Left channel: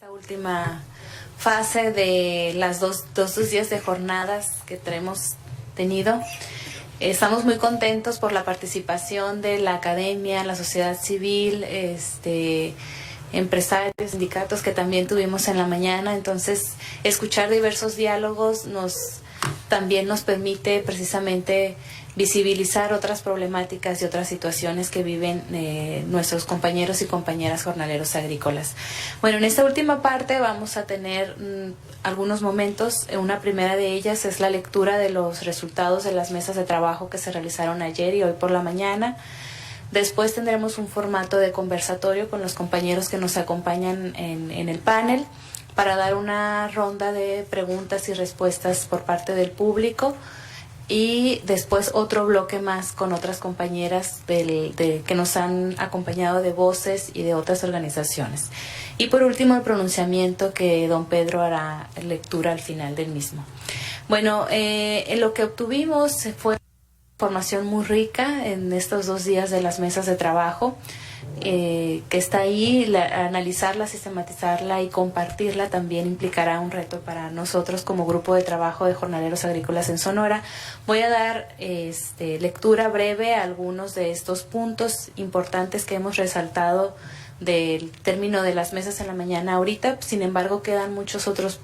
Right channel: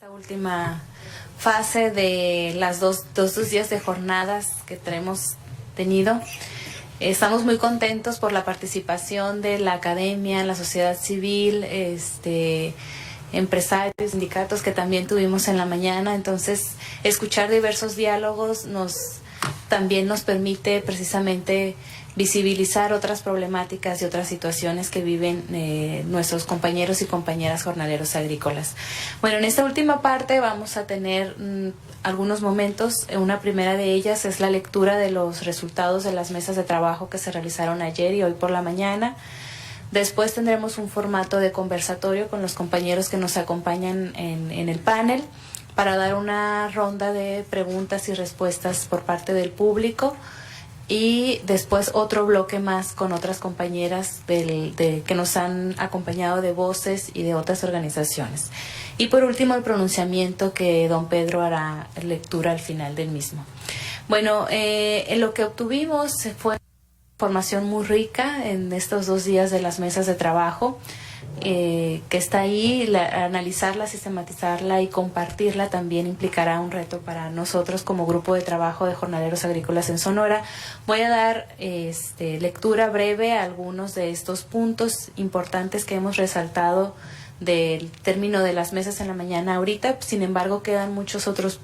Esta última fase de las dos días de jornadas que hemos tenido. Estamos muy contentos por la participación de la academia, la sociedad civil, empresarios, sindicatos que también tuvimos en la mañana. Entonces, escuchar diversos diálogos también nos permite precisamente visibilizar otras problemáticas y otras situaciones que viven nuestros compañeros y compañeras jornaleros agrícolas. Bueno, en esta última parte vamos a tener algunos momentos. Una primera de ellas es la lectura de los resultados de las mesas de trabajo que se realizaron ayer y hoy por la mañana. Después tendremos un formato de conversatorio con los compañeros que nos acompañan en el panel para dar una ronda de preguntas y respuestas por parte del público. Y después otro bloque más con otras compañeras que nos han acompañado de voces y de otras organizaciones. Y por último el pronunciamiento que don Pedro hará lectura al final del mismo. Bueno, en lo que obtuvimos fue información muy rica en estos 2 días de las mesas de trabajo, que está ahí. Analizarla, sistematizarla y compartirla también implicará un reto para nosotros como grupo de trabajo de jornaleros agrícolas en Sonora. Voy a dar lectura breve a algunos de estos puntos importantes que hemos resaltado del término de las mesas en la mañana ahorita. Sin embargo, quedan muchos otros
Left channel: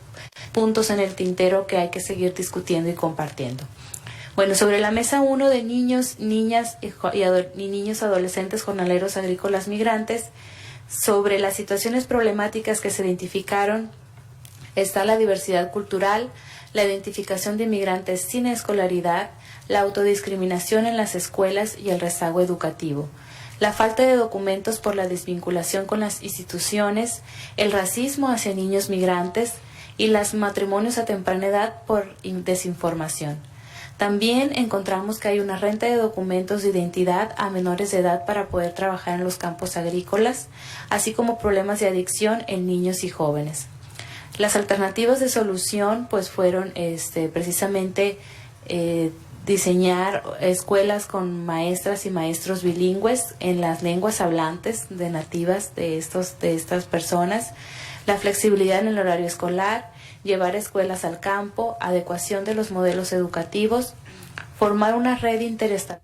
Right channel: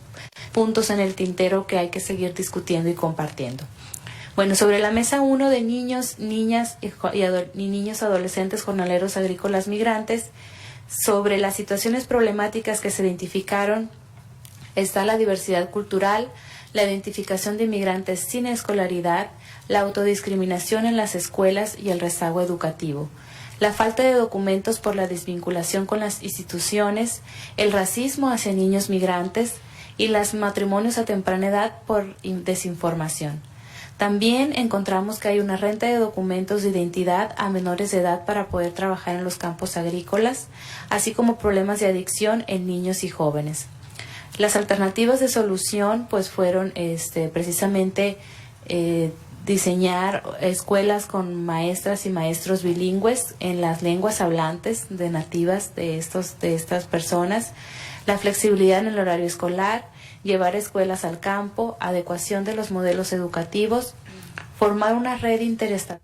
puntos en el tintero que hay que seguir discutiendo y compartiendo. Bueno, sobre la mesa 1 de niños, niñas y niños adolescentes jornaleros agrícolas migrantes, sobre las situaciones problemáticas que se identificaron, está la diversidad cultural, la identificación de inmigrantes sin escolaridad, la autodiscriminación en las escuelas y el rezago educativo, la falta de documentos por la desvinculación con las instituciones, el racismo hacia niños migrantes y los matrimonios a temprana edad por desinformación. También encontramos que hay una renta de documentos de identidad a menores de edad para poder trabajar en los campos agrícolas, así como problemas de adicción en niños y jóvenes. Las alternativas de solución pues fueron precisamente diseñar escuelas con maestras y maestros bilingües en las lenguas hablantes de nativas de estas personas, la flexibilidad en el horario escolar, llevar escuelas al campo, adecuación de los modelos educativos, formar una red interestatal.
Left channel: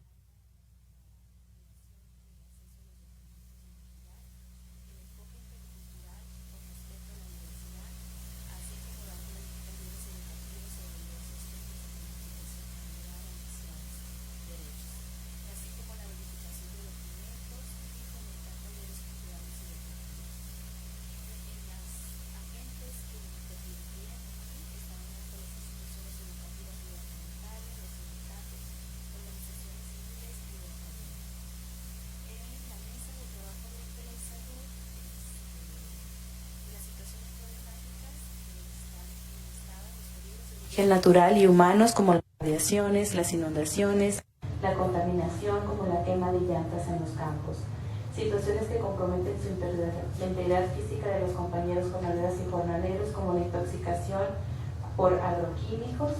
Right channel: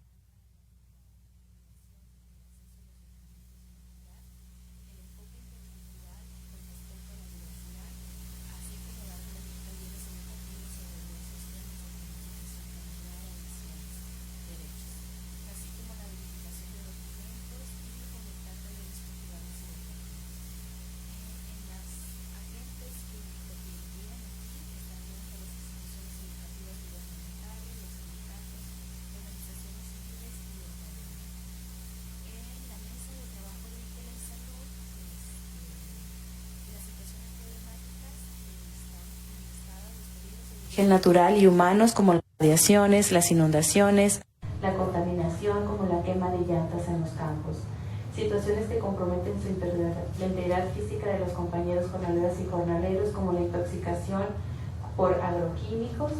Natural y humanos como las radiaciones, las inundaciones, la contaminación como la quema de llantas en los campos, situaciones que comprometen la integridad física de los compañeros jornaleras y jornaleros como la intoxicación por agroquímicos,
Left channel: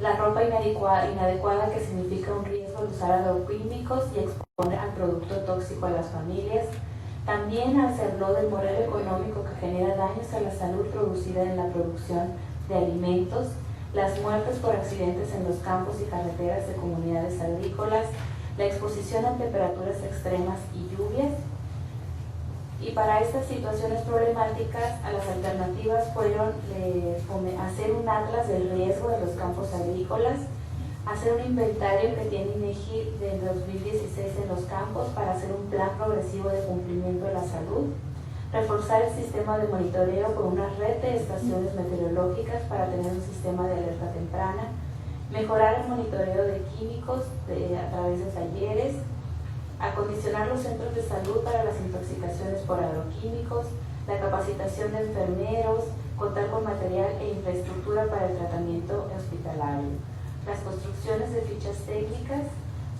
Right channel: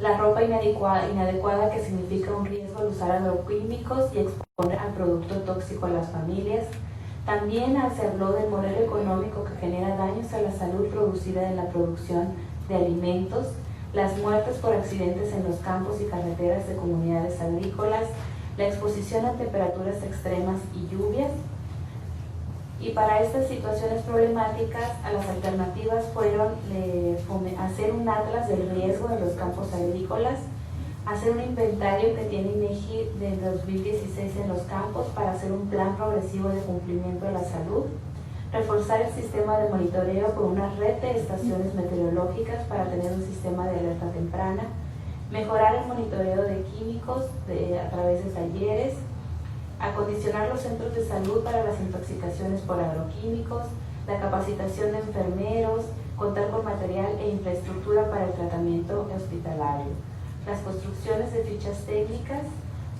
la ropa inadecuada que significa un riesgo de usar agroquímicos y exponer al producto tóxico a las familias. También hacerlo del modelo económico que genera daños a la salud producida en la producción de alimentos, las muertes por accidentes en los campos y carreteras de comunidades agrícolas, la exposición a temperaturas extremas y lluvias. Y para estas situaciones problemáticas, las alternativas fueron hacer un atlas del riesgo de los campos agrícolas, hacer un inventario que tiene INEGI del 2016 en los campos para hacer un plan progresivo de cumplimiento de la salud, reforzar el sistema de monitoreo con una red de estaciones meteorológicas para tener un sistema de alerta temprana, mejorar el monitoreo de químicos a través de talleres, acondicionar los centros de salud para las intoxicaciones por agroquímicos, la capacitación de enfermeros, contar con material e infraestructura para el tratamiento hospitalario, las construcciones de fichas técnicas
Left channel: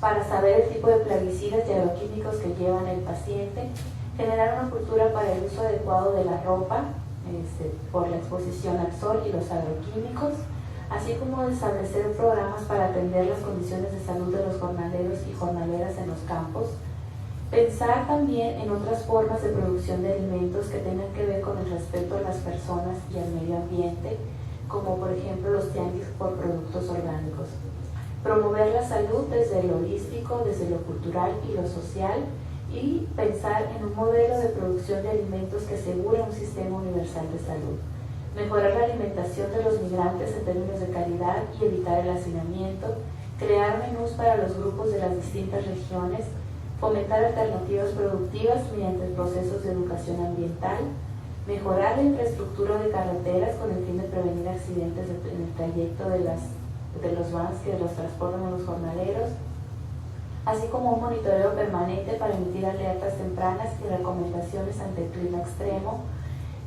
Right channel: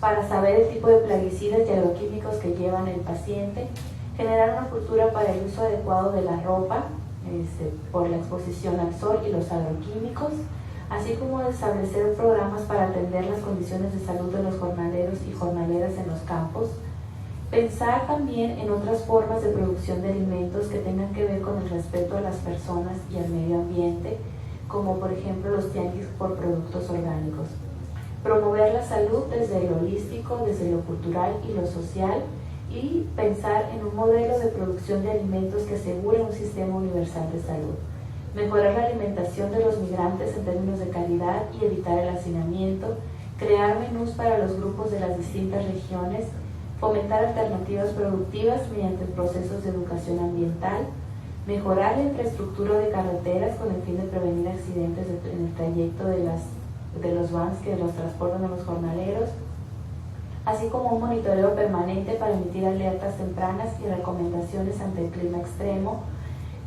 para saber el tipo de plaguicidas y agroquímicos que llevan el paciente, generar una cultura para el uso adecuado de la ropa por la exposición al sol y los agroquímicos, así como establecer programas para atender las condiciones de salud de los jornaleros y jornaleras en los campos, Pensar también en otras formas de producción de alimentos que tengan que ver con el respeto a las personas y al medio ambiente, como por ejemplo los tianguis por productos orgánicos. Promover la salud desde lo holístico, desde lo cultural y lo social, y pensar en un modelo de producción de alimentos que asegure un sistema universal de salud. Mejorar la alimentación de los migrantes en términos de calidad y evitar el hacinamiento, crear menús para los grupos de las distintas regiones, fomentar alternativas productivas mediante procesos de educación ambiental, mejorar la infraestructura de carreteras con el fin de prevenir accidentes en el trayecto de los vans que los transportan a los jornaleros, así como un monitoreo permanente para emitir alertas tempranas y recomendaciones ante el clima extremo,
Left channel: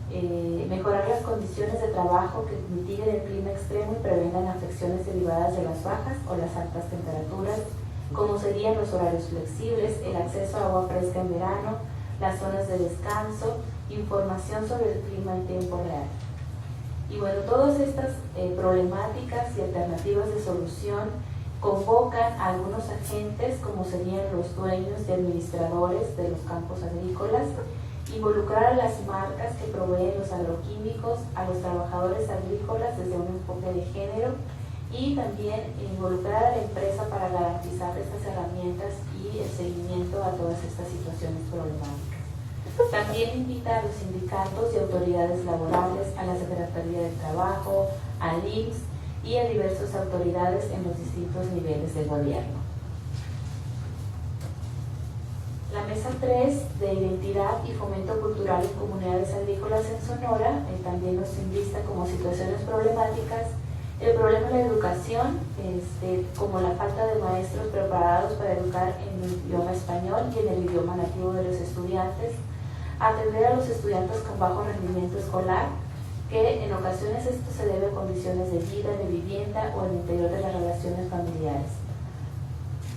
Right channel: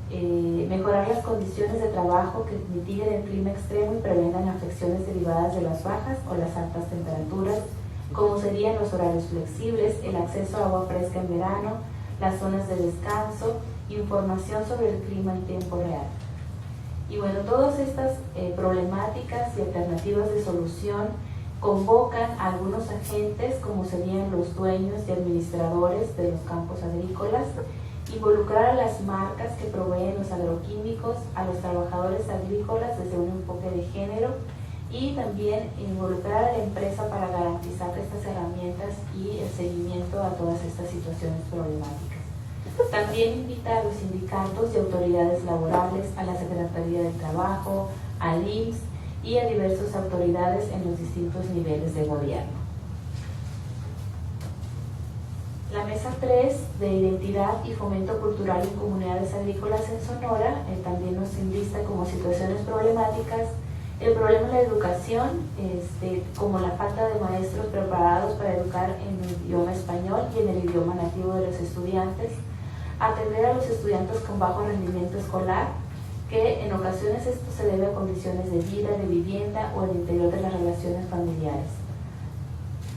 mejorar las condiciones de trabajo que mitiguen el clima extremo y prevengan afecciones derivadas de las bajas o las altas temperaturas, como serían los horarios flexibles, el acceso a agua fresca en verano, las zonas de descanso, información sobre el clima en tiempo real. Y bueno, todas estas problemáticas y alternativas de solución convocan a algunos agentes, como serían los dueños y administradores de los campos agrícolas, involucrar a las marcas que proveen los agroquímicos, a los trabajadores agrícolas desde un enfoque de género, y también involucrar a la empresa para garantizar estas herramientas y el seguimiento a todas estas situaciones problemáticas. También invita a los sindicatos y autoridades laborales, a la Secretaría del Trabajo, al IMSS y a diversas autoridades en los distintos niveles de gobierno. La mesa 3 de identidad y fomento cultural en comunidades agrícolas en Sonora también nos enlista como situaciones problemáticas el problema de la educación, como la falta de maestros preparados para educar en el idioma español y en el idioma nativo de los estudiantes, atender a los estudiantes con bajo rendimiento escolar, que en ocasiones esto se debe a condiciones de vida, de vivienda o en el interior de las relaciones familiares.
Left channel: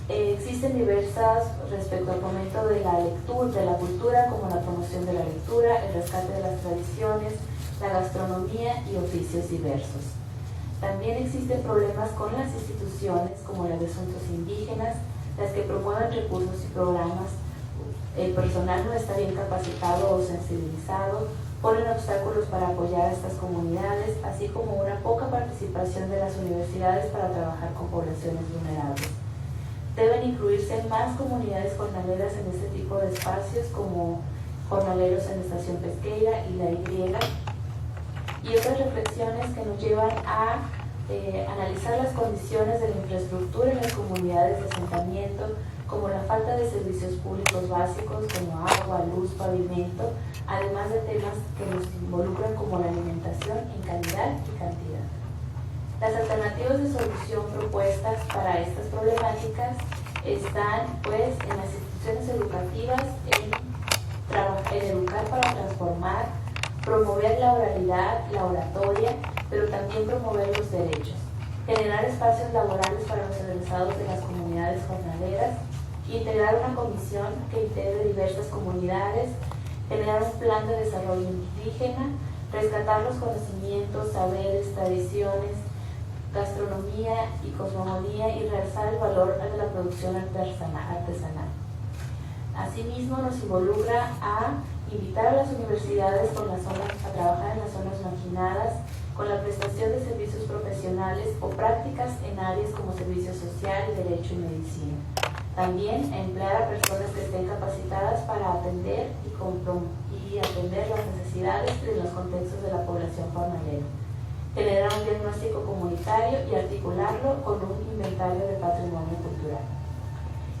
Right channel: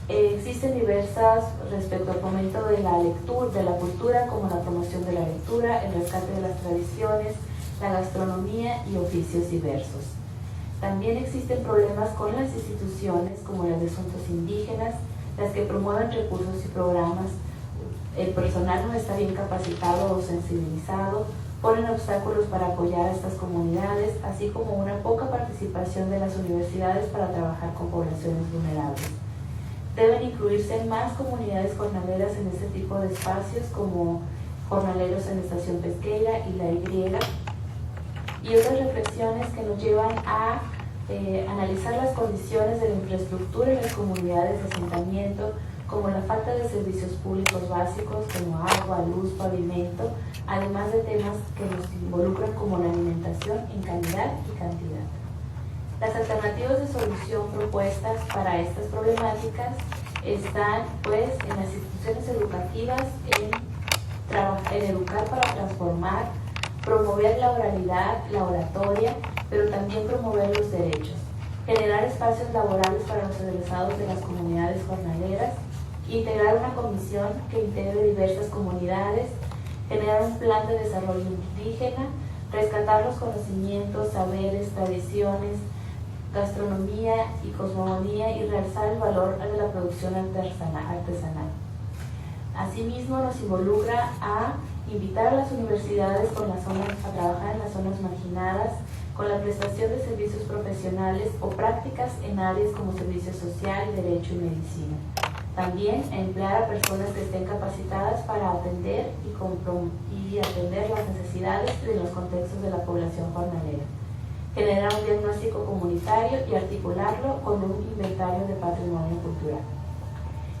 Existen diversas respecto al fomento de la lectura, de la cultura, como la promoción de la lectura, el rescate de las tradiciones, la gastronomía y oficios diversos. También existen problemas con las instituciones, como las de asuntos indígenas, las que promueven recursos y programas. El personal no está bien capacitado o sensibilizado, ponen obstáculos para apoyar a estas comunidades, así como una poca participación de las universidades para trabajar con poblaciones vulnerables. Deben incluirse más comunidades jornaleras en este tipo de espacios, como jornaleros en la estación pesquera y la Y, y otras reflexiones que nos llevan a analizar las condiciones de la infraestructura en las comunidades de asentamiento, como la falta de servicios públicos básicos como agua, luz, pavimento, además de temas que nos involucran como la alimentación en calidad y cantidad. Las alternativas de solución propuestas para estas problemáticas están pues en las instituciones educativas, en educar para transformar, promover la oralidad, la oratoria, pero también promover los derechos, generar espacios laborales para los egresados de las comunidades jornaleras, integrar una comisión que integre diversas comunidades, generar un plan de desarrollo indígena, rescatar los conocimientos, saberes, tradiciones, gastronomía y cosmogonía y realzar el valor de la producción artesanal. Asimismo, nos involucra a invitar a las universidades a trabajar en las zonas marginadas con la prestación de servicios profesionales o prácticas en áreas como servicio social, derecho y medicina. También a emplear a personas que estén capacitadas para atender y atender las necesidades de los contextos de la población jornalera. Generar un diagnóstico comunitario y articularlo con un inventario de patrimonio cultural.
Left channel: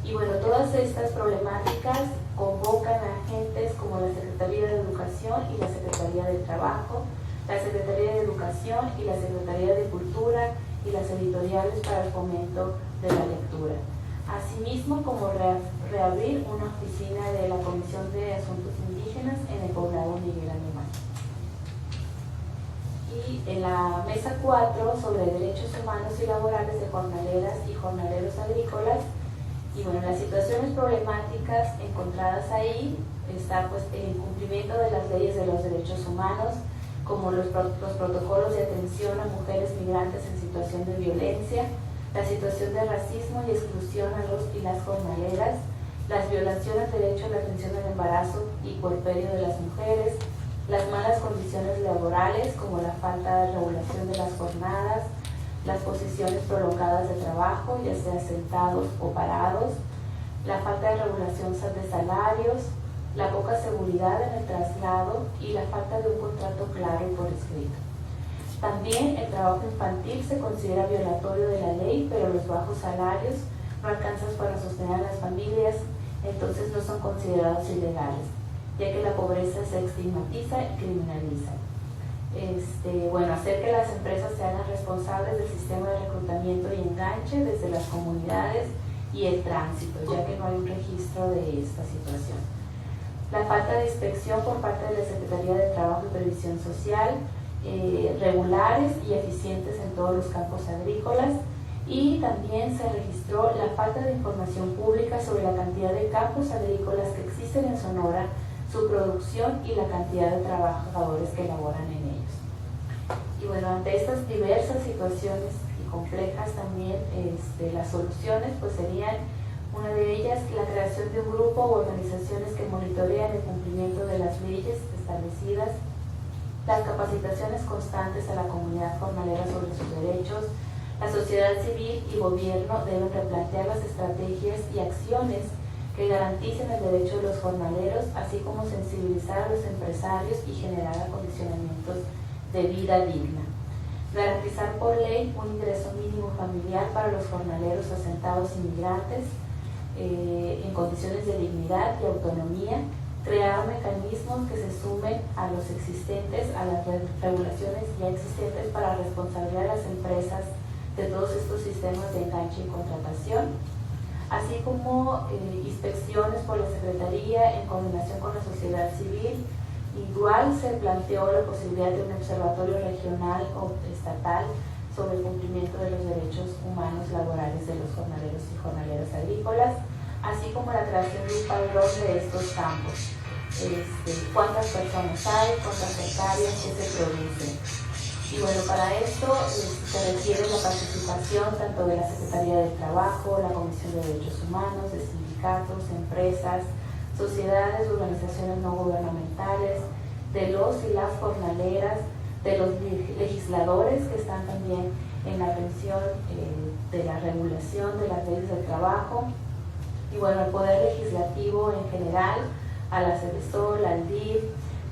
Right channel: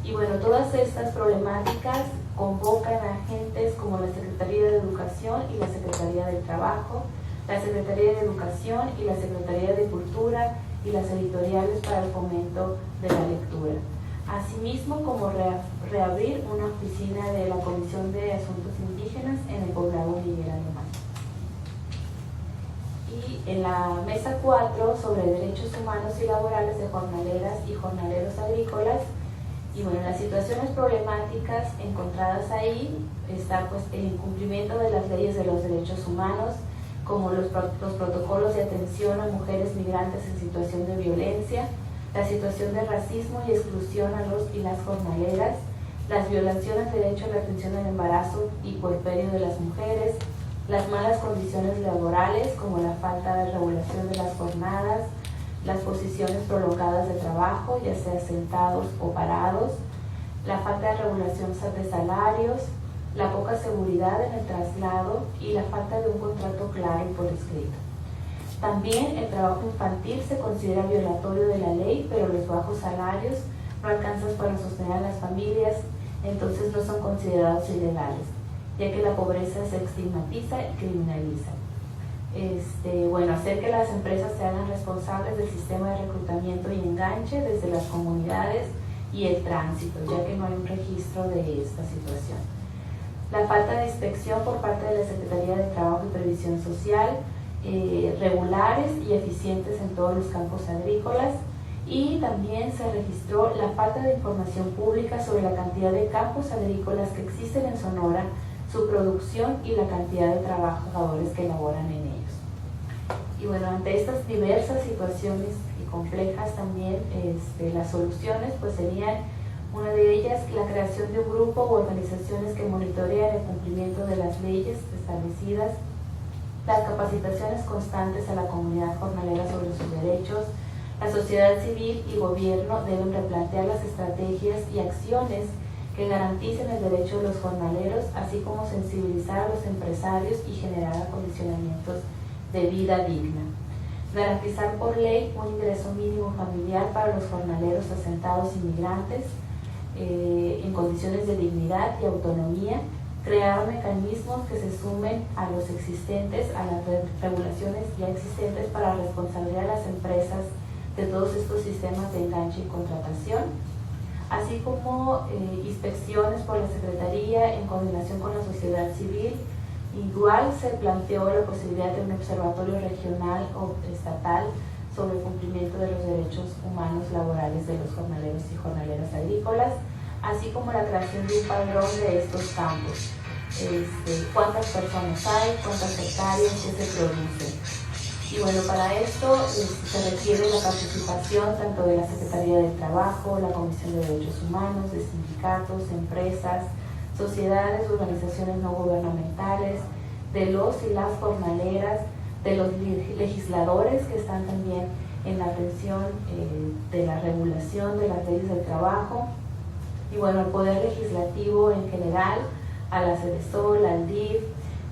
Y bueno, todas estas problemáticas convocan a agentes como la Secretaría de Educación y la Secretaría del Trabajo, la Secretaría de Educación y la Secretaría de Cultura y las editoriales para el fomento de la lectura. Asimismo, como reabrir una oficina de la Comisión de Asuntos Indígenas en el poblado Miguel Alemán. Y en la mesa 4 sobre derechos humanos y laborales de jornaleras y jornaleros agrícolas, y bueno, las situaciones problemáticas encontradas ahí está pues el incumplimiento de las leyes de los derechos humanos, como los protocolos de atención a mujeres migrantes en situación de violencia, la situación de racismo y exclusión a los y las jornaleras, las violaciones al derecho a la atención al embarazo y puerperio de las mujeres, las malas condiciones laborales como la falta de regulación de las jornadas, las posiciones prolongadas de trabajo, ya sea sentados o parados, la falta de regulación de salarios, la poca seguridad en el traslado y la falta de un contrato claro y por escrito. También el trabajo infantil se considera violatorio de la ley, pero los bajos salarios no alcanzan para sostener a las familias, entonces no son considerados ilegales, ya que la pobreza se estigmatiza y criminaliza. Hacer que las empresas se hagan responsables del sistema de reclutamiento y enganche desde las comunidades y el tránsito, ya que no hay un registro de esta situación. La falta de inspección por parte de la Secretaría de Trabajo y Previsión Social, regulares y eficientes en todos los campos agrícolas, y también se registró la falta de información pública sobre la cantidad de campos agrícolas que existen en Sonora, su producción y la cantidad de trabajadores que laboran en ellos. Y bueno, ante estas diversas situaciones y complejas también, las soluciones pues serían, una de ellas, la creación de un grupo u organizaciones que monitorean el cumplimiento de las leyes establecidas, las capacitaciones constantes a la comunidad jornalera sobre sus derechos. La sociedad civil y gobierno deben replantear las estrategias y acciones que garanticen el derecho de los jornaleros, así como sensibilizar a los empresarios y generar acondicionamientos de vida digna. Garantizar por ley un ingreso mínimo familiar para los jornaleros asentados inmigrantes en condiciones de dignidad y autonomía. Crear mecanismos que se sumen a los existentes, a las regulaciones ya existentes para responsabilizar a las empresas de todos estos sistemas de enganche y contratación, así como inspecciones por la Secretaría en coordinación con la sociedad civil. Igual se planteó la posibilidad de un observatorio regional o estatal sobre el cumplimiento de los derechos humanos laborales de los jornaleros y jornaleras agrícolas, así como la creación de un padrón de estos campos. Cuántas personas hay, cuántas hectáreas, qué se produce. Y bueno, para esto se requiere la participación tanto de la Secretaría del Trabajo, la Comisión de Derechos Humanos, de sindicatos, empresas, sociedades, organizaciones no gubernamentales, de los y las jornaleras, de los legisladores que están también en la atención de la regulación de las leyes del trabajo, y bueno, el Poder Legislativo en general, a la CEDESOL, al DIF,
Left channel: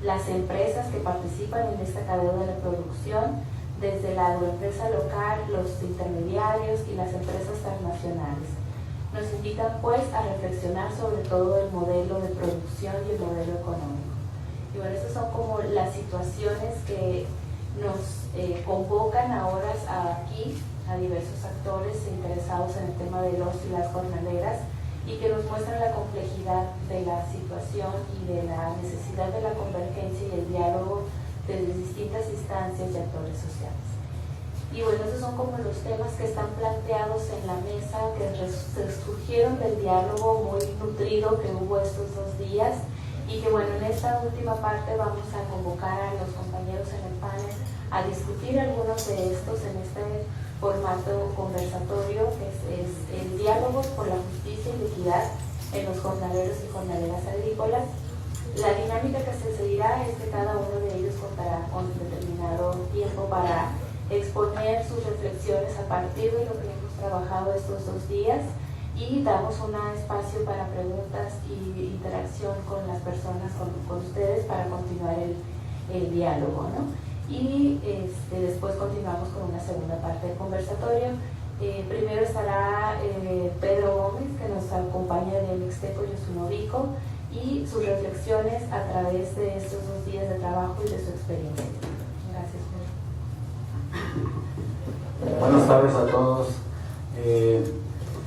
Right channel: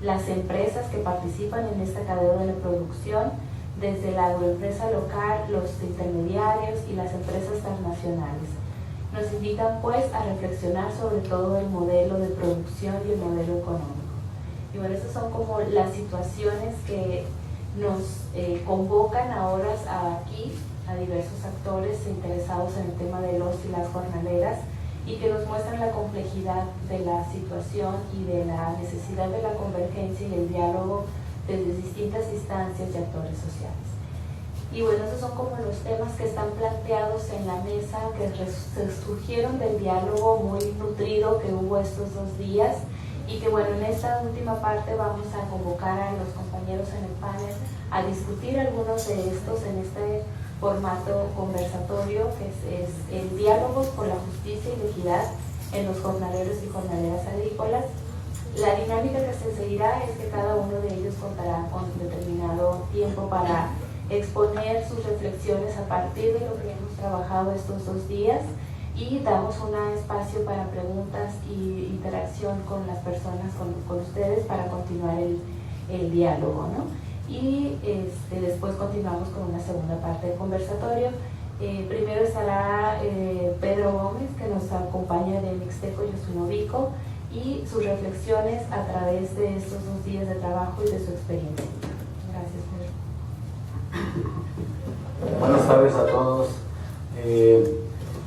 las empresas que participan en esta cadena de la producción, desde la agroempresa local, los intermediarios y las empresas transnacionales. Nos invitan pues a reflexionar sobre todo el modelo de producción y el modelo económico. Y bueno, estas son como las situaciones que nos convocan ahora aquí a diversos actores interesados en el tema de los y las jornaleras, y que nos muestran la complejidad de la situación y de la necesidad de la convergencia y el diálogo desde distintas instancias y actores sociales. Y bueno, esos son como los temas que están planteados en la mesa, que surgieron del diálogo muy nutrido que hubo estos 2 días, y que bueno, en esta última parte vamos a convocar a los compañeros en el panel a discutir algunos de estos en este formato conversatorio, que es el diálogo por la justicia y la equidad en los jornaleros y jornaleras agrícolas. La dinámica que se seguirá es que cada uno de ellos contará con determinado tiempo para exponer sus reflexiones a partir de lo que hemos trabajado estos 2 días, y damos un espacio para preguntas y interacción con las personas, con ustedes, para continuar el diálogo, ¿no? Y después continuamos con una segunda parte del conversatorio. Primero estará Pedro Gómez, que nos acompaña del Mixteco Yosunovico, y sus reflexiones a través de estos 2 días de trabajo y de su experiencia. Gracias, Pedro. Buenas tardes a todos.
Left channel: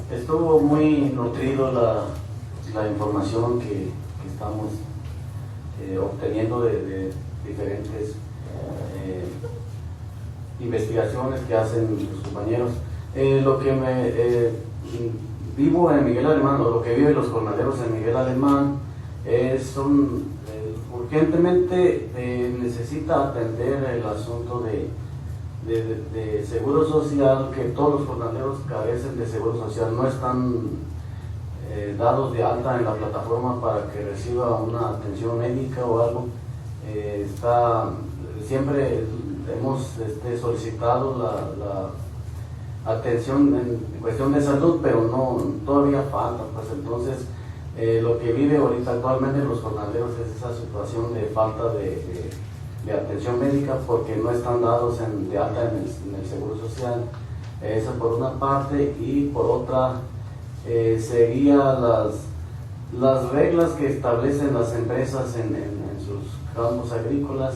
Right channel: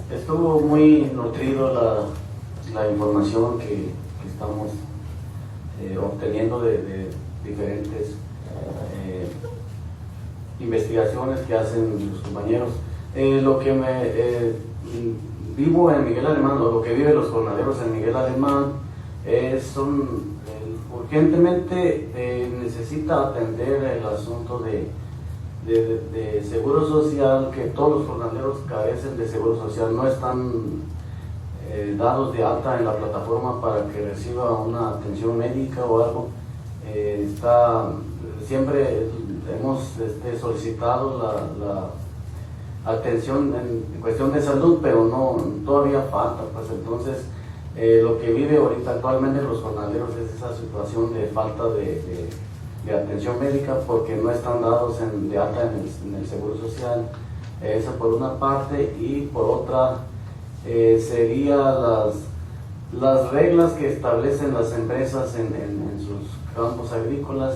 Estuvo muy nutrido la información que estamos obteniendo de diferentes investigaciones que hacen los compañeros. Lo que vivo en Miguel Alemán, o lo que viven los jornaleros en Miguel Alemán, urgentemente necesita atender el asunto de seguro social, que todos los jornaleros carecen de seguro social, no están dados de alta en la plataforma para que reciba una atención médica o algo. Siempre hemos solicitado la atención en cuestión de salud, pero todavía falta. Pues entonces lo que vive ahorita actualmente los jornaleros es esa situación de falta de atención médica, porque no están dados de alta en el Seguro Social. Eso por una parte, y por otra sería las reglas que establecen las empresas en sus campos agrícolas.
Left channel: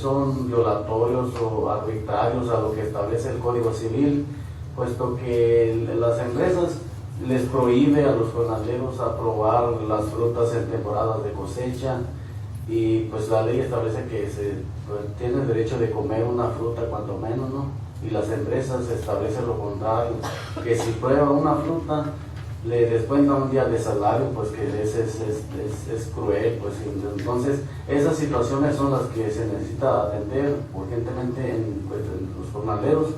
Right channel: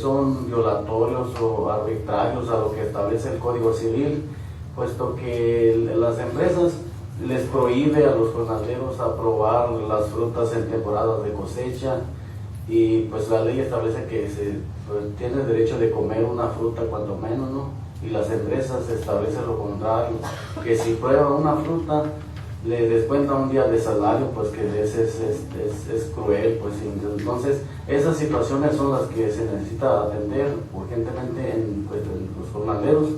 Son violatorios o arbitrarios a lo que establece el Código Civil, puesto que las empresas les prohíbe a los jornaleros aprobar las frutas en temporadas de cosecha, y pues la ley establece que tiene derecho de comer una fruta cuanto menos, ¿no? Y las empresas establecen lo contrario, que si prueba una fruta le descuentan un día de salario, pues que es cruel. Pues entonces esas situaciones son las que se necesita atender urgentemente en los jornaleros.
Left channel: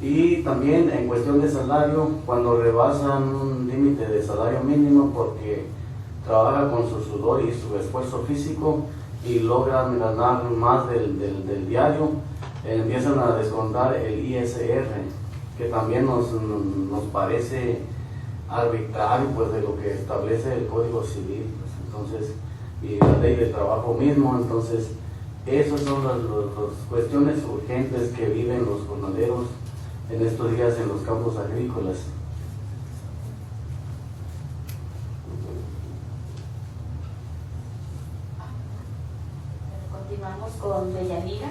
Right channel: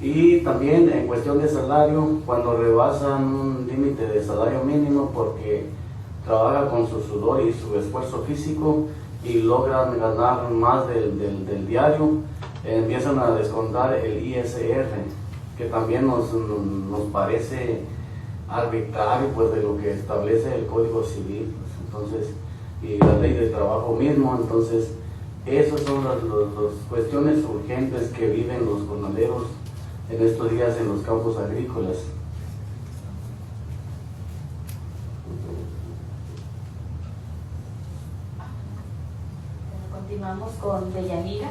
Y también en cuestión de salario, cuando rebasan un límite de salario mínimo porque trabaja con su sudor y su esfuerzo físico y logran ganar más del diario, empiezan a descontar el ISR, que también nos parece arbitrario, pues, de lo que establece el Código Civil, pues, entonces, y la ley del trabajo mismo. Entonces esas son las cuestiones urgentes que viven los jornaleros en estos días en los campos agrícolas. Continuamos con Deyanira,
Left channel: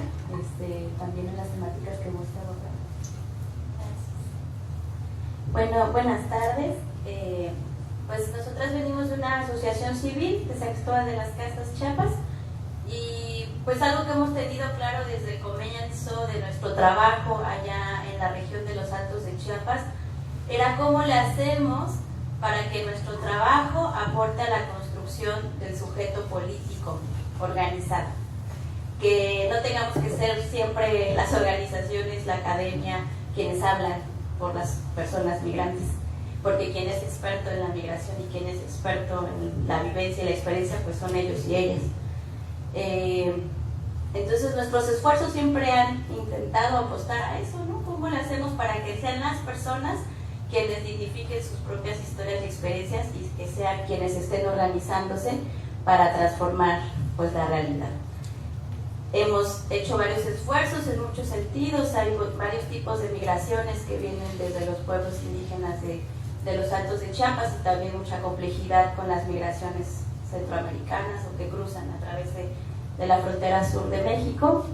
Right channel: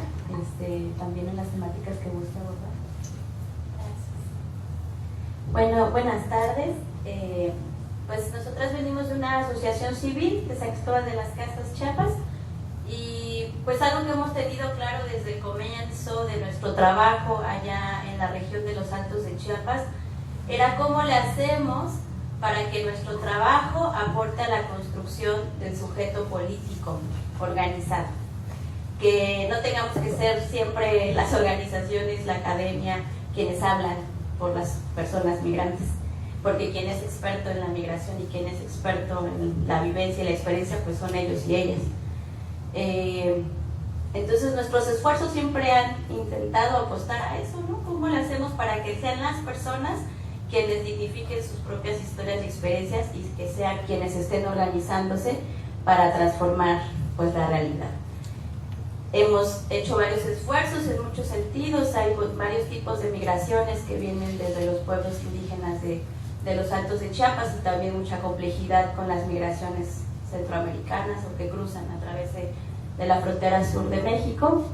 también en las temáticas que gusta abordar. Bueno, buenas tardes. Pues nosotras venimos de una asociación civil que se actúa de las Casas Chiapas, y pues algo que hemos tenido claro desde el comienzo de nuestro trabajo allá en la región de los Altos de Chiapas era cómo le hacemos para que nuestro trabajo aporte a la construcción del sujeto político organizado, que no tengamos que ser siempre las organizaciones, la academia, quienes hablan por las personas migrantes, porque quien es experto en la migración y quien es experto en la vivencia y la experiencia, pues son ellos y ellas. Entonces nuestros esfuerzos siempre han intentado apostar a eso, ¿no? ¿Cómo lo hacemos para que sean las personas quienes dignifiquen sus propias historias y experiencias, y que sean quienes estén organizándose para transformar, pues, la realidad? Hemos hecho varios esfuerzos en muchos sentidos. Hay varios tipos de migraciones que vienen desde los pueblos indígenas de los Altos de Chiapas, y también mucha complejidad con las migraciones centroamericanas o que cruzan a través de la frontera sur de México,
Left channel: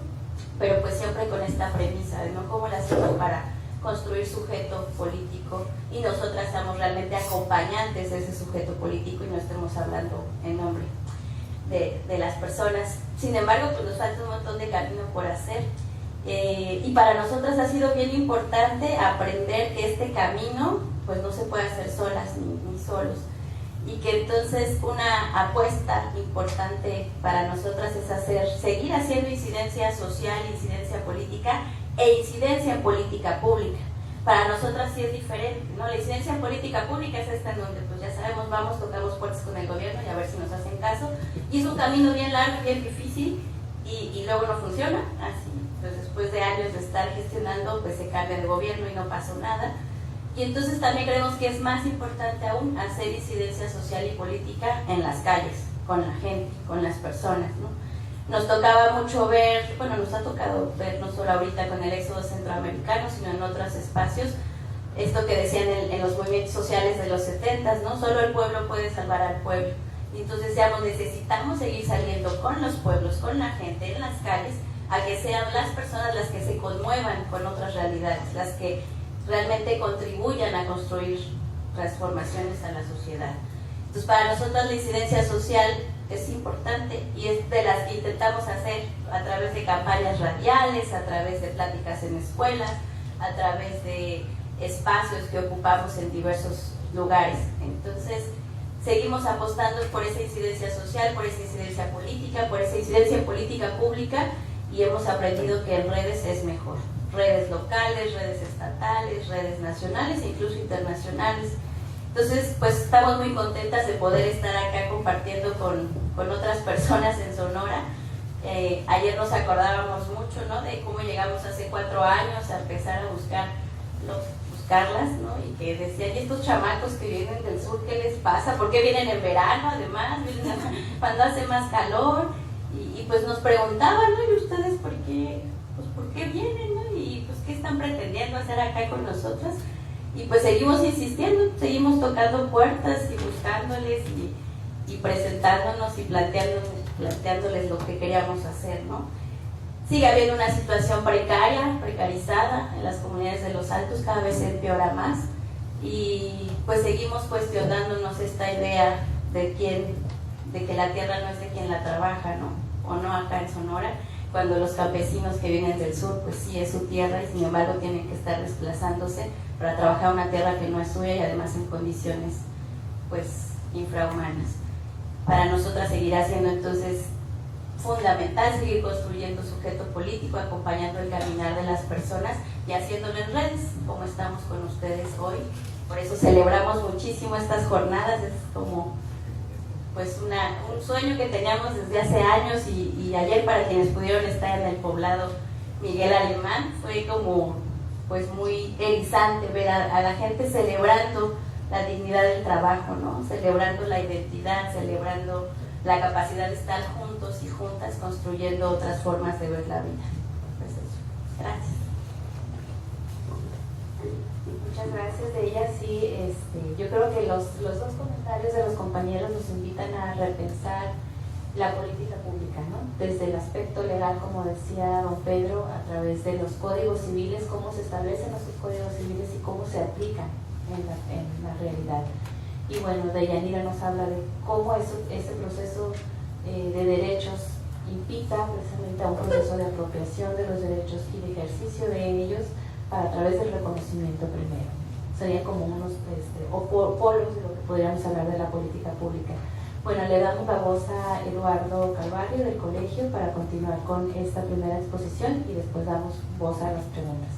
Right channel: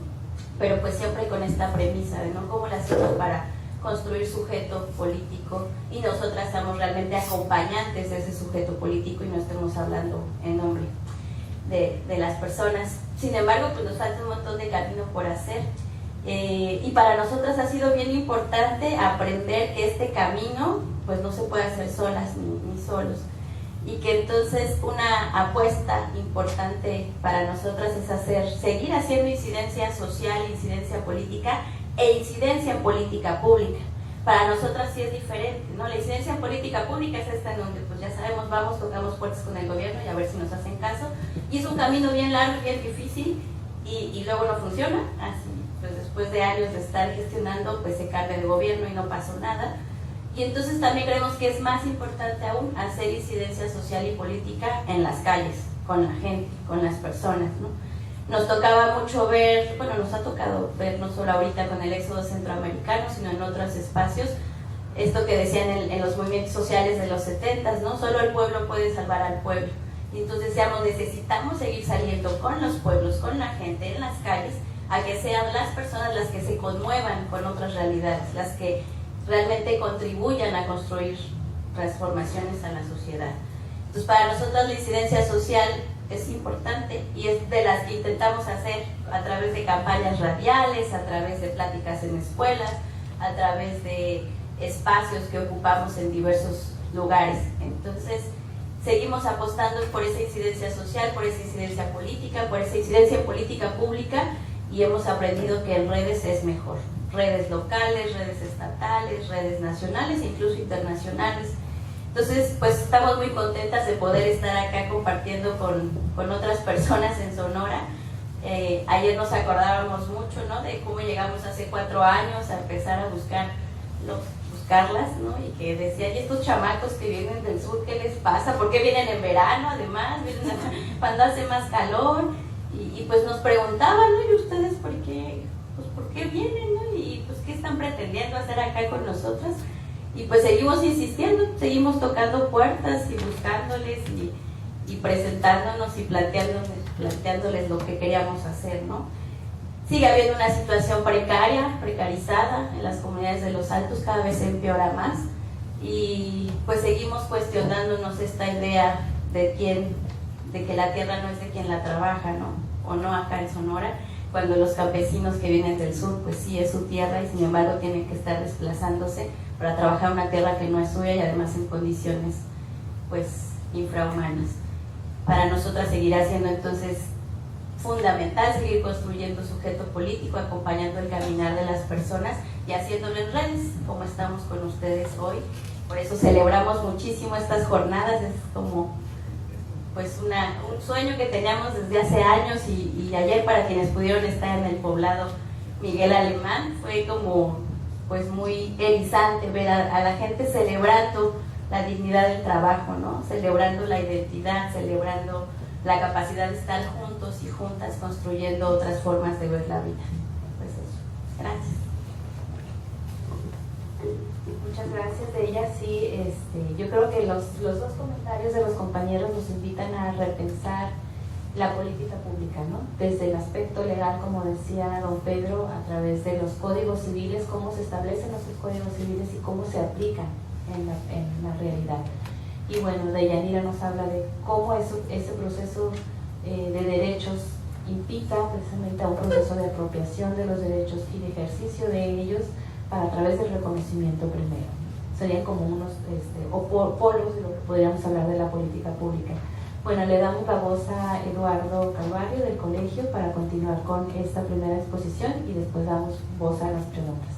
pero pues siempre con esta premisa de ¿no? cómo la hacemos para construir sujeto político, y nosotras estamos realmente acompañantes de ese sujeto político y no estemos hablando en nombre de las personas. Sin embargo, pues nos falta un montón de camino por hacer, y para nosotras ha sido bien importante aprender que este camino pues no se puede hacer solas ni solos, y que entonces una apuesta importante para nosotras es seguir haciendo incidencia social, incidencia política e incidencia en política pública. Para nosotras sí es diferente, ¿no? La incidencia en política pública es esta en donde pues ya sabemos, vamos, tocamos puertas con el gobierno y a ver si nos hacen caso, y es un camino bien largo, bien difícil, y luego no funciona. Así, pues después de años de estar gestionando, pues se cambia de gobierno y no pasó nada. Y entonces también creemos que es más importante aún hacer incidencia social y política en las calles, con la gente, con las personas, ¿no? Nos tocaba mucho ver, bueno, nos ha tocado ver no solo ahorita con el éxodo centroamericano, sino en otros espacios, esto que decían en los movimientos sociales de los 70s, ¿no? Solo el pueblo puede salvar al pueblo. Y entonces decíamos, necesitamos seguir saliendo con los pueblos, con la gente, en las calles, a que sean las personas las que se conmuevan con otras realidades, las que realmente contribuyan a construir transformaciones a la sociedad. Entonces, para nosotros la incidencia social es importante, y es de las que intentamos hacer a través de campañas radiales, a través de pláticas en escuelas, a través de espacios que ocupamos en diversos lugares. Entonces, seguimos apostando por esa incidencia social, por esa incidencia política, por esa incidencia en política pública, y hemos aprendido que en redes es mejor. Redes locales, redes estatales, redes nacionales e incluso internacionales. Entonces, pues estamos muy contentas de poder estar acá compartiendo con otras personas en Sonora. Ayer nos acordábamos mucho, ¿no?, de cómo llegamos hace 4 años a empezar a buscarlas, ¿no? Y que decían, ¿y estos chamacos que vienen del sur, qué les pasa? ¿Por qué vienen en verano además? ¿Vienen cuando hace más calor? Y pues nos preguntaban, ¿no? ¿Y ustedes por qué? Pues ¿por qué vienen, no? Y pues ¿qué están pretendiendo hacer acá con nosotras? Y pues seguimos insistiendo, seguimos tocando puertas y buscándoles y presentándonos y planteándoles lo que queríamos hacer, ¿no? Sigue habiendo una situación precarizada en las comunidades de los Altos, cada vez se empeora más, y pues seguimos cuestionándonos esta idea de que la tierra no es de quien la trabaja, ¿no? O no acá en Sonora, cuando los campesinos que vienen del sur, pues sí es su tierra y sin embargo tienen que estar desplazándose para trabajar una tierra que no es suya y además en condiciones pues infrahumanas. Para nosotras seguirá siendo entonces fundamental seguir construyendo sujeto político, acompañando el caminar de las personas y haciéndolo en redes, como estamos con ustedes hoy. Por eso celebramos muchísimo estas jornadas, es como pues un sueño que teníamos desde hace años, y ayer, para quienes pudieron estar en el poblado Miguel Alemán, fue como pues muy erizante ver a la gente celebrando la dignidad del trabajo, ¿no? Celebrando la identidad, celebrando la capacidad de estar juntos y juntas construyendo otras formas de ver la vida. Pues eso. Gracias. Muchas gracias de ella. Sí, yo creo que los dos comentarios de los compañeros nos invitan a repensar la política pública, ¿no? Desde el aspecto legal, como decía don Pedro, a través de los códigos civiles, cómo se establecen esos códigos civiles y cómo se aplican en la realidad. Y bueno, Deyanira nos habla de cómo ese proceso de derechos invita precisamente a un proceso de apropiación de los derechos y de ejercicio de ellos a través del reconocimiento primero. Serían como unos polos de lo que podríamos hablar de la política pública. Bueno, le damos la voz a Eduardo Calvario del colegio para continuar con esta primera exposición y después damos voz a las preguntas.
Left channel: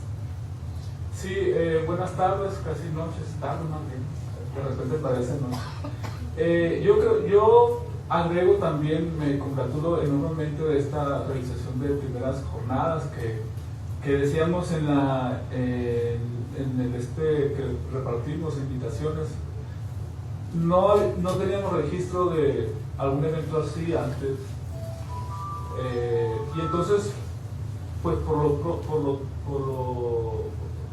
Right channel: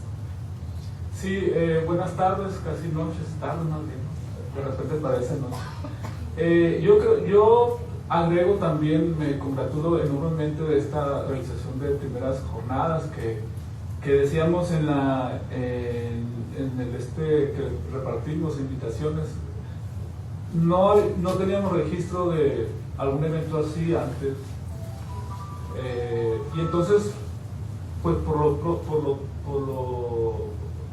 Sí, buenas tardes, casi noches, tarde más bien, de repente parece noche. Yo agrego también, me congratulo enormemente de esta realización de primeras jornadas que decíamos en el que repartimos invitaciones. No teníamos registro de algún evento así antes, y entonces pues por lo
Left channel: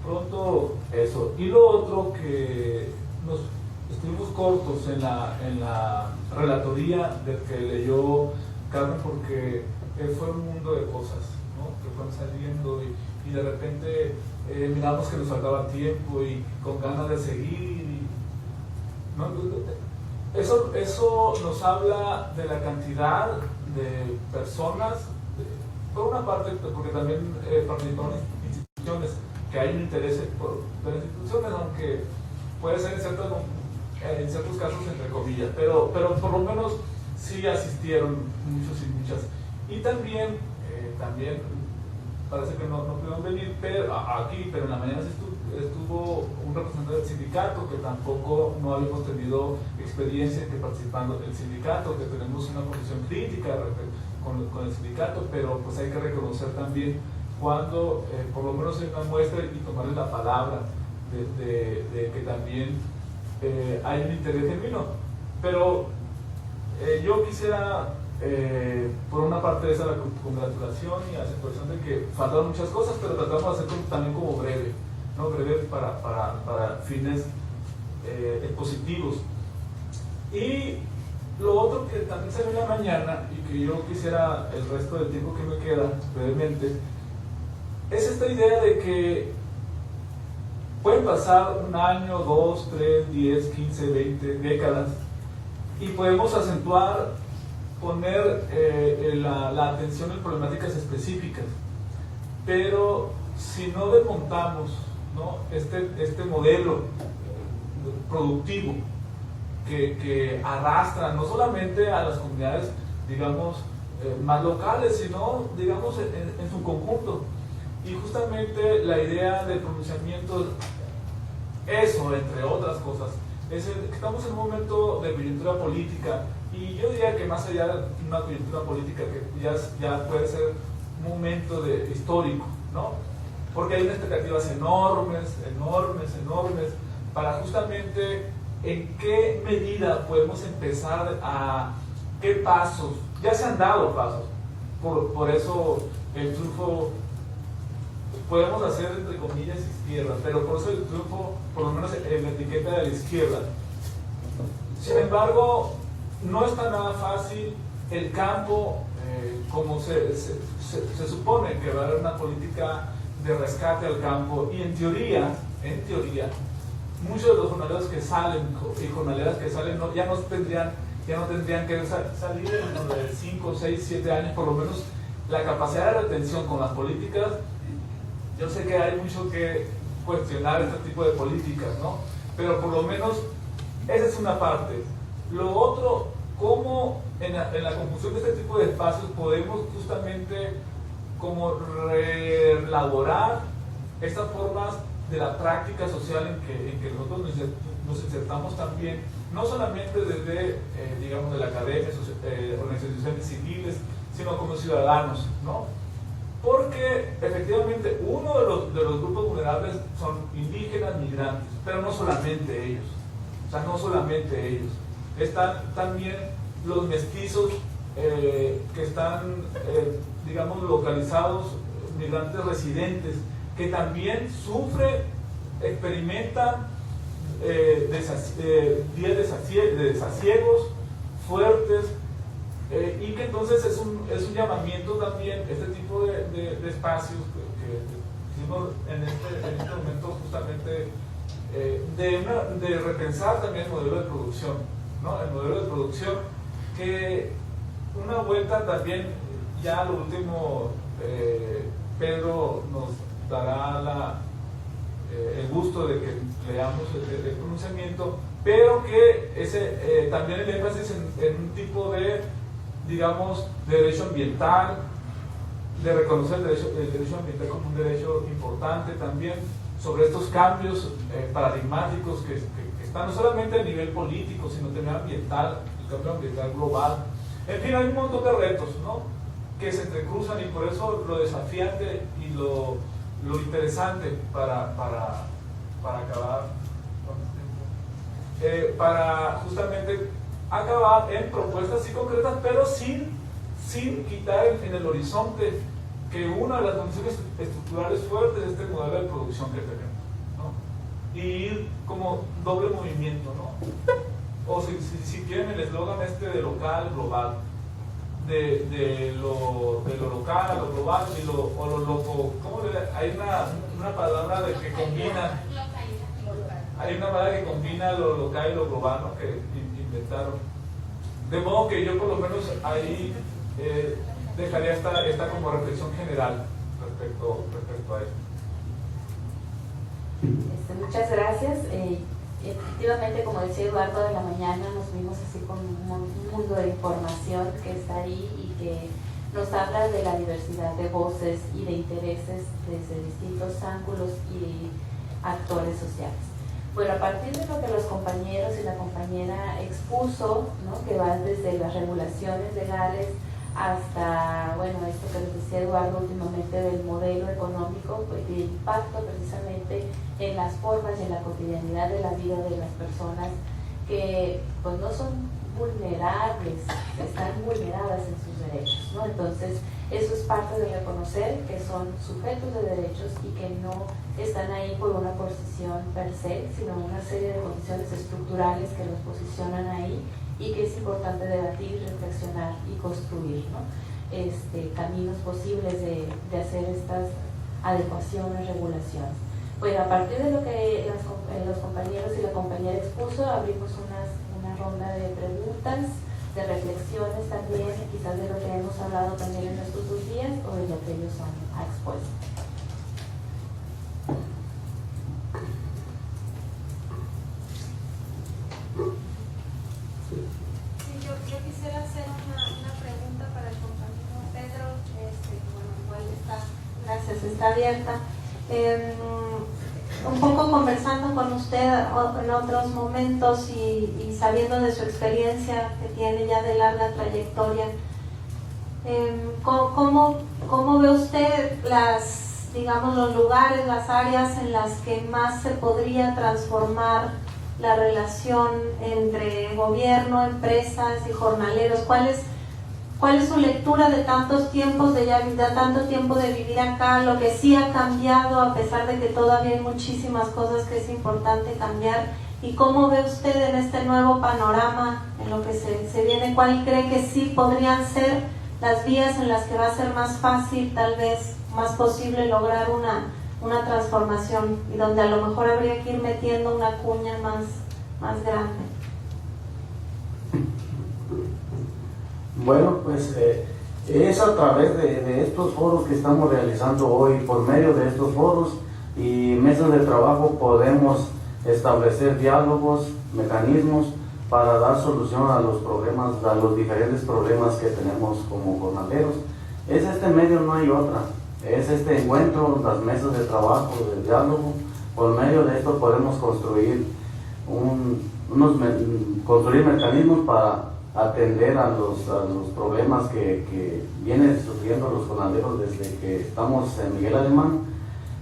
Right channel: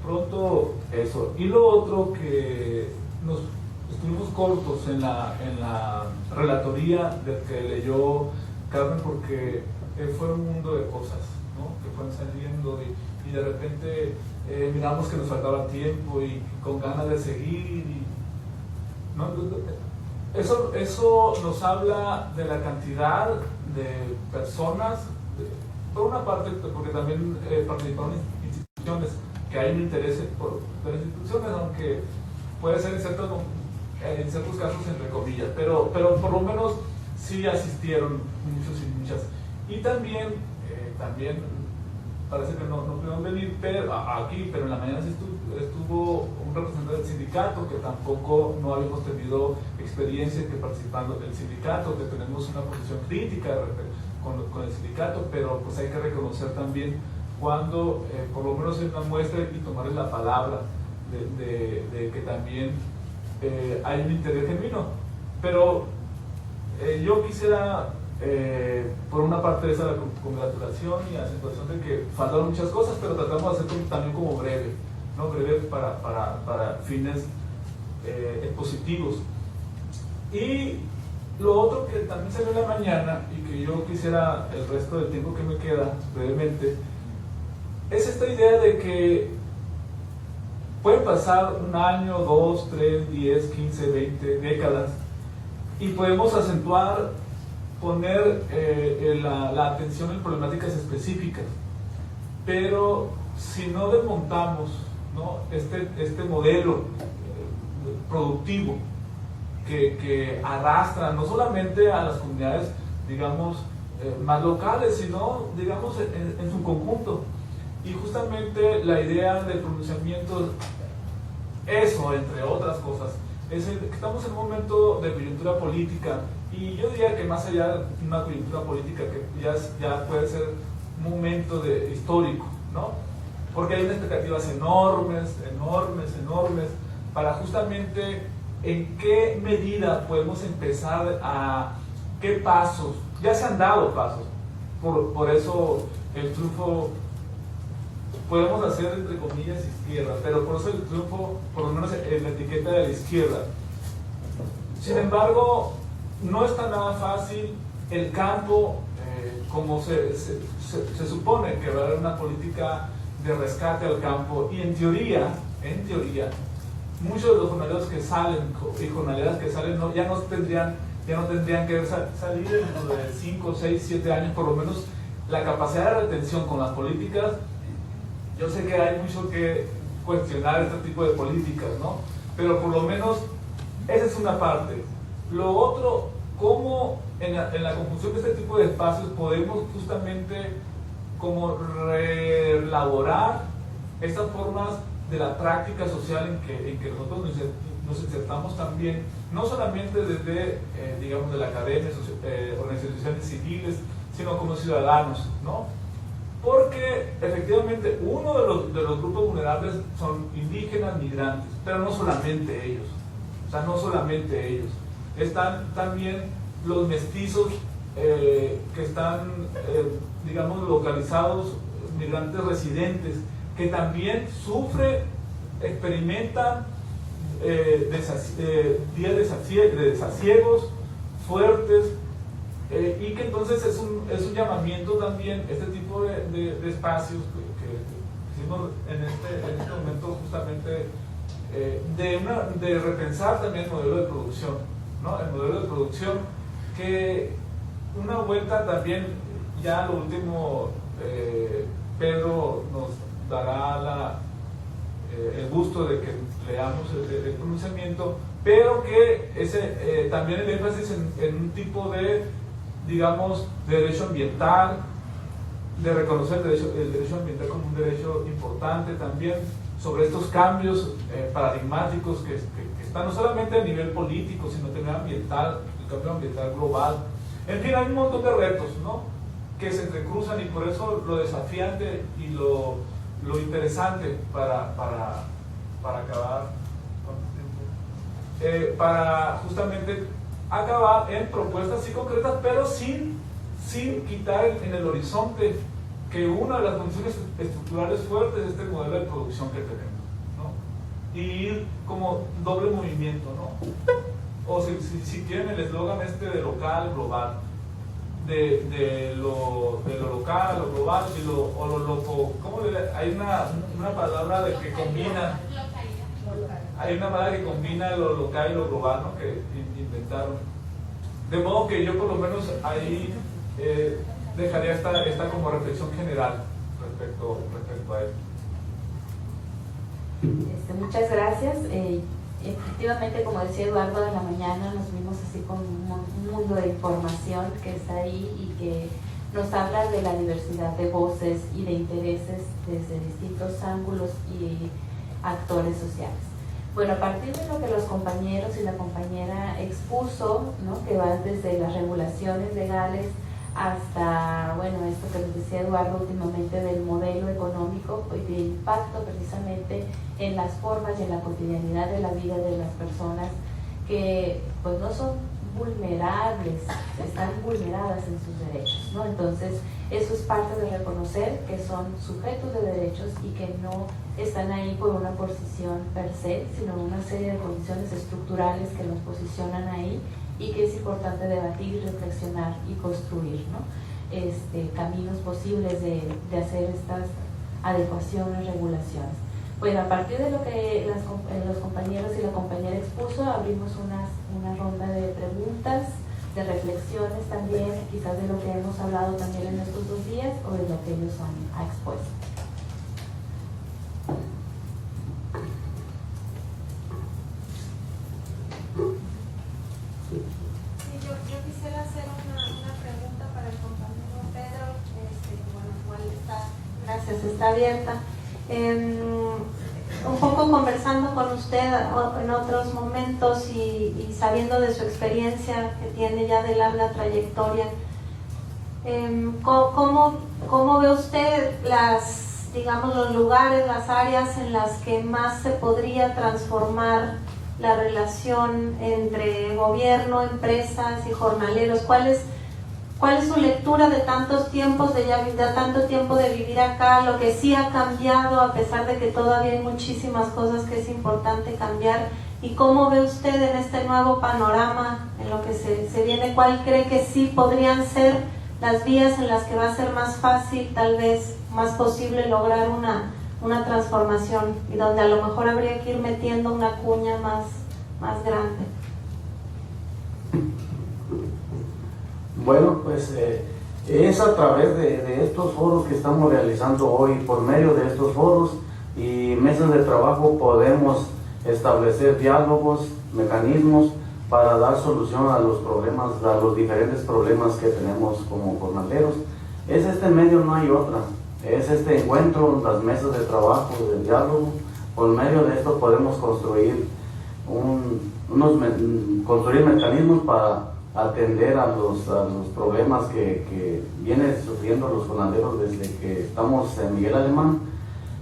pronto eso. Y lo otro, que nos estuvimos cortos en la relatoría del que leyó Carmen, porque fue un mundo de cosas, ¿no?, que fueron saliendo y de repente miramos que nos faltaba tiempo y con ganas de seguir, ¿no? Eso nos habla de la cantidad de personas, por una parte porque también participaron instituciones, que hay un interés por las instituciones, aunque puede ser en ciertos casos entre comillas, pero por lo menos sí asistieron muchos y muchas. Y también parece que no pudieron venir aquí, pero en la mañana estuvo un representante del sindicato, que tampoco no habíamos tenido experiencia que participando del sindicato, que tenemos una posición crítica con el sindicato, pero pues hay que reconocer también cuando por lo menos es una muestra y tomarle la palabra de que también hay un interés genuino. Pero yo quisiera, por una parte, esa la congratulación y la situación de que faltaron muchas cosas, pero tratamos de hacer también como breve, ¿no? Breve para fines expositivos. Y lo otro que también salió en la mañana y que yo quisiera el resto del tiempo que me queda brevemente, es esta idea de que pueden pasar 1 año, 2, 3, 10, 15, 20 décadas y podemos acentuar, poner la atención en problemáticas específicas, pero si no desmontamos, ¿no?, este modelo productivo que arrastra no solamente a las comunidades, digamos, más locales, sino, digamos, en su conjunto. Y justamente la idea del pronunciamiento, eso, entre otras cosas, estamos en un momento de coyuntura política, y yo diría que más allá de una coyuntura política, que ya puede ser un momento histórico, ¿no? Porque hay unas expectativas enormes para justamente en qué medida podemos empezar qué pasos, ya se han dado pasos, por eso el triunfo, podemos hacer entre comillas izquierda, pero por eso el triunfo, por lo menos en la etiqueta de la izquierda. Sin embargo, no está nada fácil el campo, como se supone que va a haber una política de rescate al campo, y en teoría, muchos de los jornaleros que salen y jornaleras que salen ya no tendrían que salir en de 5, 6, 7 años, por lo menos la capacidad de retención con las políticas. Yo sé que hay mucho que cuestionar este tipo de políticas, ¿no? Pero por lo menos esa es una parte. Lo otro, cómo en la conjunción de este tipo de espacios podemos justamente como reelaborar estas formas de la práctica social en que nosotros nos insertamos también, no solamente desde, digamos, de la academia, organizaciones civiles, sino como ciudadanos, ¿no? Porque efectivamente uno de los grupos vulnerables son indígenas, migrantes, pero no solamente ellos, están también los mestizos que están, digamos, localizados, migrantes residentes, que también sufren, experimentan días de desasiegos fuertes, y que entonces es un llamamiento también, este tipo de espacios que hicimos en este momento justamente, de repensar también el modelo de producción, ¿no? El modelo de producción, que una vuelta también, ya lo último, Pedro nos dará el gusto de que leamos el pronunciamiento, pero que también el énfasis en un tipo de, digamos, de derecho ambiental, de reconocer el derecho ambiental como un derecho importante también, sobre estos cambios paradigmáticos que están no solamente a nivel político, sino también ambiental, el cambio ambiental global. En fin, hay un montón de retos, ¿no?, que se entrecruzan, y por eso lo desafiante y lo interesante para acabar, para justamente acabar en propuestas sí concretas, pero sin quitar en el horizonte que una de las condiciones estructurales fuertes es este modelo de producción que tenemos, ¿no? Y ir como doble movimiento, ¿no? O si quieren el eslogan de local, global, de lo local a lo global, o lo loco, hay una palabra que combina, hay una palabra que combina lo local y lo global, ¿no?, que inventaron. De modo que yo por lo menos ahí dejaría esta como reflexión general respecto a esto. Muchas gracias. Efectivamente, como decía Eduardo, en la mañana nos vimos así con un mundo de información que está ahí y que nos habla de la diversidad de voces y de intereses desde distintos ángulos y actores sociales. Bueno, a partir de lo que los compañeros y la compañera expuso, ¿no?, que va desde las regulaciones legales hasta, bueno, esto que les decía Eduardo últimamente del modelo económico y de impacto precisamente en las formas y en la cotidianidad de la vida de las personas que pues no son vulnerables, están vulneradas en sus derechos, ¿no? Entonces, eso es parte de reconocer que son sujetos de derechos y que no están ahí por una posición per se, sino una serie de condiciones estructurales que los posicionan ahí y que es importante debatir, reflexionar y construir, ¿no?, caminos posibles de hacer estas adecuaciones, regulaciones. Bueno, a partir de lo que los compañeros y la compañera expuso, abrimos una ronda de preguntas, de reflexiones también, quizás de lo que hemos hablado también en estos 2 días o de lo que ellos han expuesto. Yo quisiera hacer una pregunta para el compañero Pedro, bueno, igual está, gracias, está abierta. un poco conversando con usted en otros momentos y sabiendo de su experiencia que tiene ya de larga trayectoria, ¿cómo ve usted digamos, los lugares, las áreas en las que más se podría transformar la relación entre gobierno, empresas y jornaleros? ¿Cuál es su lectura de tantos tiempos, de tanto tiempo de vivir acá, lo que sí ha cambiado a pesar de que todavía hay muchísimas cosas que es importante cambiar? ¿Y cómo ve usted en este nuevo panorama, en lo que se viene, cuál cree que sí podrían ser las vías en las que va a ser más fácil, tal vez más posible lograr una transformación y donde a lo mejor habría que ir metiendo una cuña más grande? Bueno, pues es a través de estos foros que estamos realizando hoy. Por medio de estos foros y mesas de trabajo podemos establecer diálogos, mecanismos para dar solución a los problemas, a los diferentes problemas que tenemos como jornaleros. Es este medio, no hay otra. Es este encuentro, las mesas de trabajo, de diálogo. Por medio de esto podemos construir construir mecanismos para atender a los problemas que vienen sufriendo los jornaleros desde que estamos en Miguel Alemán.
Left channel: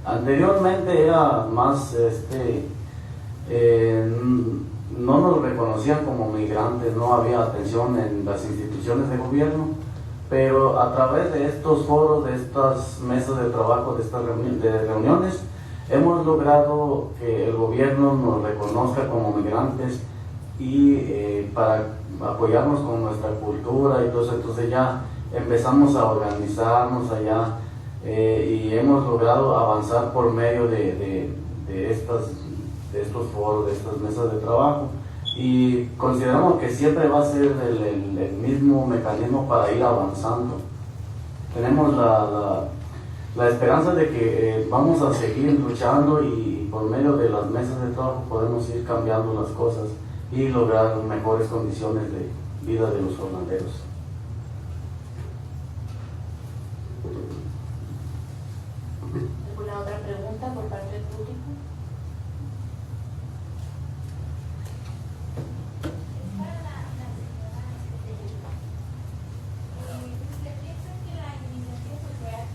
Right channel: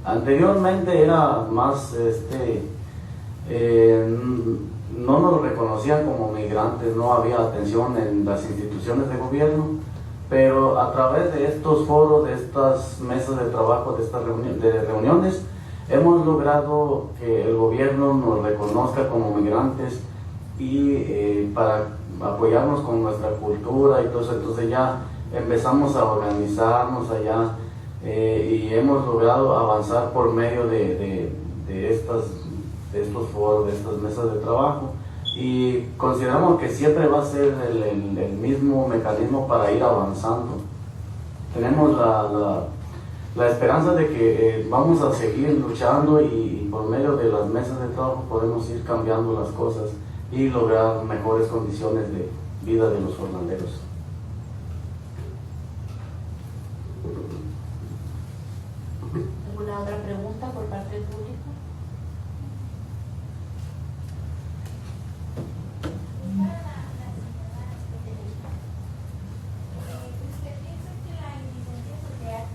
Anteriormente era más, no nos reconocían como migrantes, no había atención en las instituciones de gobierno, pero a través de estos foros, de estas mesas de trabajo, de estas reuniones, hemos logrado que el gobierno nos reconozca como migrantes y para apoyarnos con nuestra cultura y todo eso. Entonces ya empezamos a organizarnos allá y hemos logrado avanzar por medio de estos foros, de estas mesas de trabajo, y consideramos que siempre va a ser el mismo mecanismo para ir avanzando. Tenemos la esperanza de que vamos a seguir luchando y por medio de las mesas de trabajo podemos ir cambiando las cosas y lograr mejores condiciones de vida de los jornaleros. ¿Alguna otra pregunta por parte del público? ¿Usted piensa que la iniciativa social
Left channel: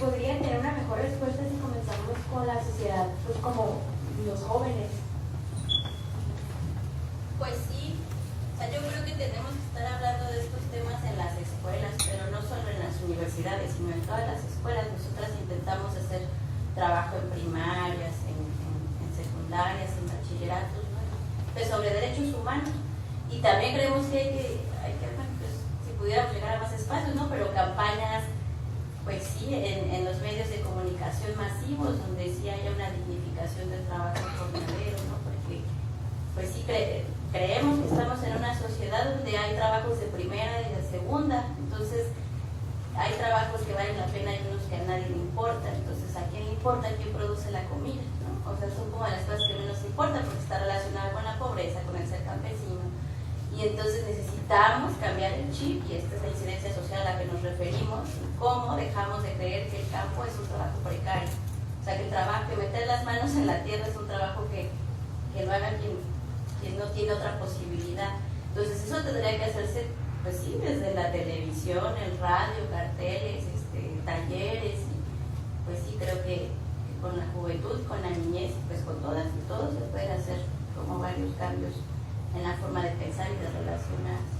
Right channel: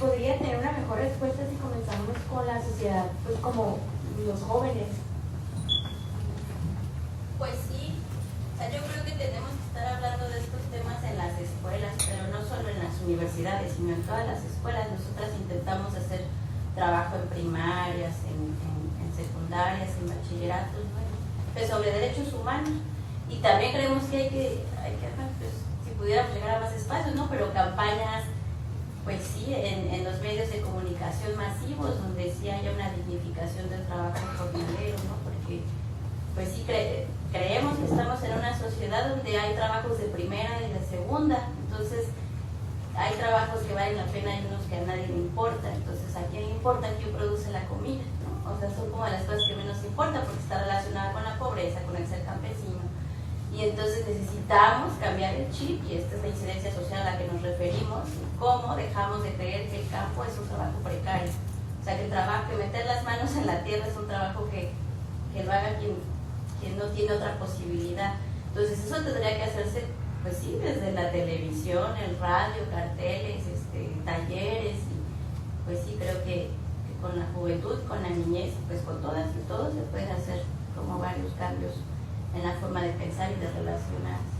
podría tener una mejor respuesta si comenzamos con la sociedad, pues como los jóvenes? Pues sí, o sea, yo creo que tenemos que estar hablando de estos temas en las escuelas, pero no solo en las universidades, sino en todas las escuelas. Nosotras intentamos hacer trabajo en primarias, en secundarias, en bachilleratos, ¿no? Pues sobre derechos humanos. Y también creemos que hay que pues, si pudiéramos llegar a más espacios, ¿no? Pero campañas, pues sí, en los medios de comunicación masivos, donde sí haya una dignificación del trabajo jornalero, ¿no? Porque, pues sí, creemos que estamos en una sociedad donde hay trabajos de primera y de segunda, entonces hay trabajos que valen la pena y unos que a nadie le importa. Entonces, ¿a quién le importa quién produce la comida? ¿No? O sea, son como las cosas que menos importan porque está relacionada con la pobreza, con el ser campesino. Y entonces necesitamos cambiar el chip, y esta es la incidencia social a la que nos referimos, cómo dejamos de creer que el campo es un trabajo precario. O sea, que el trabajo, que meter las manos en la tierra es un trabajo que lo haga quien no tiene otra posibilidad. Entonces eso tendría que hacerse, pues sí, desde la televisión, el radio, carteles, talleres, y pues sí, creo que con la juventud, con la niñez, pues con todas y todos se pueden hacer como varios cambios en la forma de pensar y de relacionarse.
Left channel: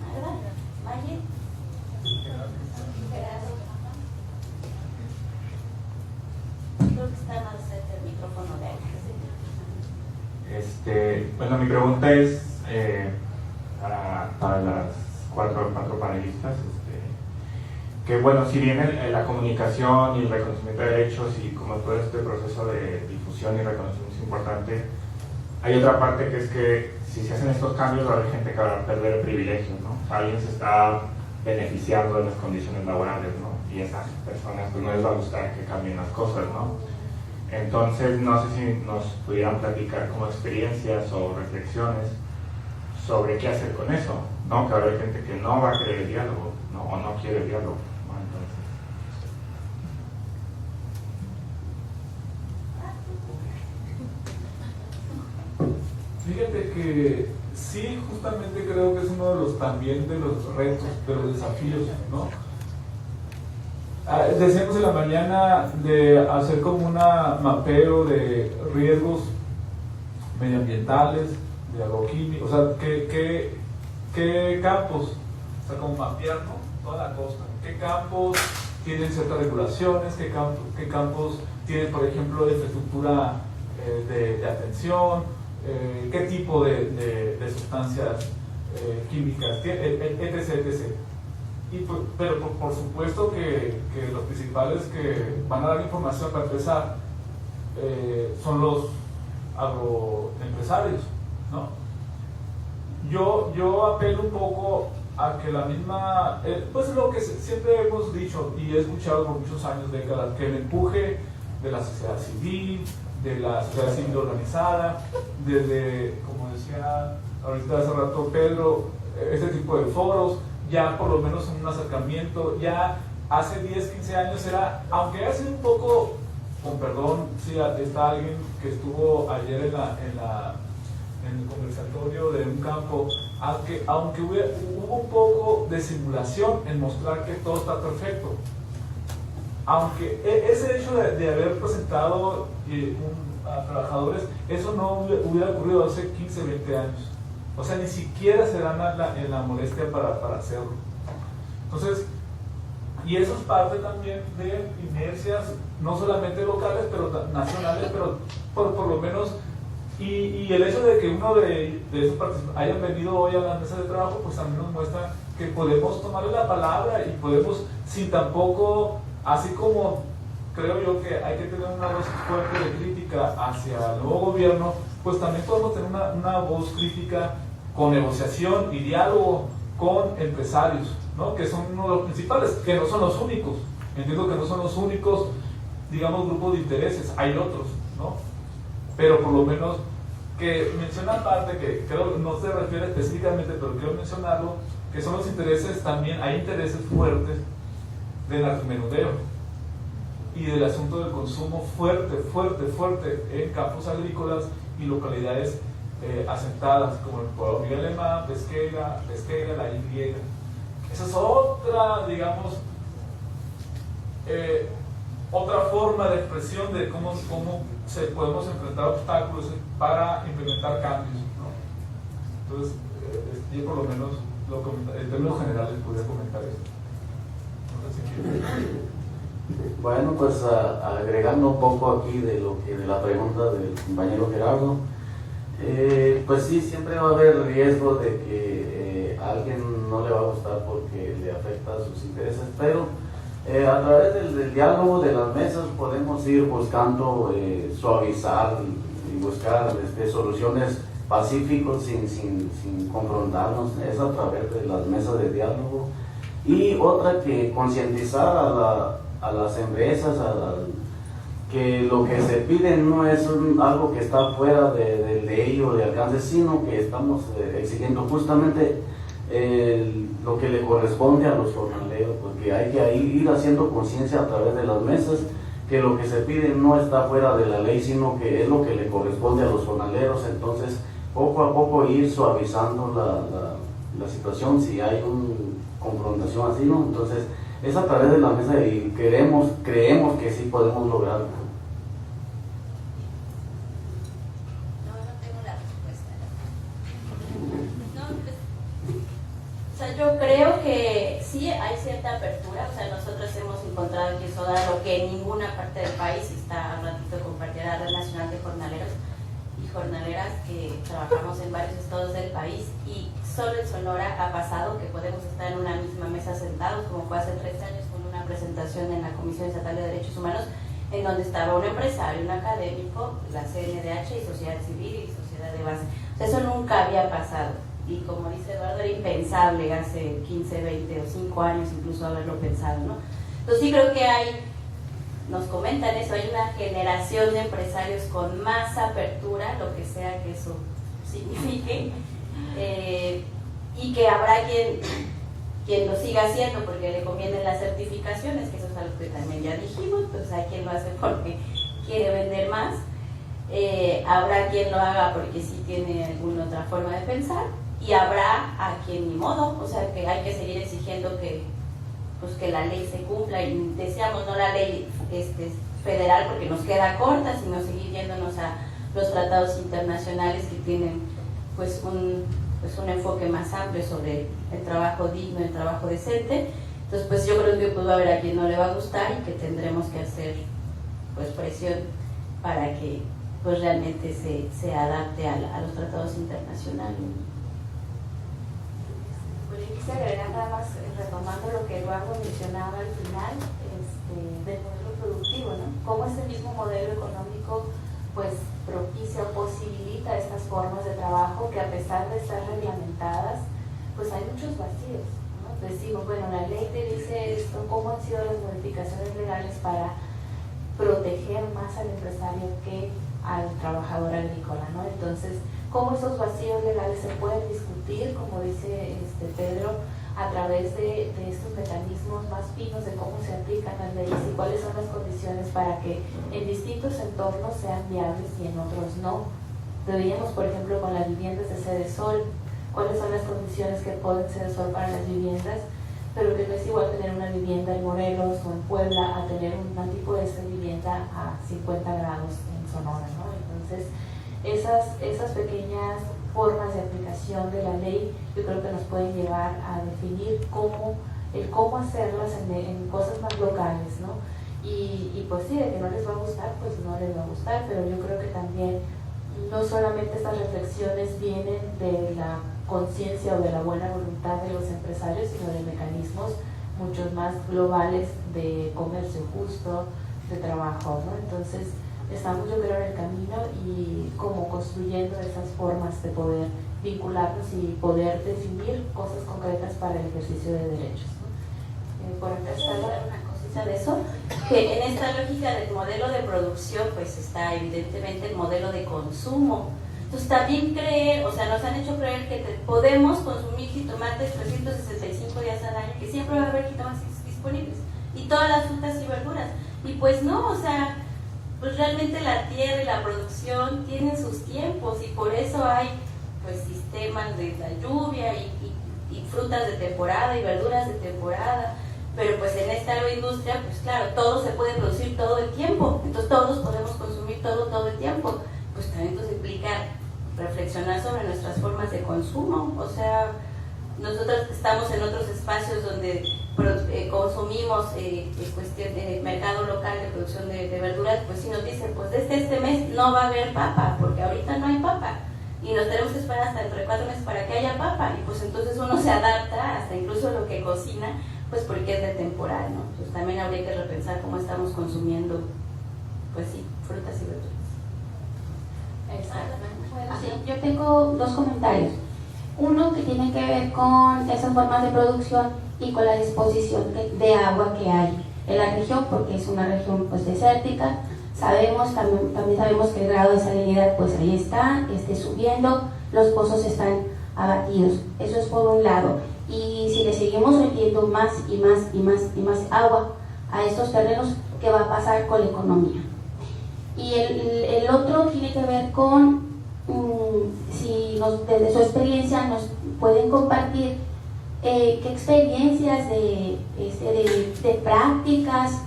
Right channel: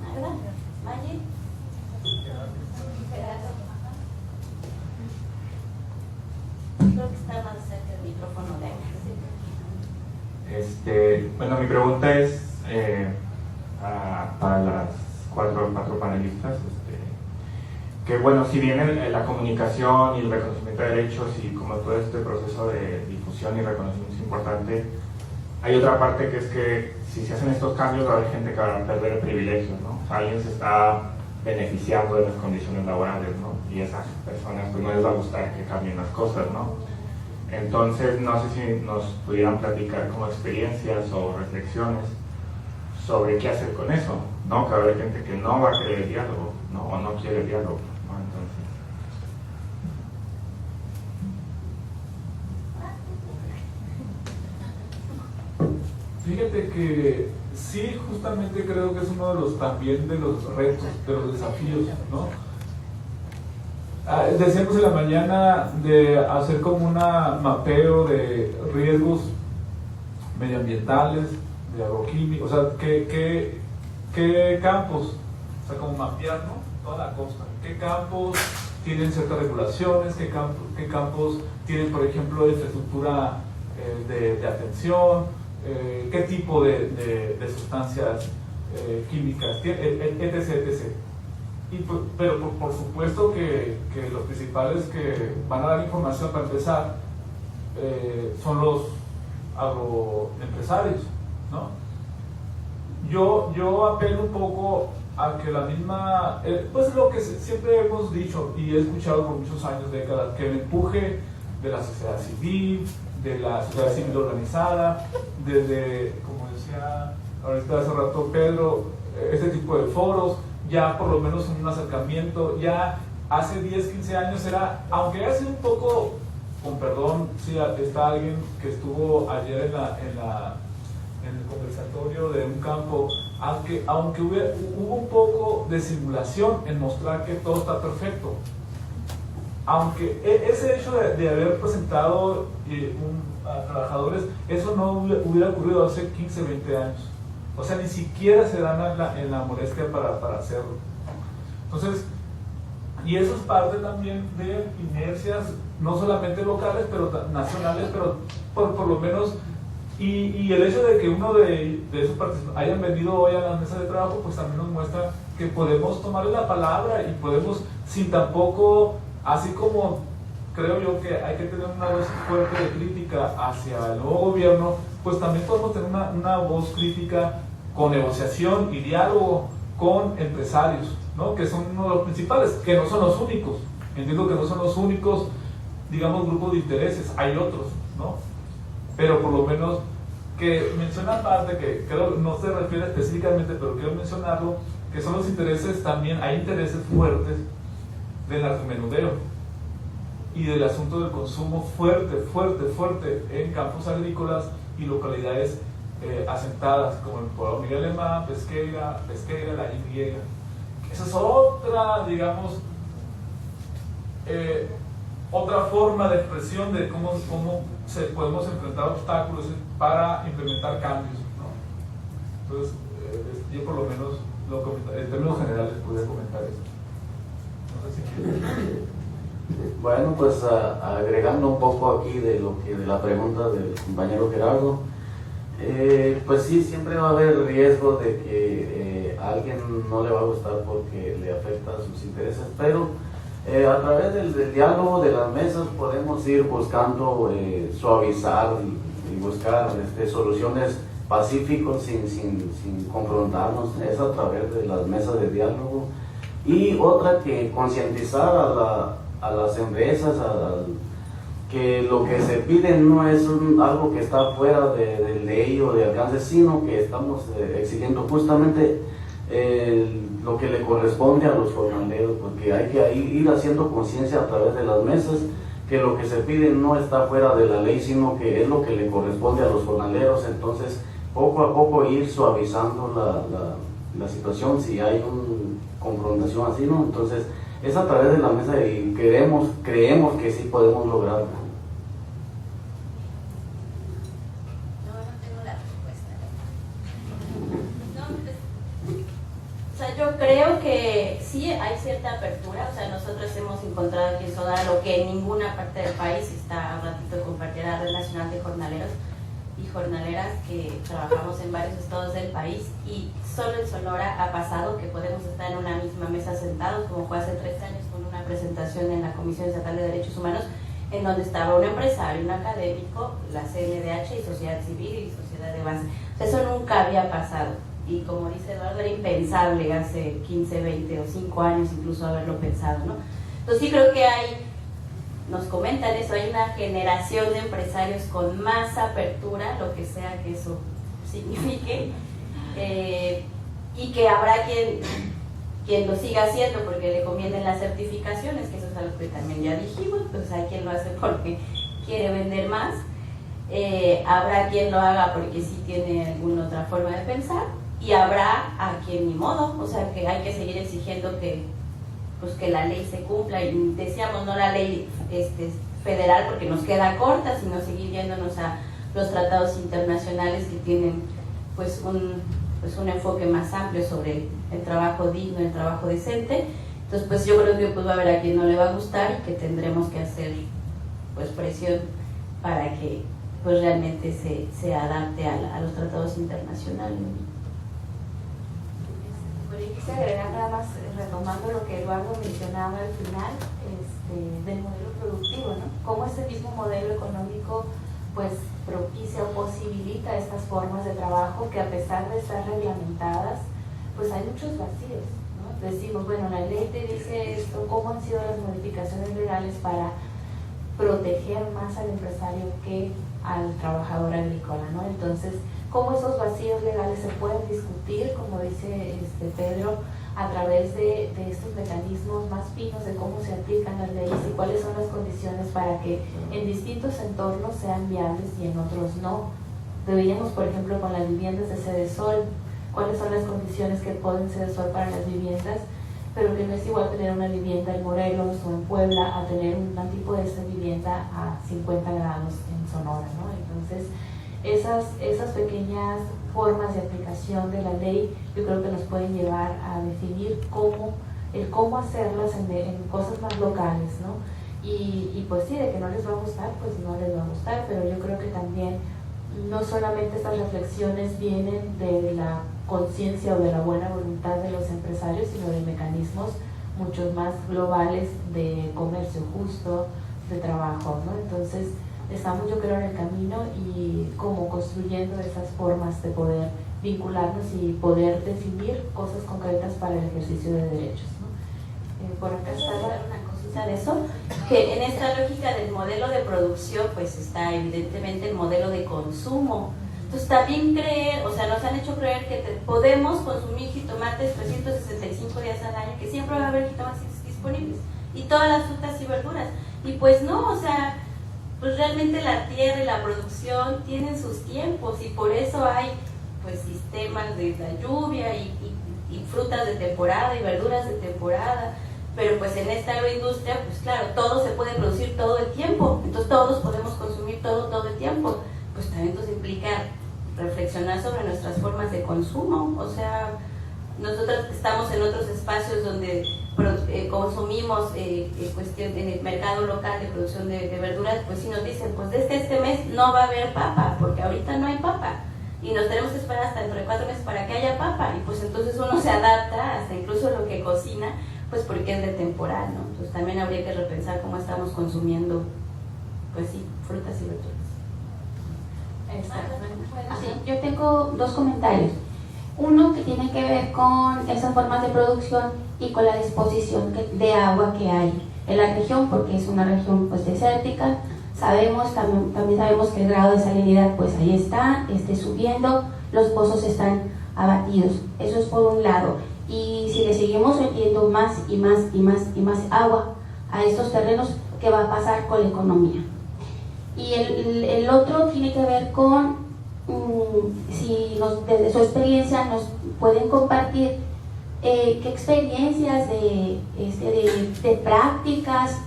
¿Magda? ¿Maye? Creo que está más cerca del micrófono de ella. Bueno, mi pregunta es para las cuatro panelistas, que bueno, si bien la comunicación y el reconocimiento de derechos y como todo este proceso de difusión y reconocimiento es importante, hay otra parte que es que si se hacen estos cambios va a haber gente que va a perder privilegios, ¿no? O sea, alguien se está beneficiando de las condiciones laborales, ¿no? Y esas personas pues no les va a gustar que cambien las cosas, ¿no? Entonces, no sé si nos pudieran platicar como experiencias o reflexiones sobre qué hacer con eso, ¿no? Que va a haber gente que no va a querer el diálogo, no quiere diálogo, ¿no? Entonces, fíjate que sí, justamente creo que es uno de los también de los retos, de los desafíos, ¿no? Decíamos en la mañana de hacer como un mapeo de riesgos medioambientales, de agroquímicos, o sea, ¿qué campos? O sea, como mapear, ¿no? Toda la costa. ¿Qué campos tienen ciertas regulaciones? ¿Qué campos tienen, por ejemplo, infraestructura de atención? ¿Qué tipo de sustancias químicas? Etc. Pero por supuesto que los principales que van a dar información para empezar son los agroempresarios, ¿no? Yo apelo un poco a que la misma, pues lo que siempre hemos dicho y he escuchado por muchos años, décadas, que el empuje de la sociedad civil, organizada, desde, como decía ahorita hace rato Pedro, este tipo de foros, ya por lo menos un acercamiento, ya hace 10, 15 años era, aunque ha sido un poco, con perdón, si está alguien que estuvo ayer en el conversatorio de un campo, aunque hubo un poco de simulación en mostrar que todo está perfecto, aunque ese hecho de haber presentado a trabajadores, eso no hubiera ocurrido hace 15, 20 años. O sea, ni siquiera se dan en la molestia para hacerlo. Entonces, y eso es parte también de inercias, no solamente locales, pero nacionales, pero por lo menos, y el hecho de que uno de esos participantes hayan venido hoy a la mesa de trabajo, pues también nos muestra que podemos tomarle la palabra y podemos, sin tampoco, así como creo yo que hay que tener una voz fuerte de crítica hacia el nuevo gobierno, pues también podemos tener una voz crítica con negociación y diálogo con empresarios, ¿no? Que son uno de los principales, que no son los únicos. Entiendo que no son los únicos, digamos, grupos de intereses, hay otros, ¿no? Pero por lo menos que menciona aparte, que creo no se refiere específicamente, pero quiero mencionarlo, que son los intereses también, hay intereses fuertes del narcomenudeo y del asunto del consumo fuerte en campos agrícolas y localidades asentadas como el pueblo Miguel Alemán, Pesquera, La Y. Esa es otra, digamos, otra forma de expresión de cómo podemos enfrentar obstáculos para implementar cambios, ¿no? Entonces, yo por lo menos, en términos generales, podría comentar eso. No sé si quieres. Bueno, pues agregando un poco aquí de la pregunta del compañero Gerardo, pues sí, siempre va a haber riesgo de que a alguien no le va a gustar porque le afecta a sus intereses, pero a través del diálogo, de las mesas, podemos ir buscando suavizar y buscar soluciones pacíficas sin confrontarnos. Es a través de las mesas de diálogo. Y otra, que concientizar a las empresas que lo que se pide no es algo que está fuera de ley o de alcance, sino que estamos exigiendo justamente lo que le corresponde a los jornaleros, porque hay que ir haciendo conciencia a través de las mesas que lo que se pide no está fuera de la ley, sino que es lo que le corresponde a los jornaleros. Entonces, poco a poco ir suavizando la situación si hay una confrontación así, ¿no? Entonces, es a través de la mesa y creemos que sí podemos lograrlo. No tengo la respuesta. No, pues, o sea, yo creo que sí hay cierta apertura. O sea, nosotros hemos encontrado aquí en Sonora lo que en ninguna parte del país está. Un ratito compartir la Red Nacional de Jornaleros y Jornaleras, que trabajamos en varios estados del país, y solo en Sonora ha pasado que podemos estar en una misma mesa sentados, como fue hace 3 años con una presentación en la Comisión Estatal de Derechos Humanos, en donde estaba un empresario, un académico, la CNDH y sociedad civil y sociedad de base. O sea, eso nunca había pasado, y como dice Eduardo, era impensable hace 15, 20 o 5 años incluso haberlo pensado, ¿no? Entonces sí creo que nos comentan eso, hay una generación de empresarios con más apertura, lo que sea que eso signifique, y que habrá quien quien lo siga haciendo porque le convienen las certificaciones, que eso es algo que también ya dijimos, pues hay quien lo hace porque quiere vender más, habrá quien lo haga porque sí tiene alguna otra forma de pensar, y habrá a quien ni modo, o sea que hay que seguir exigiendo que, pues, que la ley se cumpla, y decíamos no la ley federal porque nos queda corta, sino seguir yéndonos a los tratados internacionales que tienen pues un enfoque más amplio sobre el trabajo digno, el trabajo decente. Entonces pues yo creo que pues va a haber a quien no le va a gustar y que tendremos que hacer pues presión para que pues realmente se adapte a los tratados internacionales. Bueno, yo quisiera agregar nada más, retomando lo que Eduardo mencionaba al final, del modelo productivo, ¿no? Cómo este mismo modelo económico pues propicia o posibilita estas formas de trabajo que, a pesar de estar reglamentadas, pues hay muchos vacíos, ¿no? Decimos, bueno, la ley te dice esto, ¿cómo han sido las modificaciones legales para proteger más al empresario que al trabajador agrícola, ¿no? Entonces, ¿cómo esos vacíos legales se pueden discutir, como dice Pedro, a través de estos mecanismos más finos de cómo se aplican las leyes y cuáles son las condiciones para que en distintos entornos sean viables y en otros no? Veíamos, por ejemplo, con las viviendas de Cedesol, cuáles son las condiciones que ponen Cedesol para las viviendas, pero que no es igual tener una vivienda en Morelos o en Puebla a tener un tipo de esta vivienda a 50 grados en Sonora, ¿no? Entonces, esas pequeñas formas de aplicación de la ley yo creo que nos pueden llevar a definir cómo hacerlas en cosas más locales, ¿no? Y pues sí, de que no les va a gustar, pues no les va a gustar, pero yo creo que también no solamente estas reflexiones vienen de la conciencia o de la buena voluntad de los empresarios, sino de mecanismos muchos más globales de comercio justo, de trabajo, ¿no? Entonces estamos, yo creo, en el camino y como construyendo esas formas de poder vincularnos y poder definir cosas concretas para el ejercicio de derechos, ¿no? Por empezar, una cosita de eso, que en esta lógica del modelo de producción pues está evidentemente el modelo de consumo. Entonces también nos han hecho creer que podemos consumir jitomates 365 días al año, que siempre va a haber jitomates disponibles, y todas las frutas y verduras, y pues no, o sea, pues realmente la tierra y la producción tienen sus tiempos, y por eso hay pues sistemas de la lluvia y frutas de temporada y verduras de temporada. Pero pues en esta agroindustria, pues claro, todo se puede producir todo el tiempo, entonces todos podemos consumir todo el tiempo. Pues también nos implica reflexionar sobre nuestras formas de consumo. O sea, nosotros estamos en otros espacios donde consumimos cuestión de mercado local de producción de verduras, pues si nos dicen, pues desde este mes no va a haber papa, porque ahorita no hay papa, y nos tenemos que esperar hasta dentro de 4 meses para que haya papa, y pues entonces uno se adapta hasta incluso lo que cocina, pues porque es de temporal, ¿no? Pues también habría que repensar cómo estamos consumiendo, pues sí, frutas y verduras. Bueno, sí, yo tengo 2 comentarios. Uno que tiene que ver con esas formas de producción y con la disposición de agua que hay en la región, porque es una región pues desértica. También sabemos que el grado de salinidad pues ahí está, subiendo, los pozos están abatidos. Eso es por un lado. Y si le seguimos metiendo más y más agua a estos terrenos, ¿qué va a pasar con la economía? Y el otro tiene que ver con si desde su experiencia nos pueden compartir qué experiencias de prácticas,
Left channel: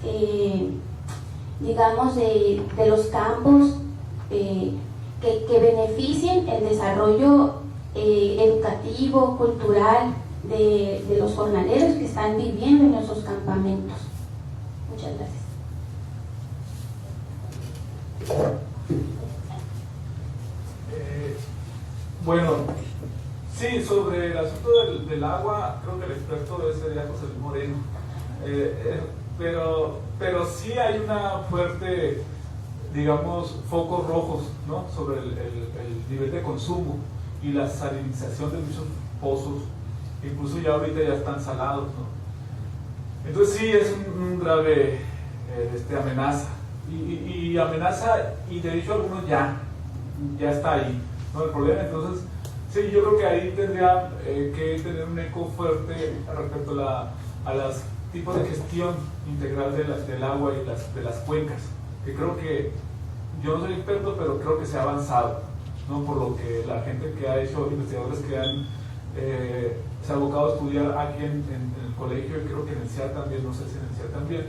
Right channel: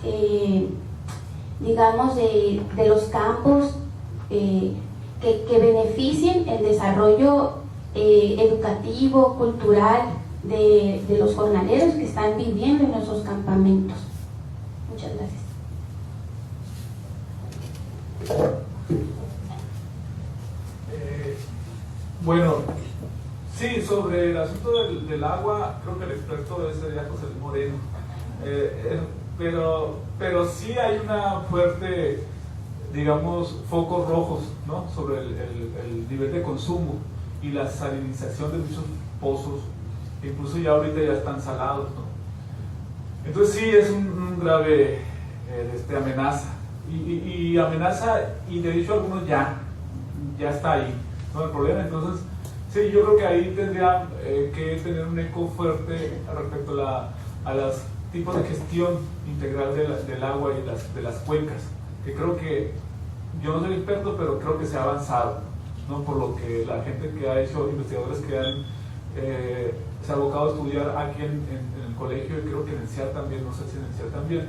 digamos, de los campos que beneficien el desarrollo educativo, cultural de los jornaleros que están viviendo en esos campamentos. Muchas gracias. Bueno, sí, sobre el asunto del agua, creo que el experto sería José Luis Moreno, pero sí hay una fuerte, digamos, focos rojos, ¿no? Sobre el nivel de consumo y la salinización de muchos pozos, incluso ya ahorita ya están salados, ¿no? Entonces sí es un grave amenaza. Y amenaza, y de hecho algunos ya está ahí, ¿no? El problema entonces Sí, yo creo que ahí tendría que tener un eco fuerte respecto a los tipos de gestión integral del agua y de las cuencas, que creo que, yo no soy experto, pero creo que se ha avanzado, ¿no? Por lo que la gente que ha hecho, investigadores que se ha abocado a estudiar aquí en el colegio, y creo que en el CIAR también, no sé si en el CIAR también,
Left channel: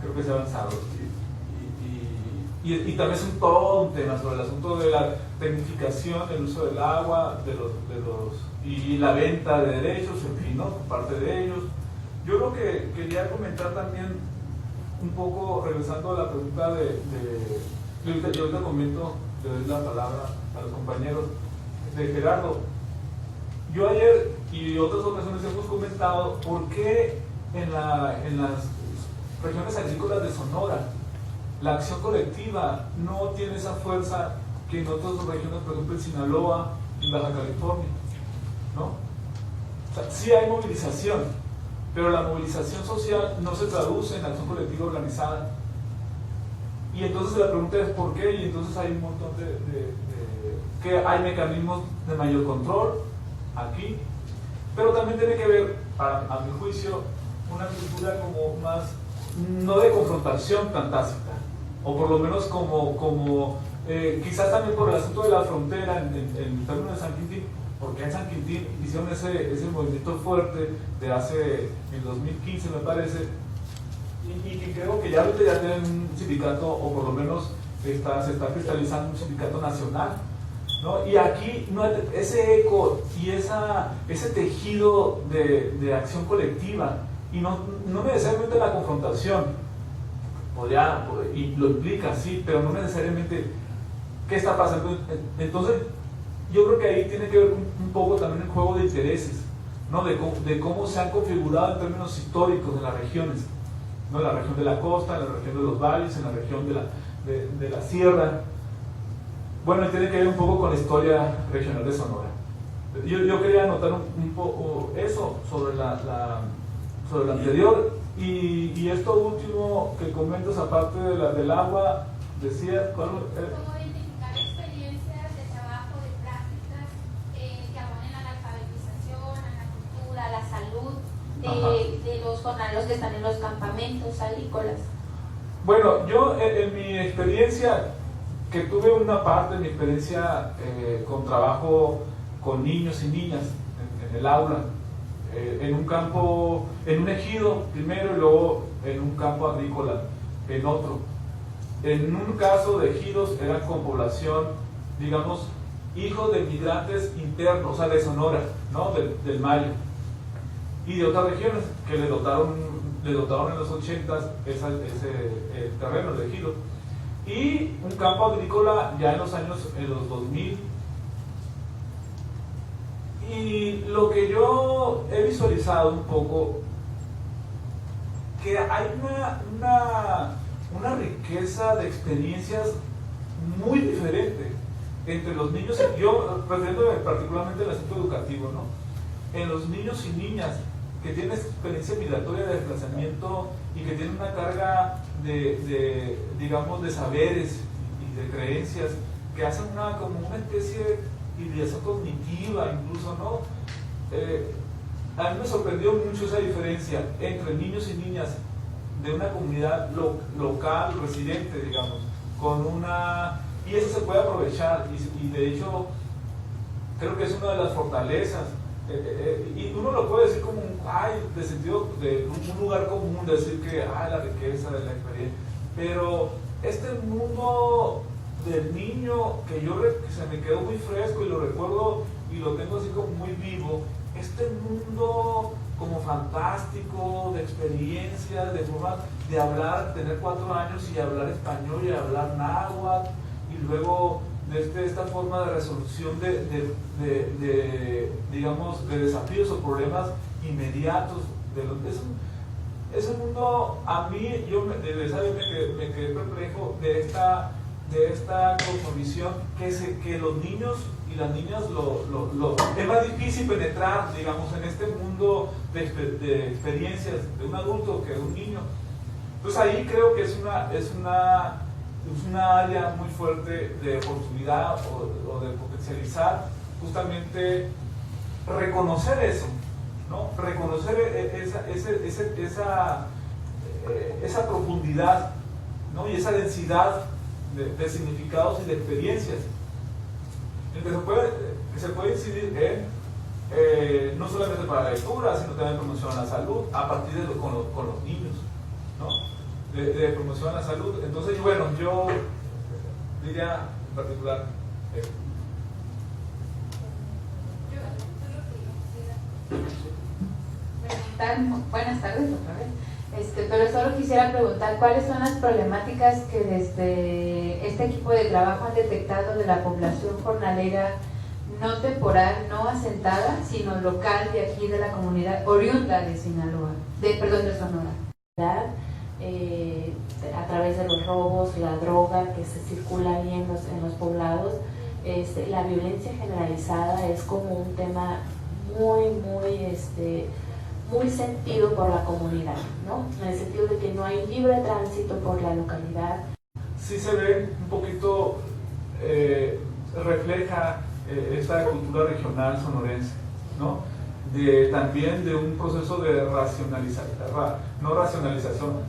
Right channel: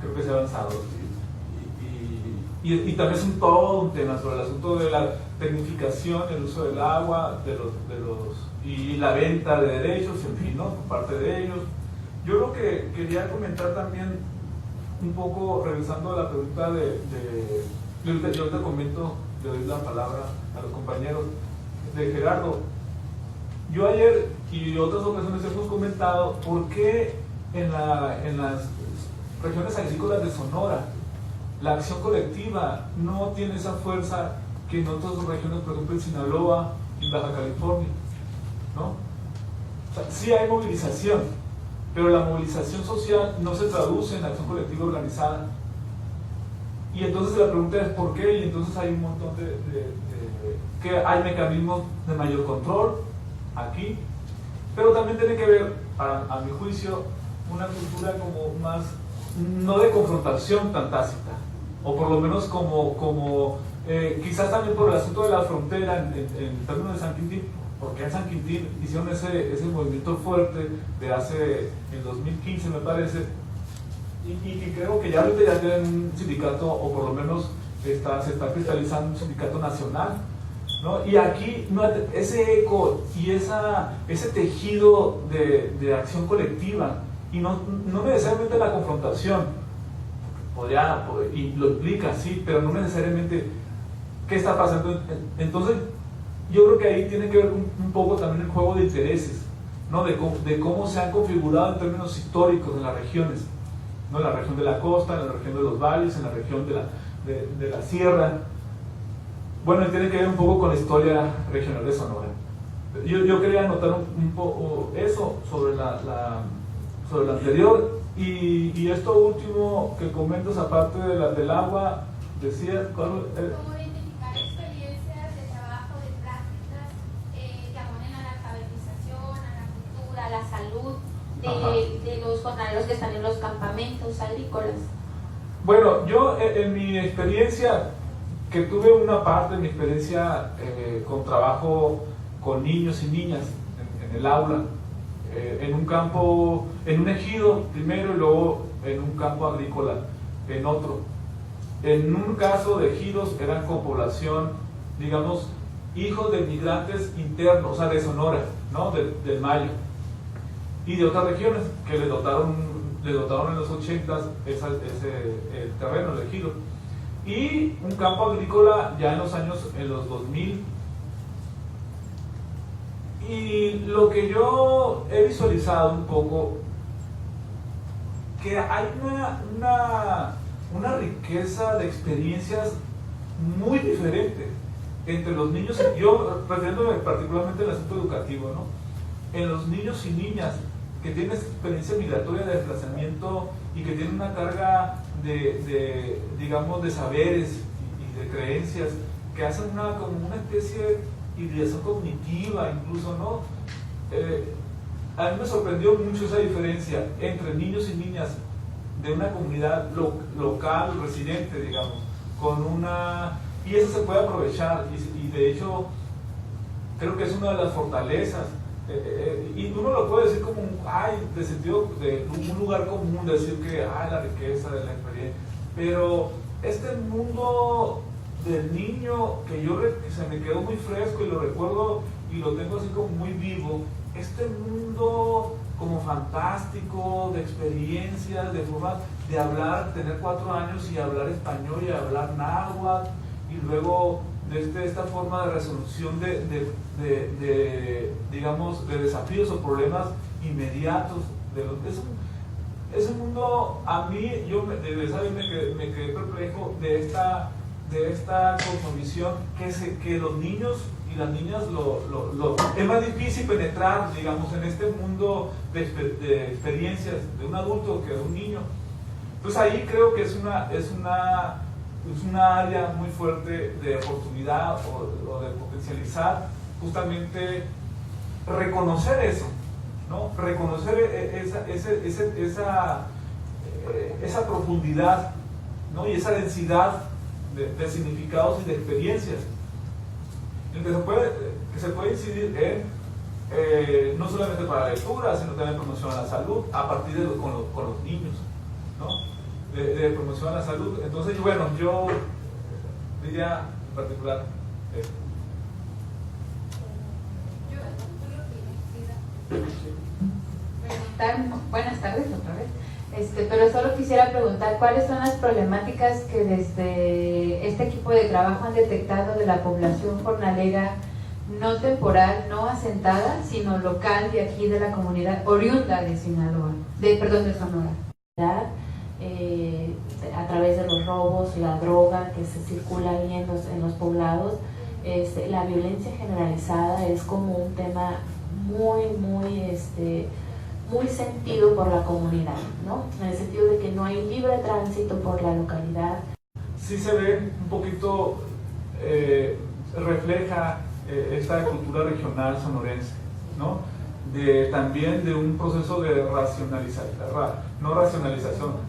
creo que se ha avanzado. Y también es todo un tema sobre el asunto de la tecnificación, el uso del agua, y la venta de derechos, en fin, ¿no? Por parte de ellos. Yo lo que quería comentar también, un poco regresando a la pregunta yo ahorita comento, le doy la palabra a los compañeros, de Gerardo. Yo ayer y otras ocasiones hemos comentado por qué en las regiones agrícolas de Sonora la acción colectiva no tiene esa fuerza que en otras regiones, por ejemplo en Sinaloa, en Baja California, ¿no? O sea, sí hay movilización, pero la movilización social no se traduce en acción colectiva organizada. Y entonces la pregunta es ¿por qué? Y entonces hay un montón que hay mecanismos de mayor control aquí, pero también tiene que ver, a mi juicio, una cultura como más, no de confrontación tan tácita, o por lo menos quizás también por el asunto de la frontera en términos de San Quintín, porque en San Quintín hicieron ese movimiento fuerte de en 2015 me parece, y que creo que ya ahorita ya tienen un sindicato, o por lo menos se está cristalizando un sindicato nacional, ¿no? Y aquí ese eco y ese tejido de acción colectiva, y no necesariamente la confrontación, y lo implica, sí, pero no necesariamente qué está pasando. Entonces, yo creo que ahí tiene que ver un poco también el juego de intereses, ¿no? De cómo se han configurado en términos históricos en las regiones, ¿no? En la región de la costa, en la región de los valles, en la región de la sierra. Bueno, tiene que ver un poco con la historia regional de Sonora. Yo quería anotar un poco eso sobre sobre lo anterior. Y esto último que comentas, aparte del agua, decía, ¿Cómo identificar experiencias de trabajo, de prácticas que abonen a la alfabetización, a la cultura, a la salud de los jornaleros que están en los campamentos agrícolas? Bueno, yo en mi experiencia, que tuve una parte de mi experiencia con trabajo con niños y niñas en el aula, en un campo, en un ejido primero y luego en un campo agrícola en otro. En un caso de ejidos eran con población, digamos, hijos de migrantes internos, o sea, de Sonora, ¿no? del Mayo, y de otras regiones que le dotaron en los 80s el terreno, el ejido. Y un campo agrícola ya en los 2000. Y lo que yo he visualizado un poco, que hay una riqueza de experiencias muy diferente entre los niños, yo refiriéndome particularmente al asunto educativo, ¿no? En los niños y niñas que tienen experiencia migratoria de desplazamiento y que tienen una carga digamos, de saberes y de creencias que hacen como una especie de ideación cognitiva, incluso, ¿no? A mí me sorprendió mucho esa diferencia entre niños y niñas de una comunidad local, residente, digamos, y eso se puede aprovechar, y de hecho creo que es una de las fortalezas, y uno lo puede decir como de sentido de un lugar común, decir que la riqueza de la experiencia, pero este mundo del niño que se me quedó muy fresco y lo recuerdo y lo tengo así como muy vivo, este mundo como fantástico de experiencias, de formas de hablar, tener 4 años y hablar español y hablar náhuatl, y luego de esta forma de resolución digamos, de desafíos o problemas inmediatos. Ese mundo, a mí, esa vez me quedé perplejo de esta cosmovisión que los niños y las niñas es más difícil penetrar, digamos, en este mundo de experiencias de un adulto que de un niño. Entonces ahí creo que es una área muy fuerte de oportunidad o de potencializar justamente reconocer eso, ¿no? Reconocer esa profundidad, ¿no? Y esa densidad de significados y de experiencias en que se puede incidir en no solamente para la lectura, sino también promoción a la salud a partir de con los niños, ¿no? De promoción a la salud. Entonces, bueno, yo diría en particular esto. Buenas tardes otra vez. Pero solo quisiera preguntar cuáles son las problemáticas que desde este equipo de trabajo han detectado de la población jornalera no temporal, no asentada, sino local de aquí de la comunidad oriunda de Sinaloa, de Sonora. A través de los robos, la droga que se circula ahí en los poblados, la violencia generalizada es como un tema muy sentido por la comunidad, ¿no? En el sentido de que no hay libre tránsito por la localidad. Sí se ve un poquito, refleja esta cultura regional sonorense, ¿no? También de un proceso de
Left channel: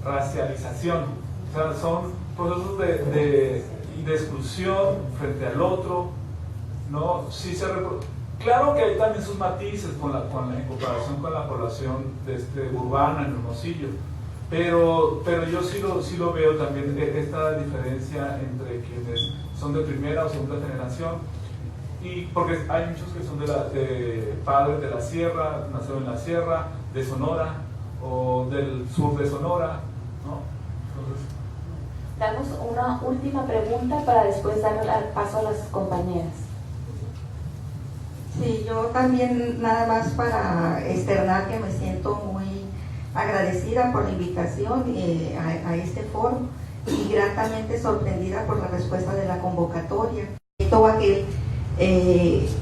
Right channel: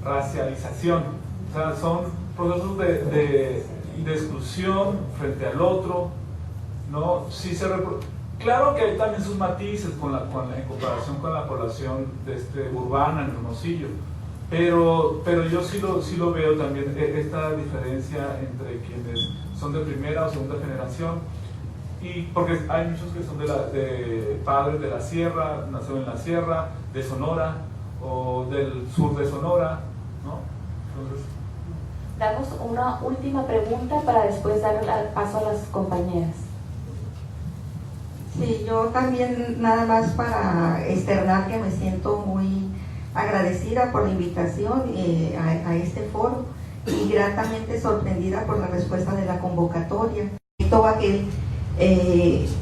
racialización. O sea, son procesos de exclusión frente al otro, ¿no? Sí claro que hay también sus matices en comparación con la población urbana en Hermosillo, pero yo sí lo veo también, esta diferencia entre quienes son de primera o segunda generación, y porque hay muchos que son de padres de la sierra, nació en la sierra, de Sonora o del sur de Sonora, ¿no? Entonces, damos una última pregunta para después dar paso a las compañeras. Sí, yo también nada más para externar que me siento muy agradecida por la invitación a este foro y gratamente sorprendida por la respuesta de la convocatoria. Todo aquel,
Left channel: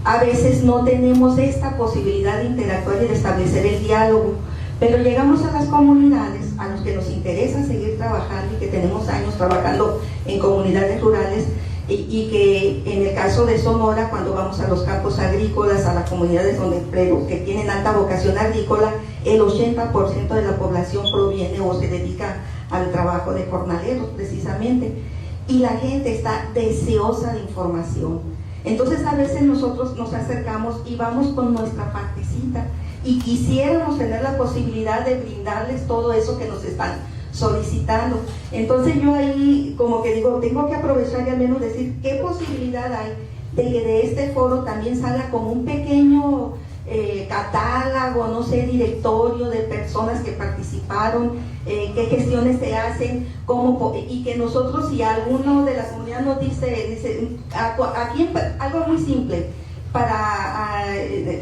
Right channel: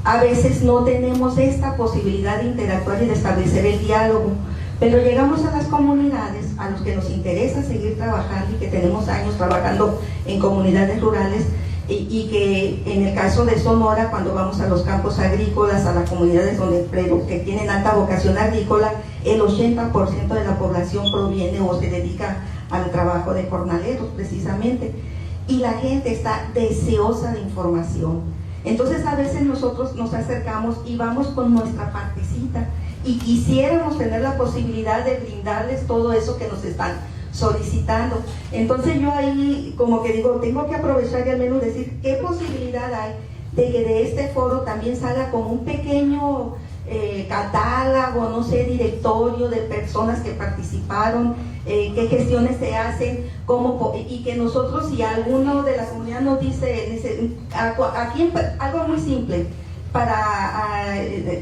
a veces no tenemos esta posibilidad de interactuar y de establecer el diálogo, pero llegamos a las comunidades a los que nos interesa seguir trabajando y que tenemos años trabajando en comunidades rurales. Y que en el caso de Sonora, cuando vamos a los campos agrícolas, a las comunidades que tienen alta vocación agrícola, el 80% de la población proviene o se dedica al trabajo de jornaleros precisamente, y la gente está deseosa de información. Entonces a veces nosotros nos acercamos y vamos con nuestra partecita y quisiéramos tener la posibilidad de brindarles todo eso que nos están solicitando. Entonces yo ahí como que digo, tengo que aprovechar y al menos decir qué posibilidad hay de que de este foro también salga como un pequeño catálogo, no sé, directorio de personas que participaron, qué gestiones se hacen, y que nosotros, si alguno de la comunidad nos dice aquí algo muy simple para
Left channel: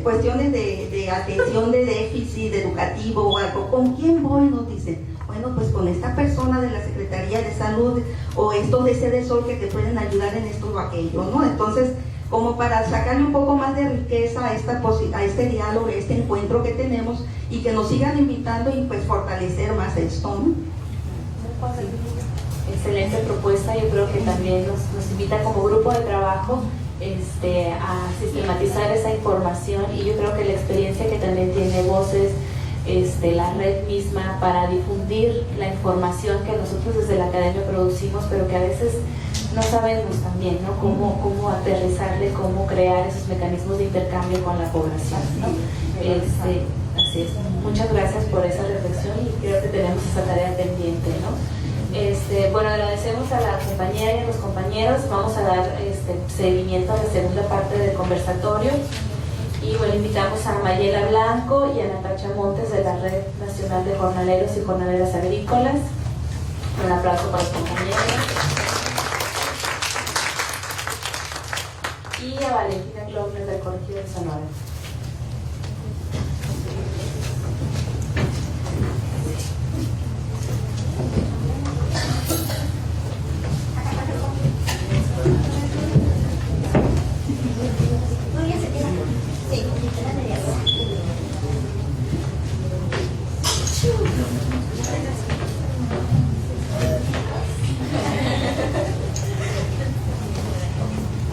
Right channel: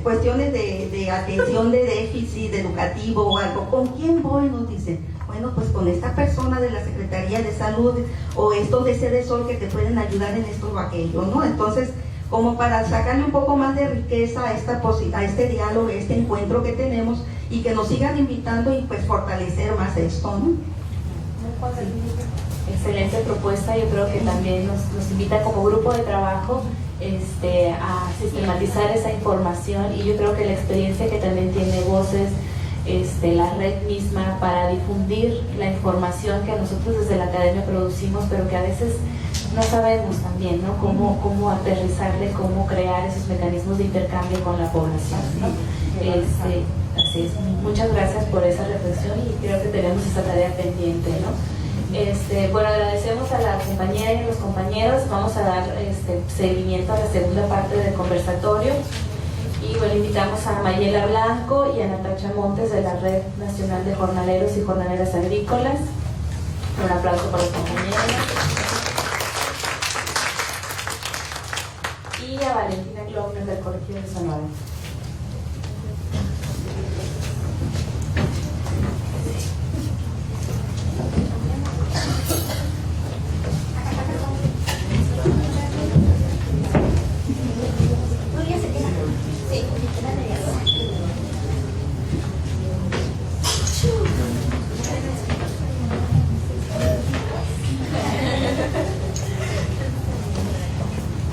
cuestiones de atención de déficit educativo o algo, ¿con quién voy? Nos dice, bueno, pues con esta persona de la Secretaría de Salud o estos de Cedesol que te pueden ayudar en esto o aquello, ¿no? Entonces, como para sacarle un poco más de riqueza a este diálogo, a este encuentro que tenemos, y que nos sigan invitando y pues fortalecer más esto, ¿no? Excelente propuesta. Yo creo que también nos invita como grupo de trabajo a sistematizar esa información, y yo creo que la experiencia que también tiene Voces, la red misma, para difundir la información que nosotros desde la academia producimos, pero que a veces no sabemos también, ¿no? Cómo aterrizarle, cómo crear esos mecanismos de intercambio con la población, ¿no? Así es. Muchas gracias por esa reflexión y creo que tenemos esa tarea pendiente, ¿no? Bueno, agradecemos a la compañera y a los compañeros. Vamos a dar seguimiento a la segunda parte del conversatorio. Y bueno, invitamos a Mayela Blanco y a Natacha Montes de la Red Nacional de Jornaleros y Jornaleras Agrícolas. Un aplauso para los compañeros. Y a Valentina Klopner del Colegio de Sonora.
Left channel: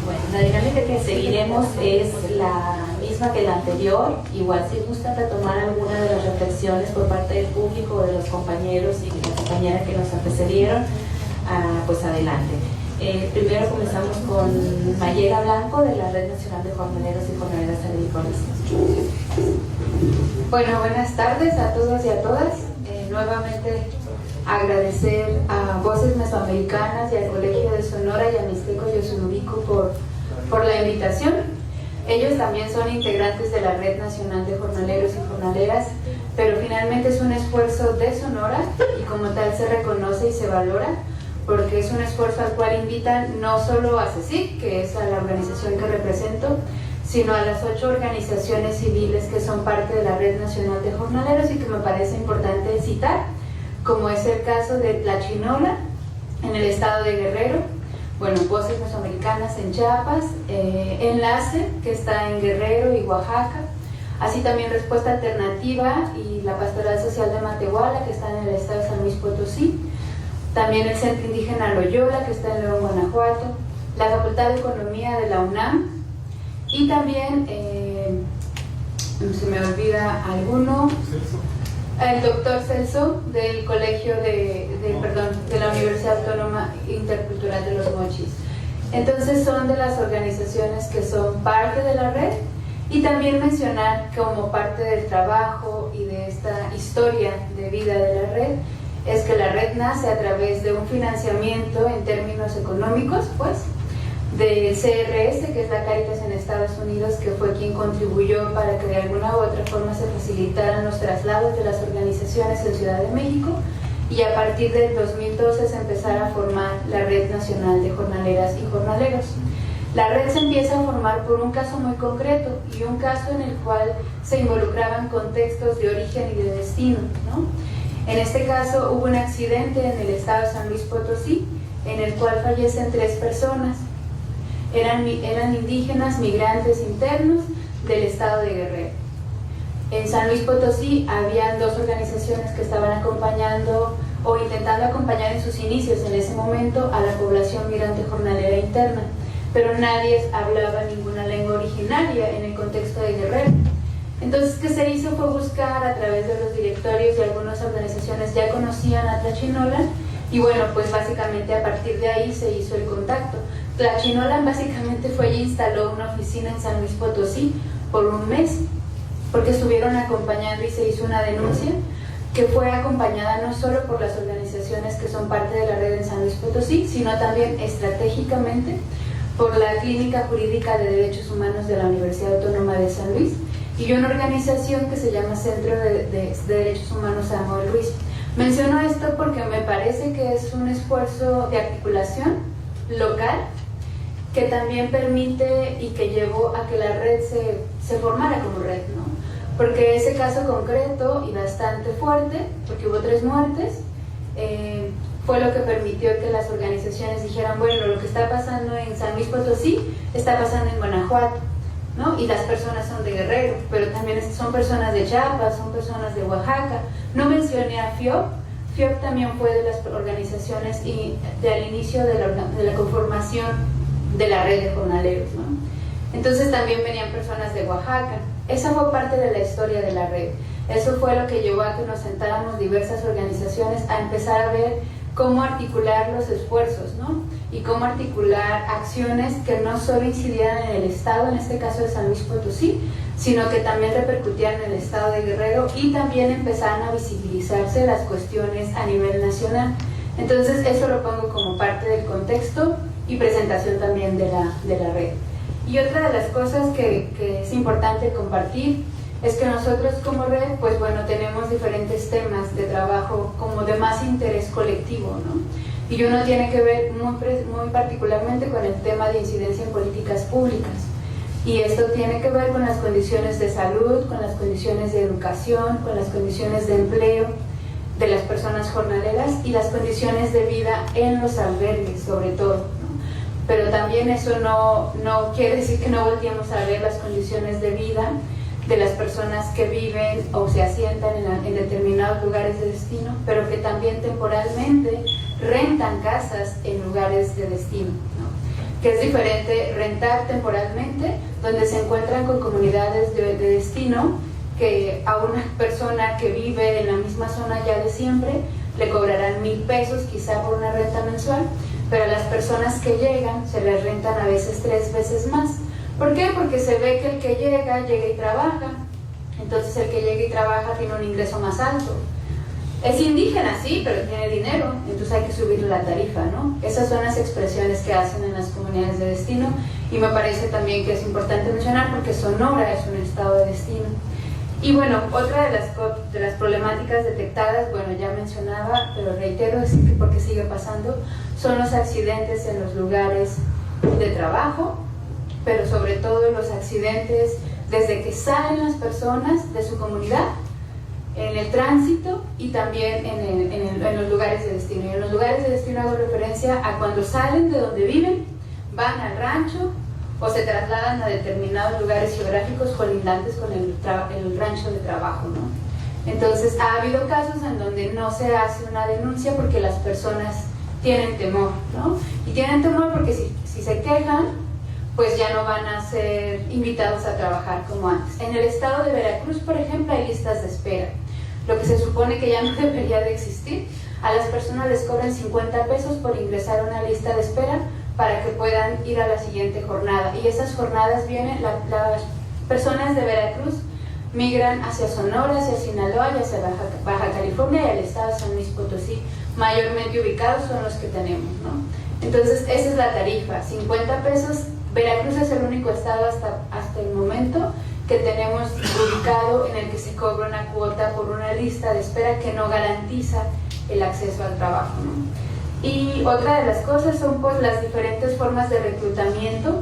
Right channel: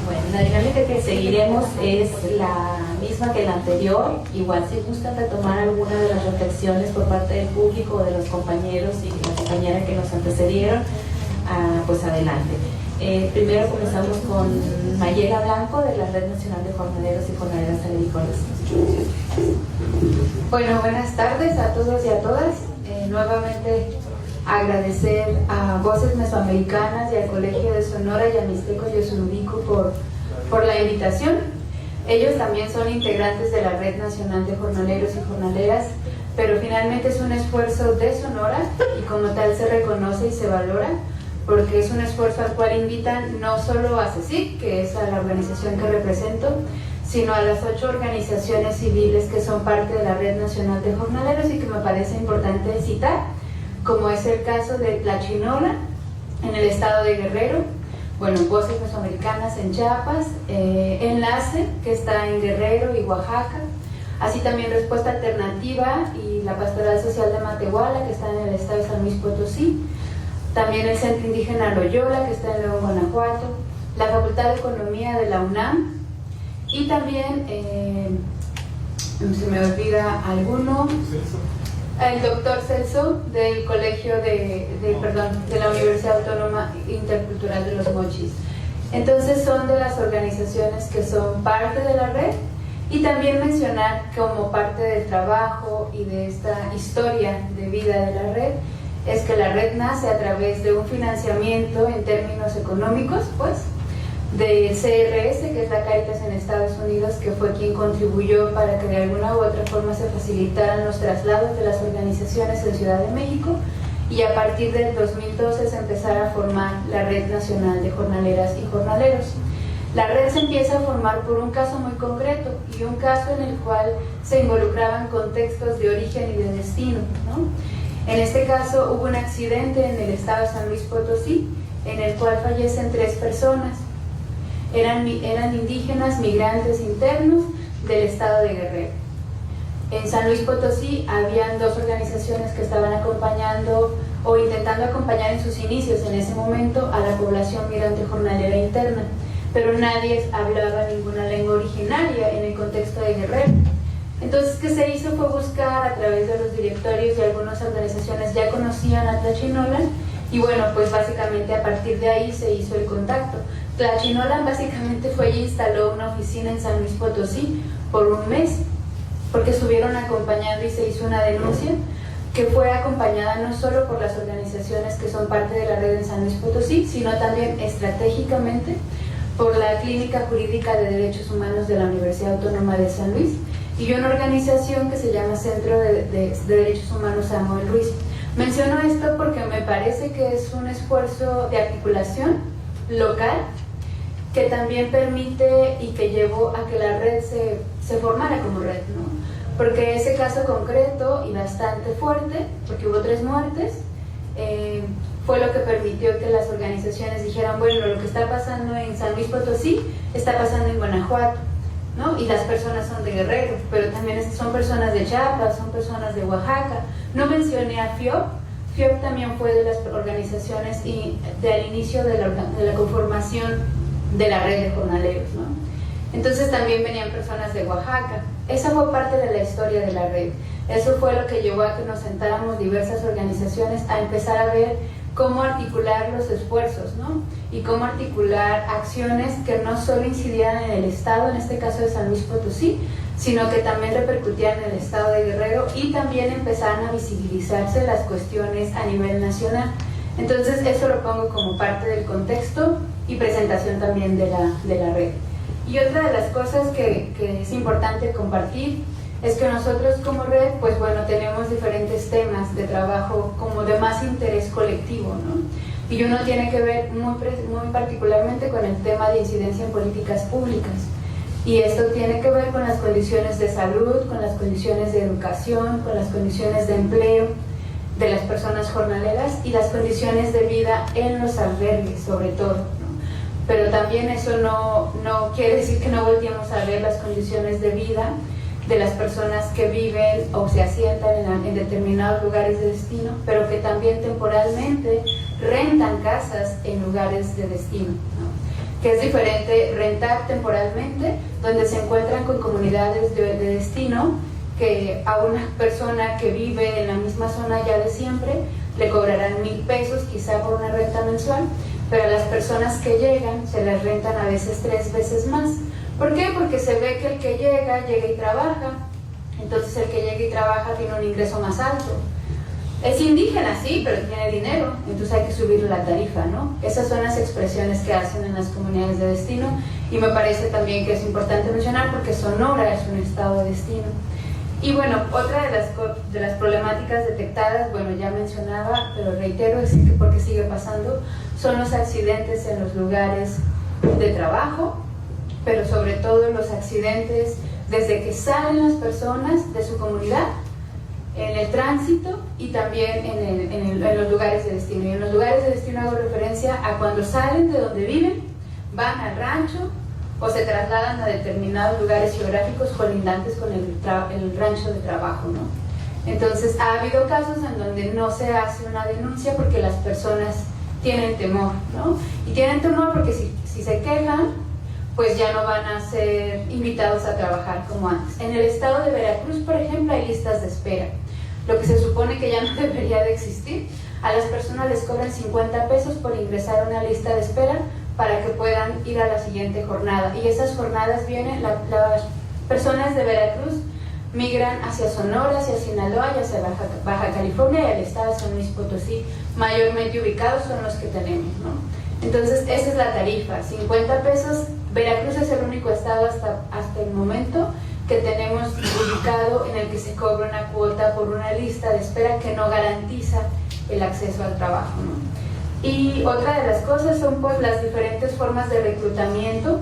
Bueno, la dinámica que se seguiremos es la misma que la anterior. Igual si gusta retomar alguna de las reflexiones por parte del público o de los compañeros y la compañera que nos antecedieron, pues adelante. Primero comenzamos con Mayela Blanco de la Red Nacional de Jornaleros y Jornaleras Agrícolas. Bueno, buenas tardes a todos y a todas. Nuevamente agradecer a Voces Mesoamericanas y al Colegio de Sonora y a Mixteco y Osunubico por la invitación. Ellos también son integrantes de la Red Nacional de Jornaleros y Jornaleras, pero finalmente es un esfuerzo de Sonora y como tal se reconoce y se valora, porque es un esfuerzo al cual invitan no solo a CECIC, que es a la organización que represento, sino a las 8 organizaciones civiles que son parte de la Red Nacional de Jornaleros y que me parece importante citar, como es el caso de Tlachinola en el estado de Guerrero, bueno, Voces Mesoamericanas en Chiapas, Enlace, que está en Guerrero y Oaxaca, así también Respuesta Alternativa y la Pastoral Social de Matehuala, que está en el estado de San Luis Potosí, también el Centro Indígena Loyola, que está en León, Guanajuato, la Facultad de Economía de la UNAM, y también, se me olvida alguno, el doctor Celso del Colegio de la Universidad Autónoma Intercultural de los Mochis. Entonces son de las organizaciones que son parte de la red, y también mencionar como parte del trabajo y de esta historia de vida de la red es que la red nace a través de un financiamiento en términos económicos, pues, del CRS, que es la Cáritas en Estados Unidos, que fue quien contribuyó para que de alguna u otra forma se facilitaran los traslados de las organizaciones en Ciudad de México, y a partir del 2012 se empezara a formar la Red Nacional de Jornaleras y Jornaleros. La red se empieza a formar por un caso muy concreto y un caso en el cual se involucraban contextos de origen y de destino, ¿no? En este caso hubo un accidente en el estado de San Luis Potosí en el cual fallecen 3 personas. Eran indígenas migrantes internos del estado de Guerrero. En San Luis Potosí habían 2 organizaciones que estaban acompañando o intentando acompañar en sus inicios en ese momento a la población migrante jornalera interna, pero nadie hablaba ninguna lengua originaria en el contexto de Guerrero. Entonces, ¿qué se hizo? Fue buscar a través de los directorios y algunas organizaciones ya conocían a Tlachinolan, y bueno, pues básicamente a partir de ahí se hizo el contacto. Tlachinolan básicamente fue y instaló una oficina en San Luis Potosí por un mes, porque estuvieron acompañando y se hizo una denuncia que fue acompañada no solo por las organizaciones que son parte de la red en San Luis Potosí, sino también estratégicamente por la Clínica Jurídica de Derechos Humanos de la Universidad Autónoma de San Luis y una organización que se llama Centro de Derechos Humanos Samuel Ruiz. Menciono esto porque me parece que es un esfuerzo de articulación local que también permite y que llevó a que la red se formara como red, ¿no? Porque ese caso concreto y bastante fuerte, porque hubo 3 muertes, fue lo que permitió que las organizaciones dijeran, bueno, lo que está pasando en San Luis Potosí está pasando en Guanajuato, ¿no? Y las personas son de Guerrero, pero también son personas de Chiapas, son personas de Oaxaca. No mencioné a FIOP. FIOP también fue de las organizaciones y al inicio de la conformación de la red de jornaleros, ¿no? Entonces también venían personas de Oaxaca. Esa fue parte de la historia de la red. Eso fue lo que llevó a que nos sentáramos diversas organizaciones a empezar a ver cómo articular los esfuerzos, ¿no? Y cómo articular acciones que no solo incidieran en el estado, en este caso de San Luis Potosí, sino que también repercutían en el estado de Guerrero y también empezaron a visibilizarse las cuestiones a nivel nacional. Entonces eso lo pongo como parte del contexto y presentación también de la red. Y otra de las cosas que es importante compartir es que nosotros como red, pues bueno, tenemos diferentes temas de trabajo como de más interés colectivo, ¿no? Y uno tiene que ver muy particularmente con el tema de incidencia en políticas públicas. Y esto tiene que ver con las condiciones de salud, con las condiciones de educación, con las condiciones de empleo de las personas jornaleras y las condiciones de vida en los albergues, sobre todo, ¿no? Pero también eso no quiere decir que no volteemos a ver las condiciones de vida de las personas que viven o se asientan en determinados lugares de destino, pero que también temporalmente rentan casas en lugares de destino, ¿no? que es diferente rentar temporalmente, donde se encuentran con comunidades de destino, que a una persona que vive en la misma zona ya de siempre le cobrarán 1,000 pesos quizá por una renta mensual, pero a las personas que llegan se les rentan a veces 3 veces más. ¿Por qué? Porque se ve que el que llega y trabaja, entonces el que llega y trabaja tiene un ingreso más alto. Es indígena, sí, pero tiene dinero, entonces hay que subir la tarifa, ¿no? Esas son las expresiones que hacen en las comunidades de destino, y me parece también que es importante mencionar porque Sonora es un estado de destino. Y bueno, otra de las problemáticas detectadas, bueno, ya mencionaba, pero reitero, es que porque sigue pasando, son los accidentes en los lugares de trabajo, pero sobre todo los accidentes desde que salen las personas de su comunidad, en el tránsito y también en los lugares de destino. Y en los lugares de destino hago referencia a cuando salen de donde viven, van al rancho o se trasladan a determinados lugares geográficos colindantes con el rancho de trabajo, ¿no? Entonces ha habido casos en donde no se hace una denuncia porque las personas tienen temor, ¿no? Y tienen temor porque si se quejan, pues ya no van a ser invitados a trabajar como antes. En el estado de Veracruz, por ejemplo, hay listas de espera, lo que se supone que ya no debería de existir. A las personas les cobran 50 pesos por ingresar a una lista de espera para que puedan ir a la siguiente jornada. Y esas jornadas vienen, las personas de Veracruz migran hacia Sonora, hacia Sinaloa y hacia Baja California y al estado de San Luis Potosí, mayormente ubicados son los que tenemos, ¿no? Entonces esa es la tarifa, 50 pesos. Veracruz es el único estado hasta el momento que tenemos ubicado en el que se cobra una cuota por una lista de espera que no garantiza el acceso al trabajo, ¿no? Y otra de las cosas son pues las diferentes formas de reclutamiento,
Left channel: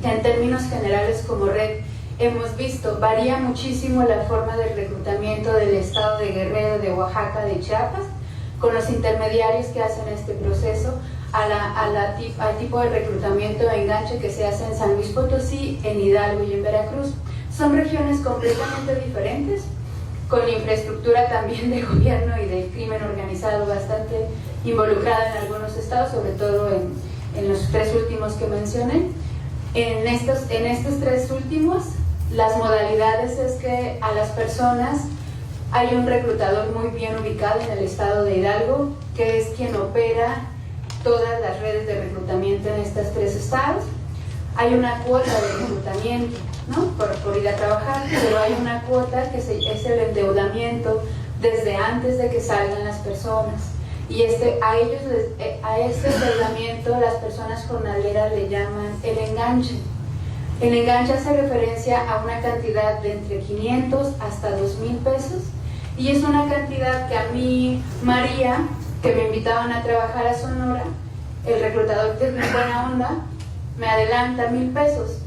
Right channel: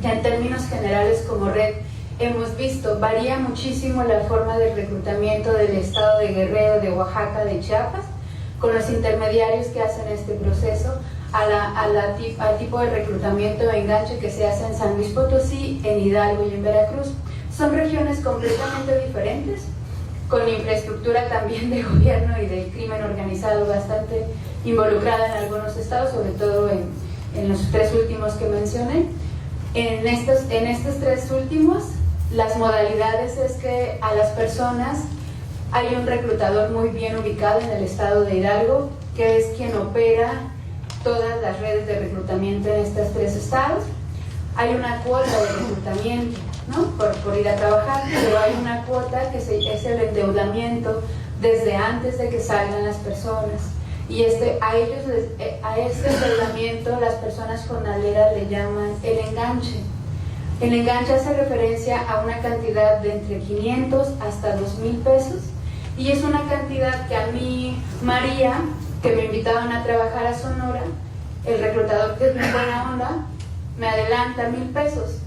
que en términos generales como red hemos visto, varía muchísimo la forma de reclutamiento del estado de Guerrero, de Oaxaca, de Chiapas, con los intermediarios que hacen este proceso, al tipo de reclutamiento de enganche que se hace en San Luis Potosí, en Hidalgo y en Veracruz. Son regiones completamente diferentes, con infraestructura también de gobierno y de crimen organizado bastante involucrada en algunos estados, sobre todo en los 3 últimos que mencioné. En estos 3 últimos, las modalidades es que a las personas hay un reclutador muy bien ubicado en el estado de Hidalgo, que es quien opera todas las redes de reclutamiento en estos 3 estados. Hay una cuota de reclutamiento, ¿no? por ir a trabajar, pero hay una cuota que es el endeudamiento desde antes de que salgan las personas. Y a este endeudamiento las personas jornaleras le llaman el enganche. El enganche hace referencia a una cantidad de entre 500 hasta 2,000 pesos, y es una cantidad que a mí, María, que me invitaban a trabajar a Sonora, el reclutador, que es muy buena onda, me adelanta 1,000 pesos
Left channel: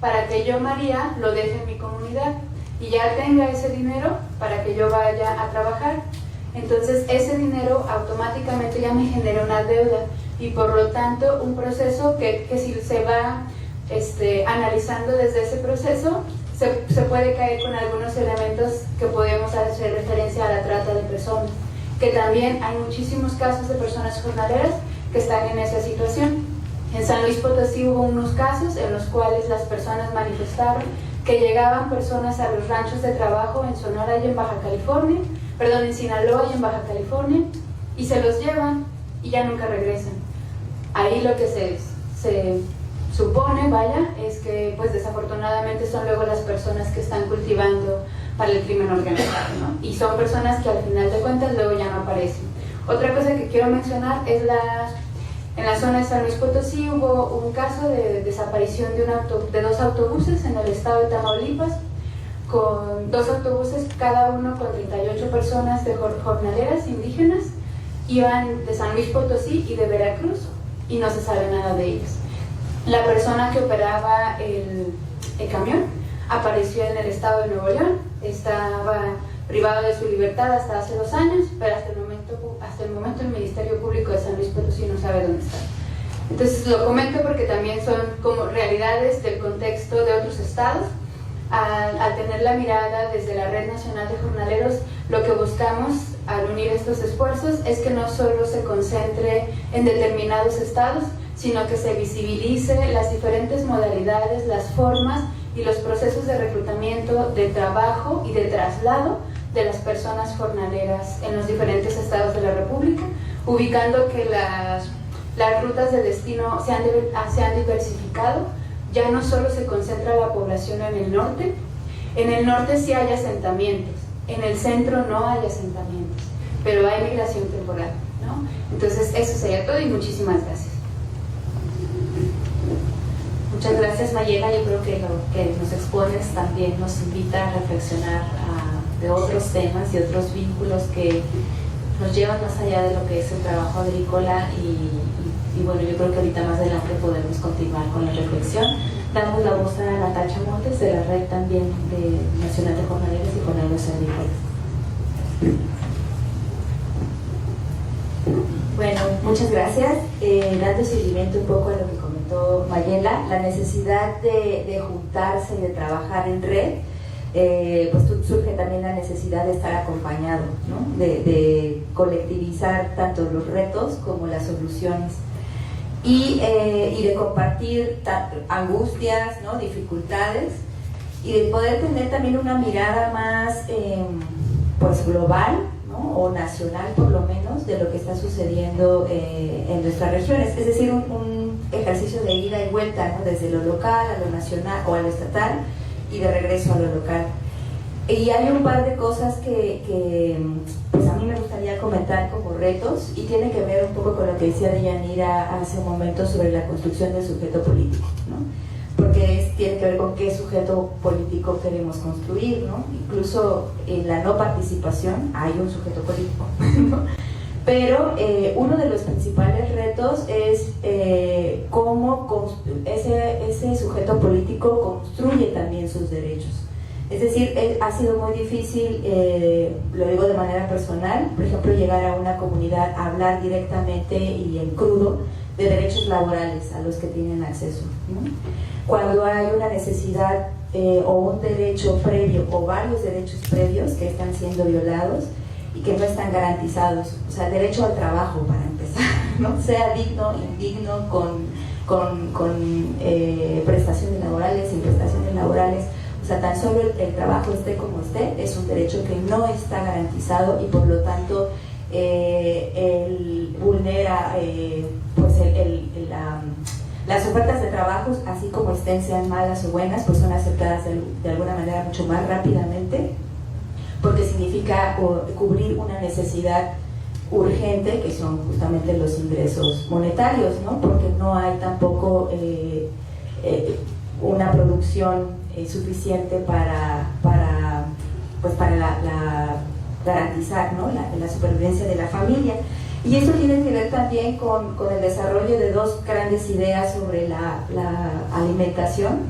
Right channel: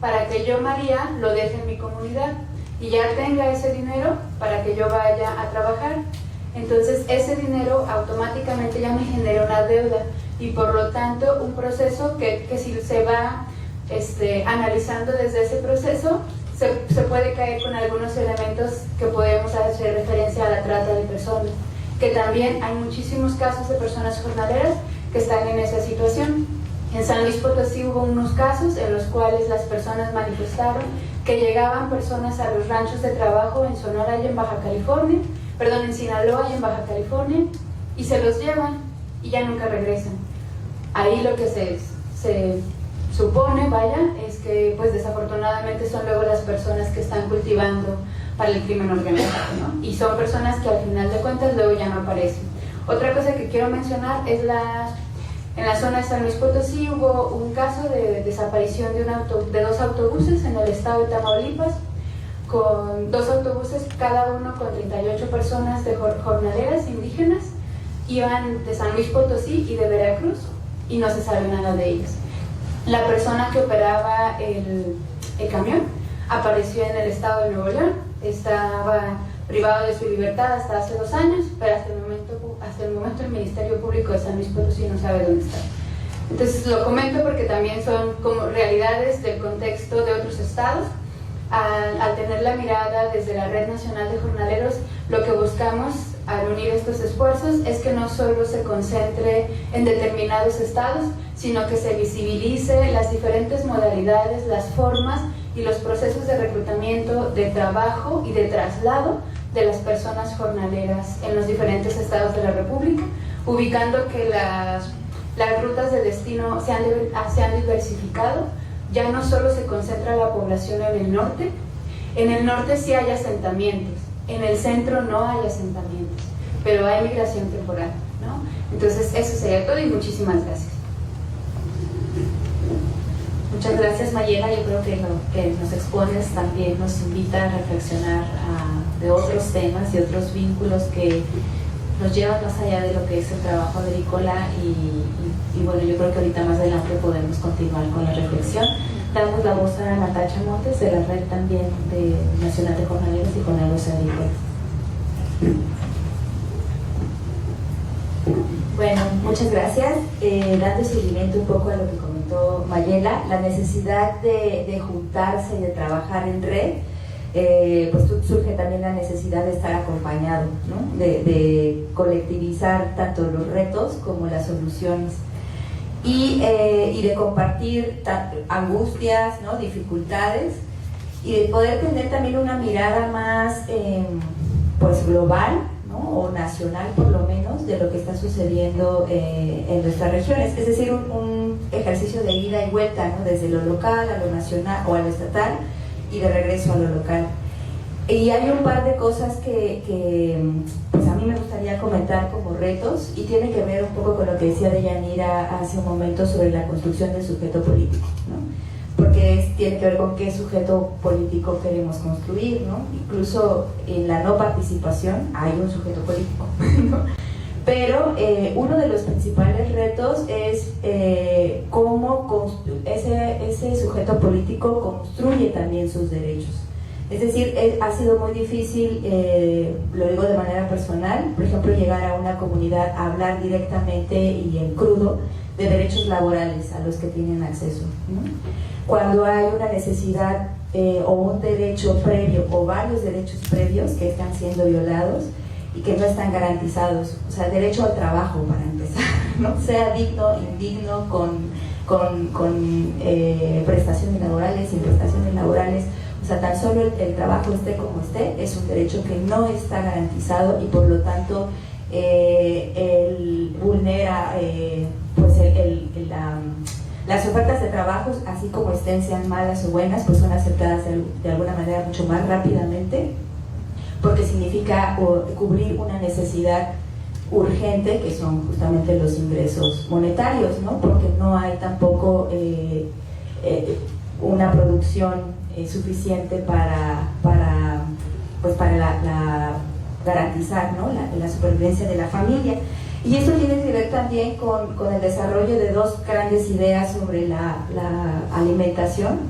para que yo, María, lo deje en mi comunidad y ya tenga ese dinero para que yo vaya a trabajar. Entonces ese dinero automáticamente ya me genera una deuda, y por lo tanto un proceso que si se va analizando desde ese proceso, se puede caer con algunos elementos que podemos hacer referencia a la trata de personas, que también hay muchísimos casos de personas jornaleras que están en esa situación. En San Luis Potosí hubo unos casos en los cuales las personas manifestaron que llegaban personas a los ranchos de trabajo en Sonora y en Sinaloa y en Baja California, y se los llevan y ya nunca regresan. Ahí lo que se supone, es que pues desafortunadamente son luego las personas que están cultivando para el crimen organizado, ¿no? Y son personas que al final de cuentas luego ya no aparecen. Otra cosa que quiero mencionar es en la zona de San Luis Potosí hubo un caso de desaparición de 2 autobuses en el estado de Tamaulipas, con 2 autobuses, cada uno con 38 personas de jornaleras indígenas, iban de San Luis Potosí y de Veracruz, y no se sabe nada de ellos. La persona que operaba el camión apareció en el estado de Nuevo León, estaba privado de su libertad hasta hace 2 años, pero hasta el momento el Ministerio Público de San Luis Potosí no sabe dónde está. Entonces lo comento porque también son como realidades del contexto de otros estados. Al tener la mirada desde la Red Nacional de Jornaleros, lo que buscamos al unir estos esfuerzos es que no solo se concentre en determinados estados, sino que se visibilice las diferentes modalidades, las formas y los procesos de reclutamiento, de trabajo y de traslado de las personas jornaleras en los diferentes estados de la República, ubicando que las rutas de destino se han diversificado. Ya no solo se concentra la población en el norte. En el norte sí hay asentamientos, en el centro no hay asentamientos, pero hay migración temporal, ¿no? Entonces eso sería todo y muchísimas gracias. Muchas gracias, Mayela. Yo creo que lo que nos expones también nos invita a reflexionar de otros temas y otros vínculos que nos llevan más allá de lo que es el trabajo agrícola y bueno, yo creo que ahorita más adelante podemos continuar con la reflexión. Damos la voz a Natacha Montes de la red también de Nacional de Jornaleros y Jornaleros Agrícolas. Bueno, muchas gracias. Dando seguimiento un poco a lo que comentó Mayela, la necesidad de juntarse y de trabajar en red, pues surge también la necesidad de estar acompañado, ¿no? De colectivizar tanto los retos como las soluciones y de compartir angustias, ¿no? Dificultades, y de poder tener también una mirada más pues global, ¿no? O nacional por lo menos, de lo que está sucediendo en nuestras regiones, es decir, un ejercicio de ida y vuelta, ¿no? Desde lo local a lo nacional o a lo estatal y de regreso a lo local. Y hay un par de cosas que pues a mí me gustaría comentar como retos, y tiene que ver un poco con lo que decía Deyanira hace un momento sobre la construcción del sujeto político, ¿no? Porque tiene que ver con qué sujeto político queremos construir, ¿no? Incluso en la no participación hay un sujeto político, ¿no? Pero uno de los principales retos es cómo ese sujeto político construye también sus derechos. Es decir, ha sido muy difícil, lo digo de manera personal, por ejemplo, llegar a una comunidad a hablar directamente y en crudo de derechos laborales a los que tienen acceso, ¿no? Cuando hay una necesidad o un derecho previo o varios derechos previos que están siendo violados y que no están garantizados, o sea, derecho al trabajo para empezar, ¿no? Sea digno, indigno, con prestaciones laborales, sin prestaciones laborales. O sea, tan solo el trabajo esté como esté, es un derecho que no está garantizado y por lo tanto vulnera pues las ofertas de trabajo, así como estén, sean malas o buenas, pues son aceptadas de alguna manera mucho más rápidamente, porque significa cubrir una necesidad urgente, que son justamente los ingresos monetarios, ¿no? Porque no hay tampoco una producción suficiente para garantizar, ¿no? la supervivencia de la familia. Y esto tiene que ver también con el desarrollo de dos grandes ideas sobre la alimentación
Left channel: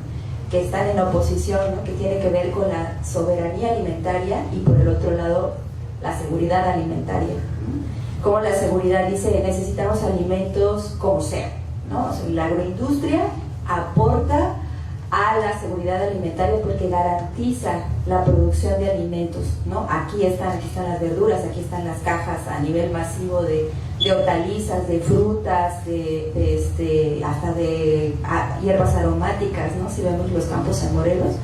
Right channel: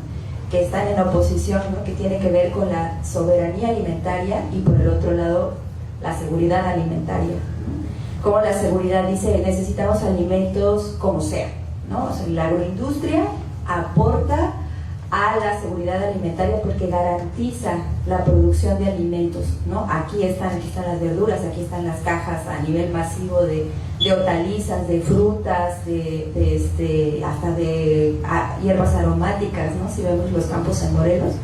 que están en oposición, ¿no? Que tiene que ver con la soberanía alimentaria y por el otro lado la seguridad alimentaria, ¿no? Como la seguridad dice, necesitamos alimentos como sea, ¿no? O sea, la agroindustria aporta a la seguridad alimentaria porque garantiza la producción de alimentos, ¿no? Aquí están las verduras, aquí están las cajas a nivel masivo de hortalizas, de frutas, hasta de hierbas aromáticas, ¿no? Si vemos los campos en Morelos,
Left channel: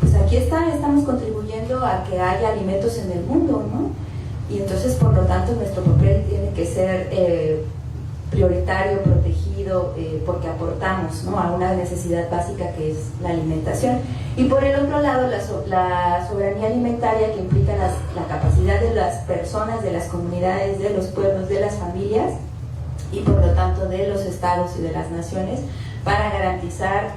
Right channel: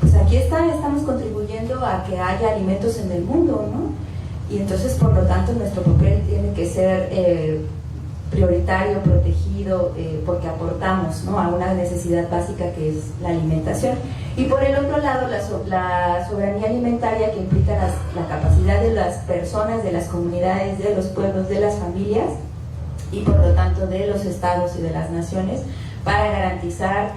pues aquí estamos contribuyendo a que haya alimentos en el mundo, ¿no? Y entonces, por lo tanto, nuestro papel tiene que ser prioritario, protegido, porque aportamos, ¿no? A una necesidad básica que es la alimentación. Y por el otro lado, la soberanía alimentaria, que implica la capacidad de las personas, de las comunidades, de los pueblos, de las familias y por lo tanto de los estados y de las naciones, para garantizar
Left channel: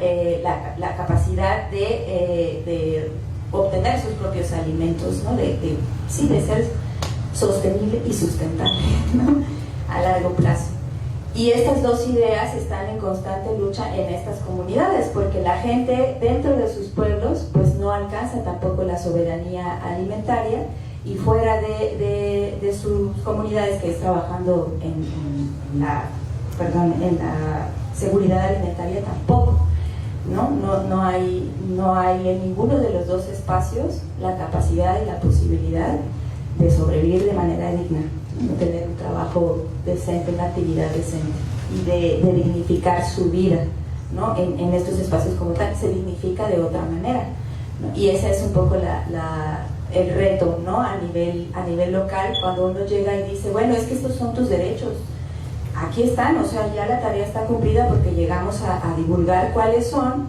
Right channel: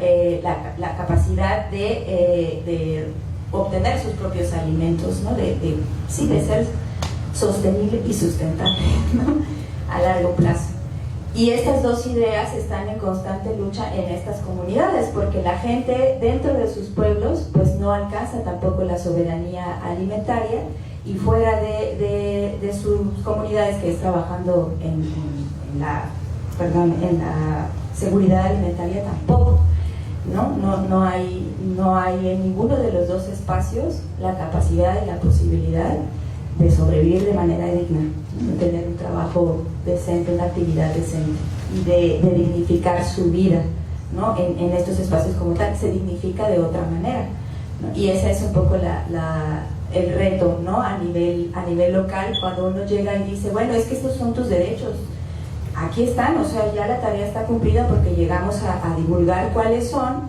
la capacidad de obtener sus propios alimentos, ¿no? de ser sostenible y sustentable, ¿no? A largo plazo. Y estas dos ideas están en constante lucha en estas comunidades, porque la gente dentro de sus pueblos pues no alcanza tampoco la soberanía alimentaria, y fuera de sus comunidades, que es trabajando en la seguridad alimentaria, tampoco, ¿no? No hay en ninguno de los dos espacios la capacidad y la posibilidad de sobrevivir de manera digna, de tener un trabajo decente, una actividad decente y de dignificar su vida, ¿no? En estos espacios como tal, se dignifica de otra manera, ¿no? Y ese es un poco el reto, ¿no? A nivel local, cuando uno llega y dice, bueno, es que estos son tus derechos, aquí están, o sea, ya la tarea está cumplida porque llegamos a divulgar cuáles son,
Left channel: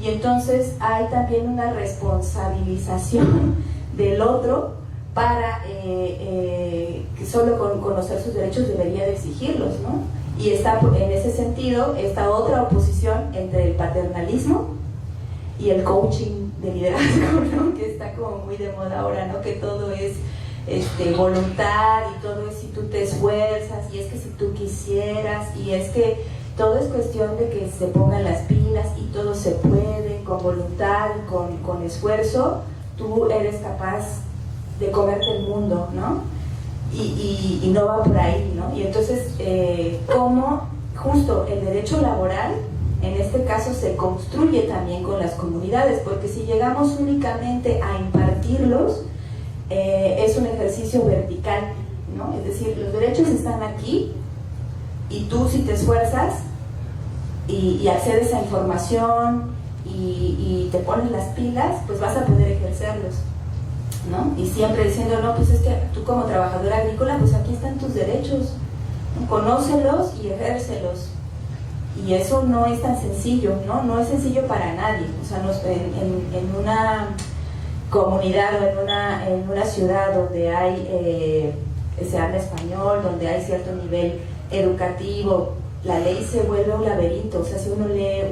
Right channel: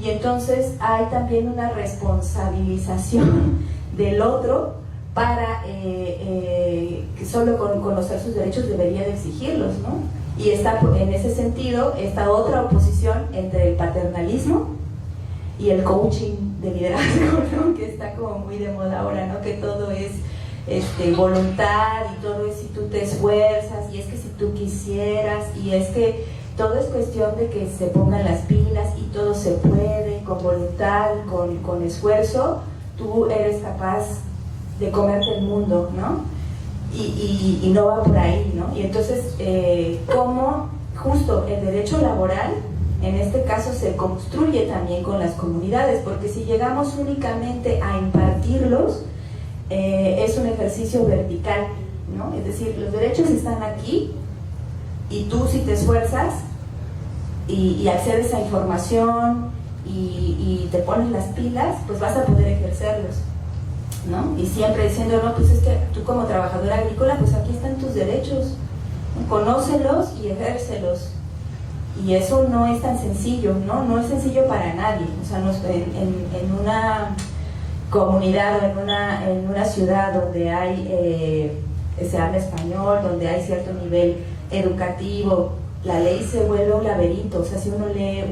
y entonces hay también una responsabilización del otro para que solo con conocer sus derechos debería de exigirlos, ¿no? Y está en ese sentido esta otra oposición entre el paternalismo y el coaching de liderazgo, ¿no? Que está como muy de moda ahora, ¿no? Que todo es voluntad y todo es si tú te esfuerzas y es que si tú quisieras y es que todo es cuestión de que se pongan las pilas y todo se puede con voluntad, con esfuerzo, tú eres capaz de comerte el mundo, ¿no? Y no va por ahí, ¿no? Y entonces, cómo justo el derecho laboral, en este caso, se construye también con las comunidades, porque si llegamos únicamente a impartirlos, es un ejercicio vertical, ¿no? Es decir, los derechos están aquí, y tú si te esfuerzas y accedes a información y te pones las pilas, pues vas a poder ejercerlos, ¿no? Y siempre diciendo, no, pues es que tú como trabajadora agrícola, pues aquí están tus derechos, ¿no? Conócelos y ejércelos. Y eso no es tan sencillo, ¿no? No es sencillo para nadie. O sea, en una comunidad o en una ciudad donde hay, se habla español, donde hay cierto nivel educativo, la ley se vuelve un laberinto. O sea, si uno lee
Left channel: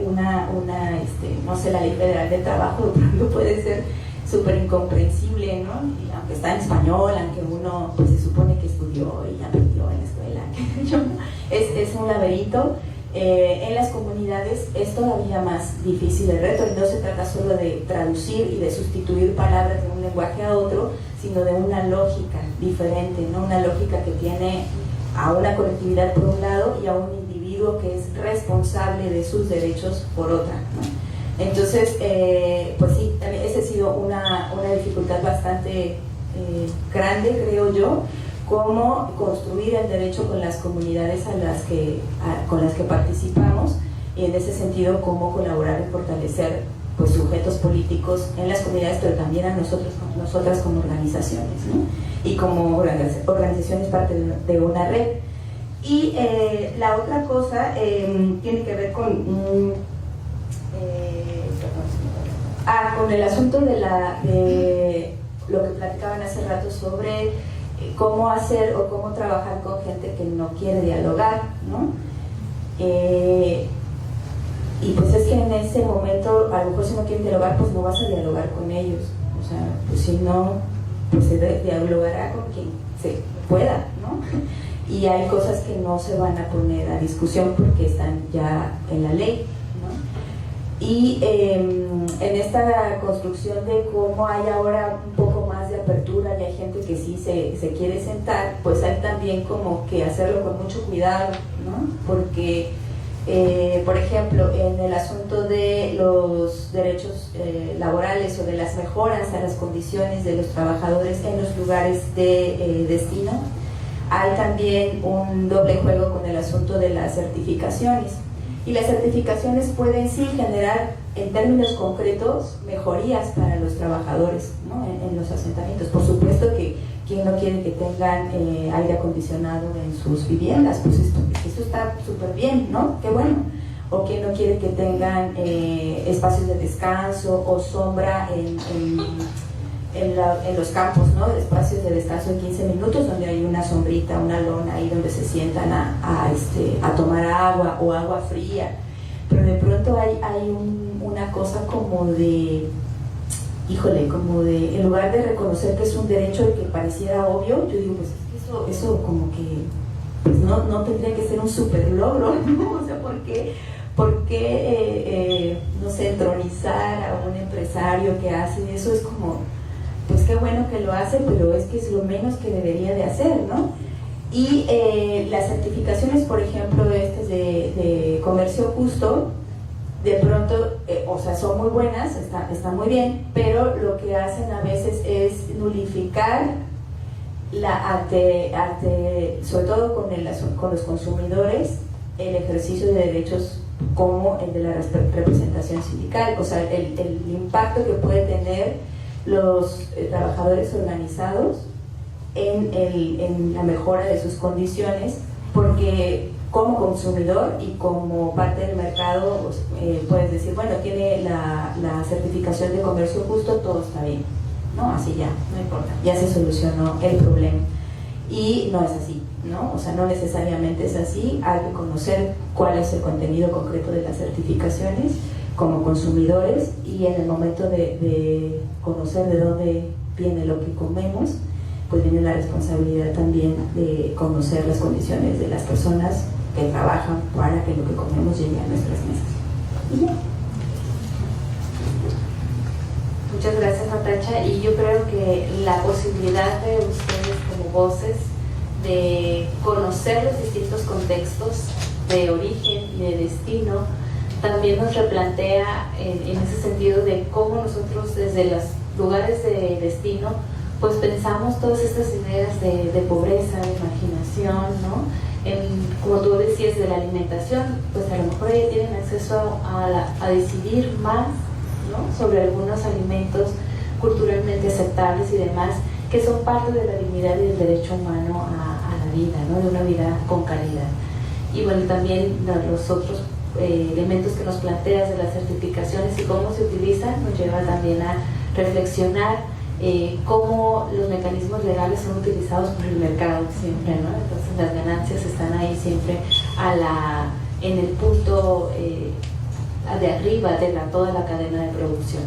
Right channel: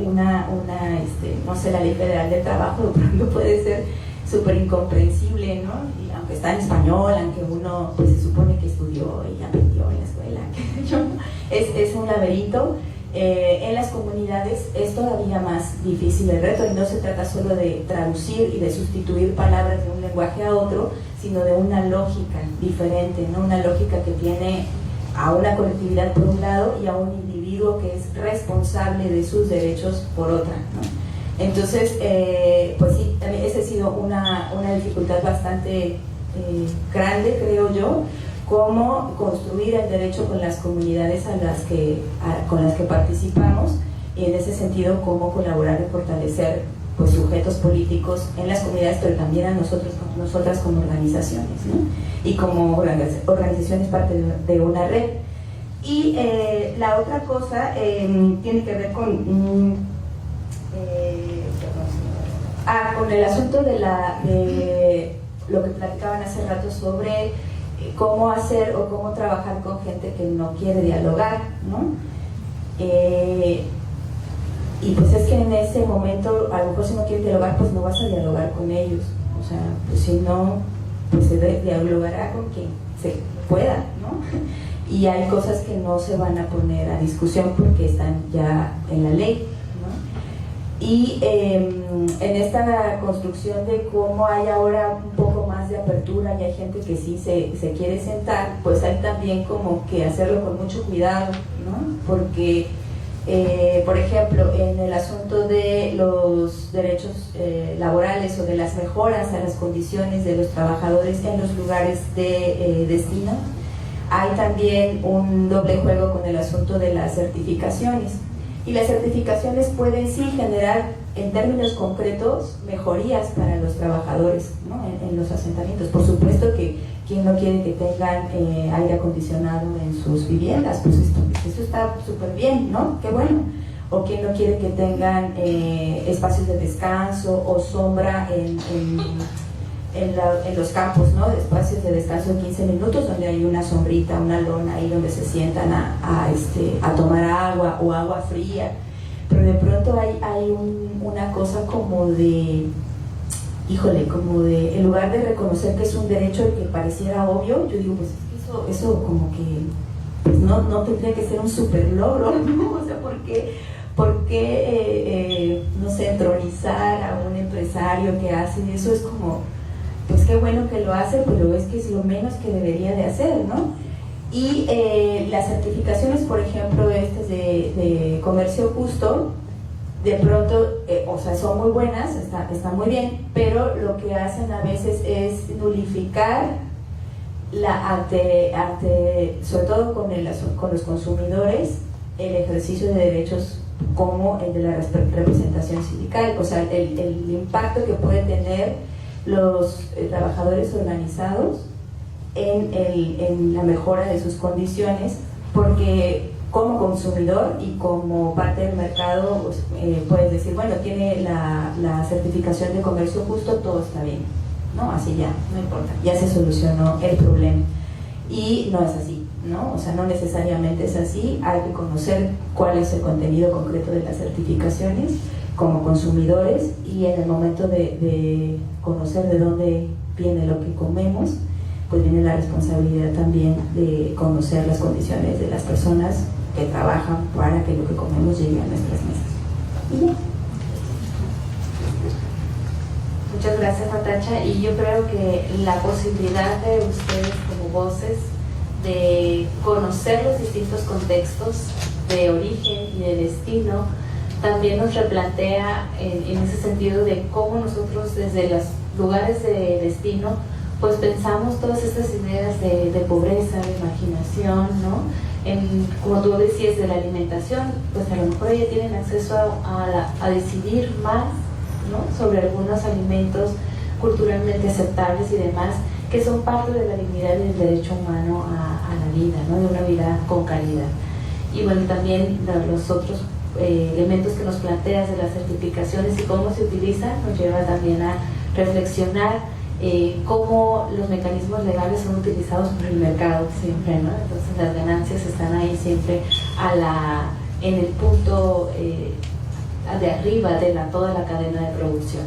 no sé, la Ley Federal del Trabajo, de pronto puede ser súper incomprensible, ¿no? Y aunque está en español, aunque uno pues se supone que estudió y aprendió en la escuela, es un laberinto. En las comunidades es todavía más difícil el reto, y no se trata solo de traducir y de sustituir palabras de un lenguaje a otro, sino de una lógica diferente, ¿no? Una lógica que tiene a una colectividad por un lado y a un individuo que es responsable de sus derechos por otra, ¿no? Entonces, pues sí, esa ha sido una dificultad bastante grande, creo yo, cómo construir el derecho con las comunidades con las que participamos, y en ese sentido cómo colaborar en fortalecer pues sujetos políticos en las comunidades, pero también a nosotras como organizaciones, ¿no? Y como organizaciones parte de una red. Y la otra cosa tiene que ver con el asunto de lo que platicaban hace rato sobre cómo hacer o cómo trabajar con gente que no quiere dialogar, ¿no? Y pues es que en ese momento, a lo mejor si no quieren dialogar, pues no vas a dialogar con ellos. O sea, pues si no, pues se dialogará con quien se pueda, ¿no? Y hay cosas que no se van a poner a discusión porque están ya en la ley, ¿no? Y en esta construcción de cómo hay ahora un poco más de apertura y hay gente que sí se quiere sentar, pues hay también como que hacerlo con mucho cuidado, ¿no? Porque por ejemplo, en el asunto de los derechos laborales o de las mejoras a las condiciones de los trabajadores en los lugares de destino, hay también un doble juego con el asunto de las certificaciones. Y las certificaciones pueden sí generar, en términos concretos, mejorías para los trabajadores, ¿no? en los asentamientos. Por supuesto que quien no quiere que tengan aire acondicionado en sus viviendas, pues esto está súper bien, ¿no? Qué bueno. O quien no quiere que tengan espacios de descanso o sombra en los campos, ¿no? Espacios de descanso de 15 minutos donde hay una sombrita, una lona ahí donde se sientan a tomar agua o agua fría. Pero de pronto hay una cosa como de, híjole, como de, en lugar de reconocer que es un derecho que pareciera obvio, yo digo, pues eso como que pues no tendría que ser un super logro, ¿no? O sea, ¿por qué no sé, entronizar a un empresario que hace eso? Es como, pues qué bueno que lo hace, pero es que es lo menos que debería de hacer, ¿no? Y las certificaciones, por ejemplo, de comercio justo, de pronto, o sea, son muy buenas, está muy bien, pero lo que hacen a veces es nulificar sobre todo con los consumidores, el ejercicio de derechos como el de la representación sindical, o sea, el impacto que puede tener los trabajadores organizados en la mejora de sus condiciones, porque como consumidor y como parte del mercado pues, puedes decir, bueno, tiene la certificación de comercio justo, todo está bien, ¿no? Así ya, no importa, ya se solucionó el problema. Y no es así, ¿no? O sea, no necesariamente es así, hay que conocer cuál es el contenido concreto de las certificaciones como consumidores, y en el momento de conocer de dónde viene lo que comemos, pues viene la responsabilidad también de conocer las condiciones de las personas que trabajan para que lo que comemos llegue a nuestras mesas. Y ya. Muchas gracias, Natacha. Y yo creo que la posibilidad de ustedes como voces de conocer los distintos contextos de origen y de destino también nos replantea en ese sentido de cómo nosotros desde los lugares de destino pues pensamos todas estas ideas de pobreza, de marginación, ¿no? Como tú decías, de la alimentación, pues a lo mejor ya tienen acceso a decidir más, ¿no? Sobre algunos alimentos culturalmente aceptables y demás, que son parte de la dignidad y del derecho humano a la vida, ¿no? De una vida con calidad. Y bueno, también los otros elementos que nos planteas de las certificaciones y cómo se utilizan nos lleva también a reflexionar cómo los mecanismos legales son utilizados por el mercado siempre, ¿no? Entonces las ganancias están ahí siempre en el punto de arriba de toda la cadena de producción.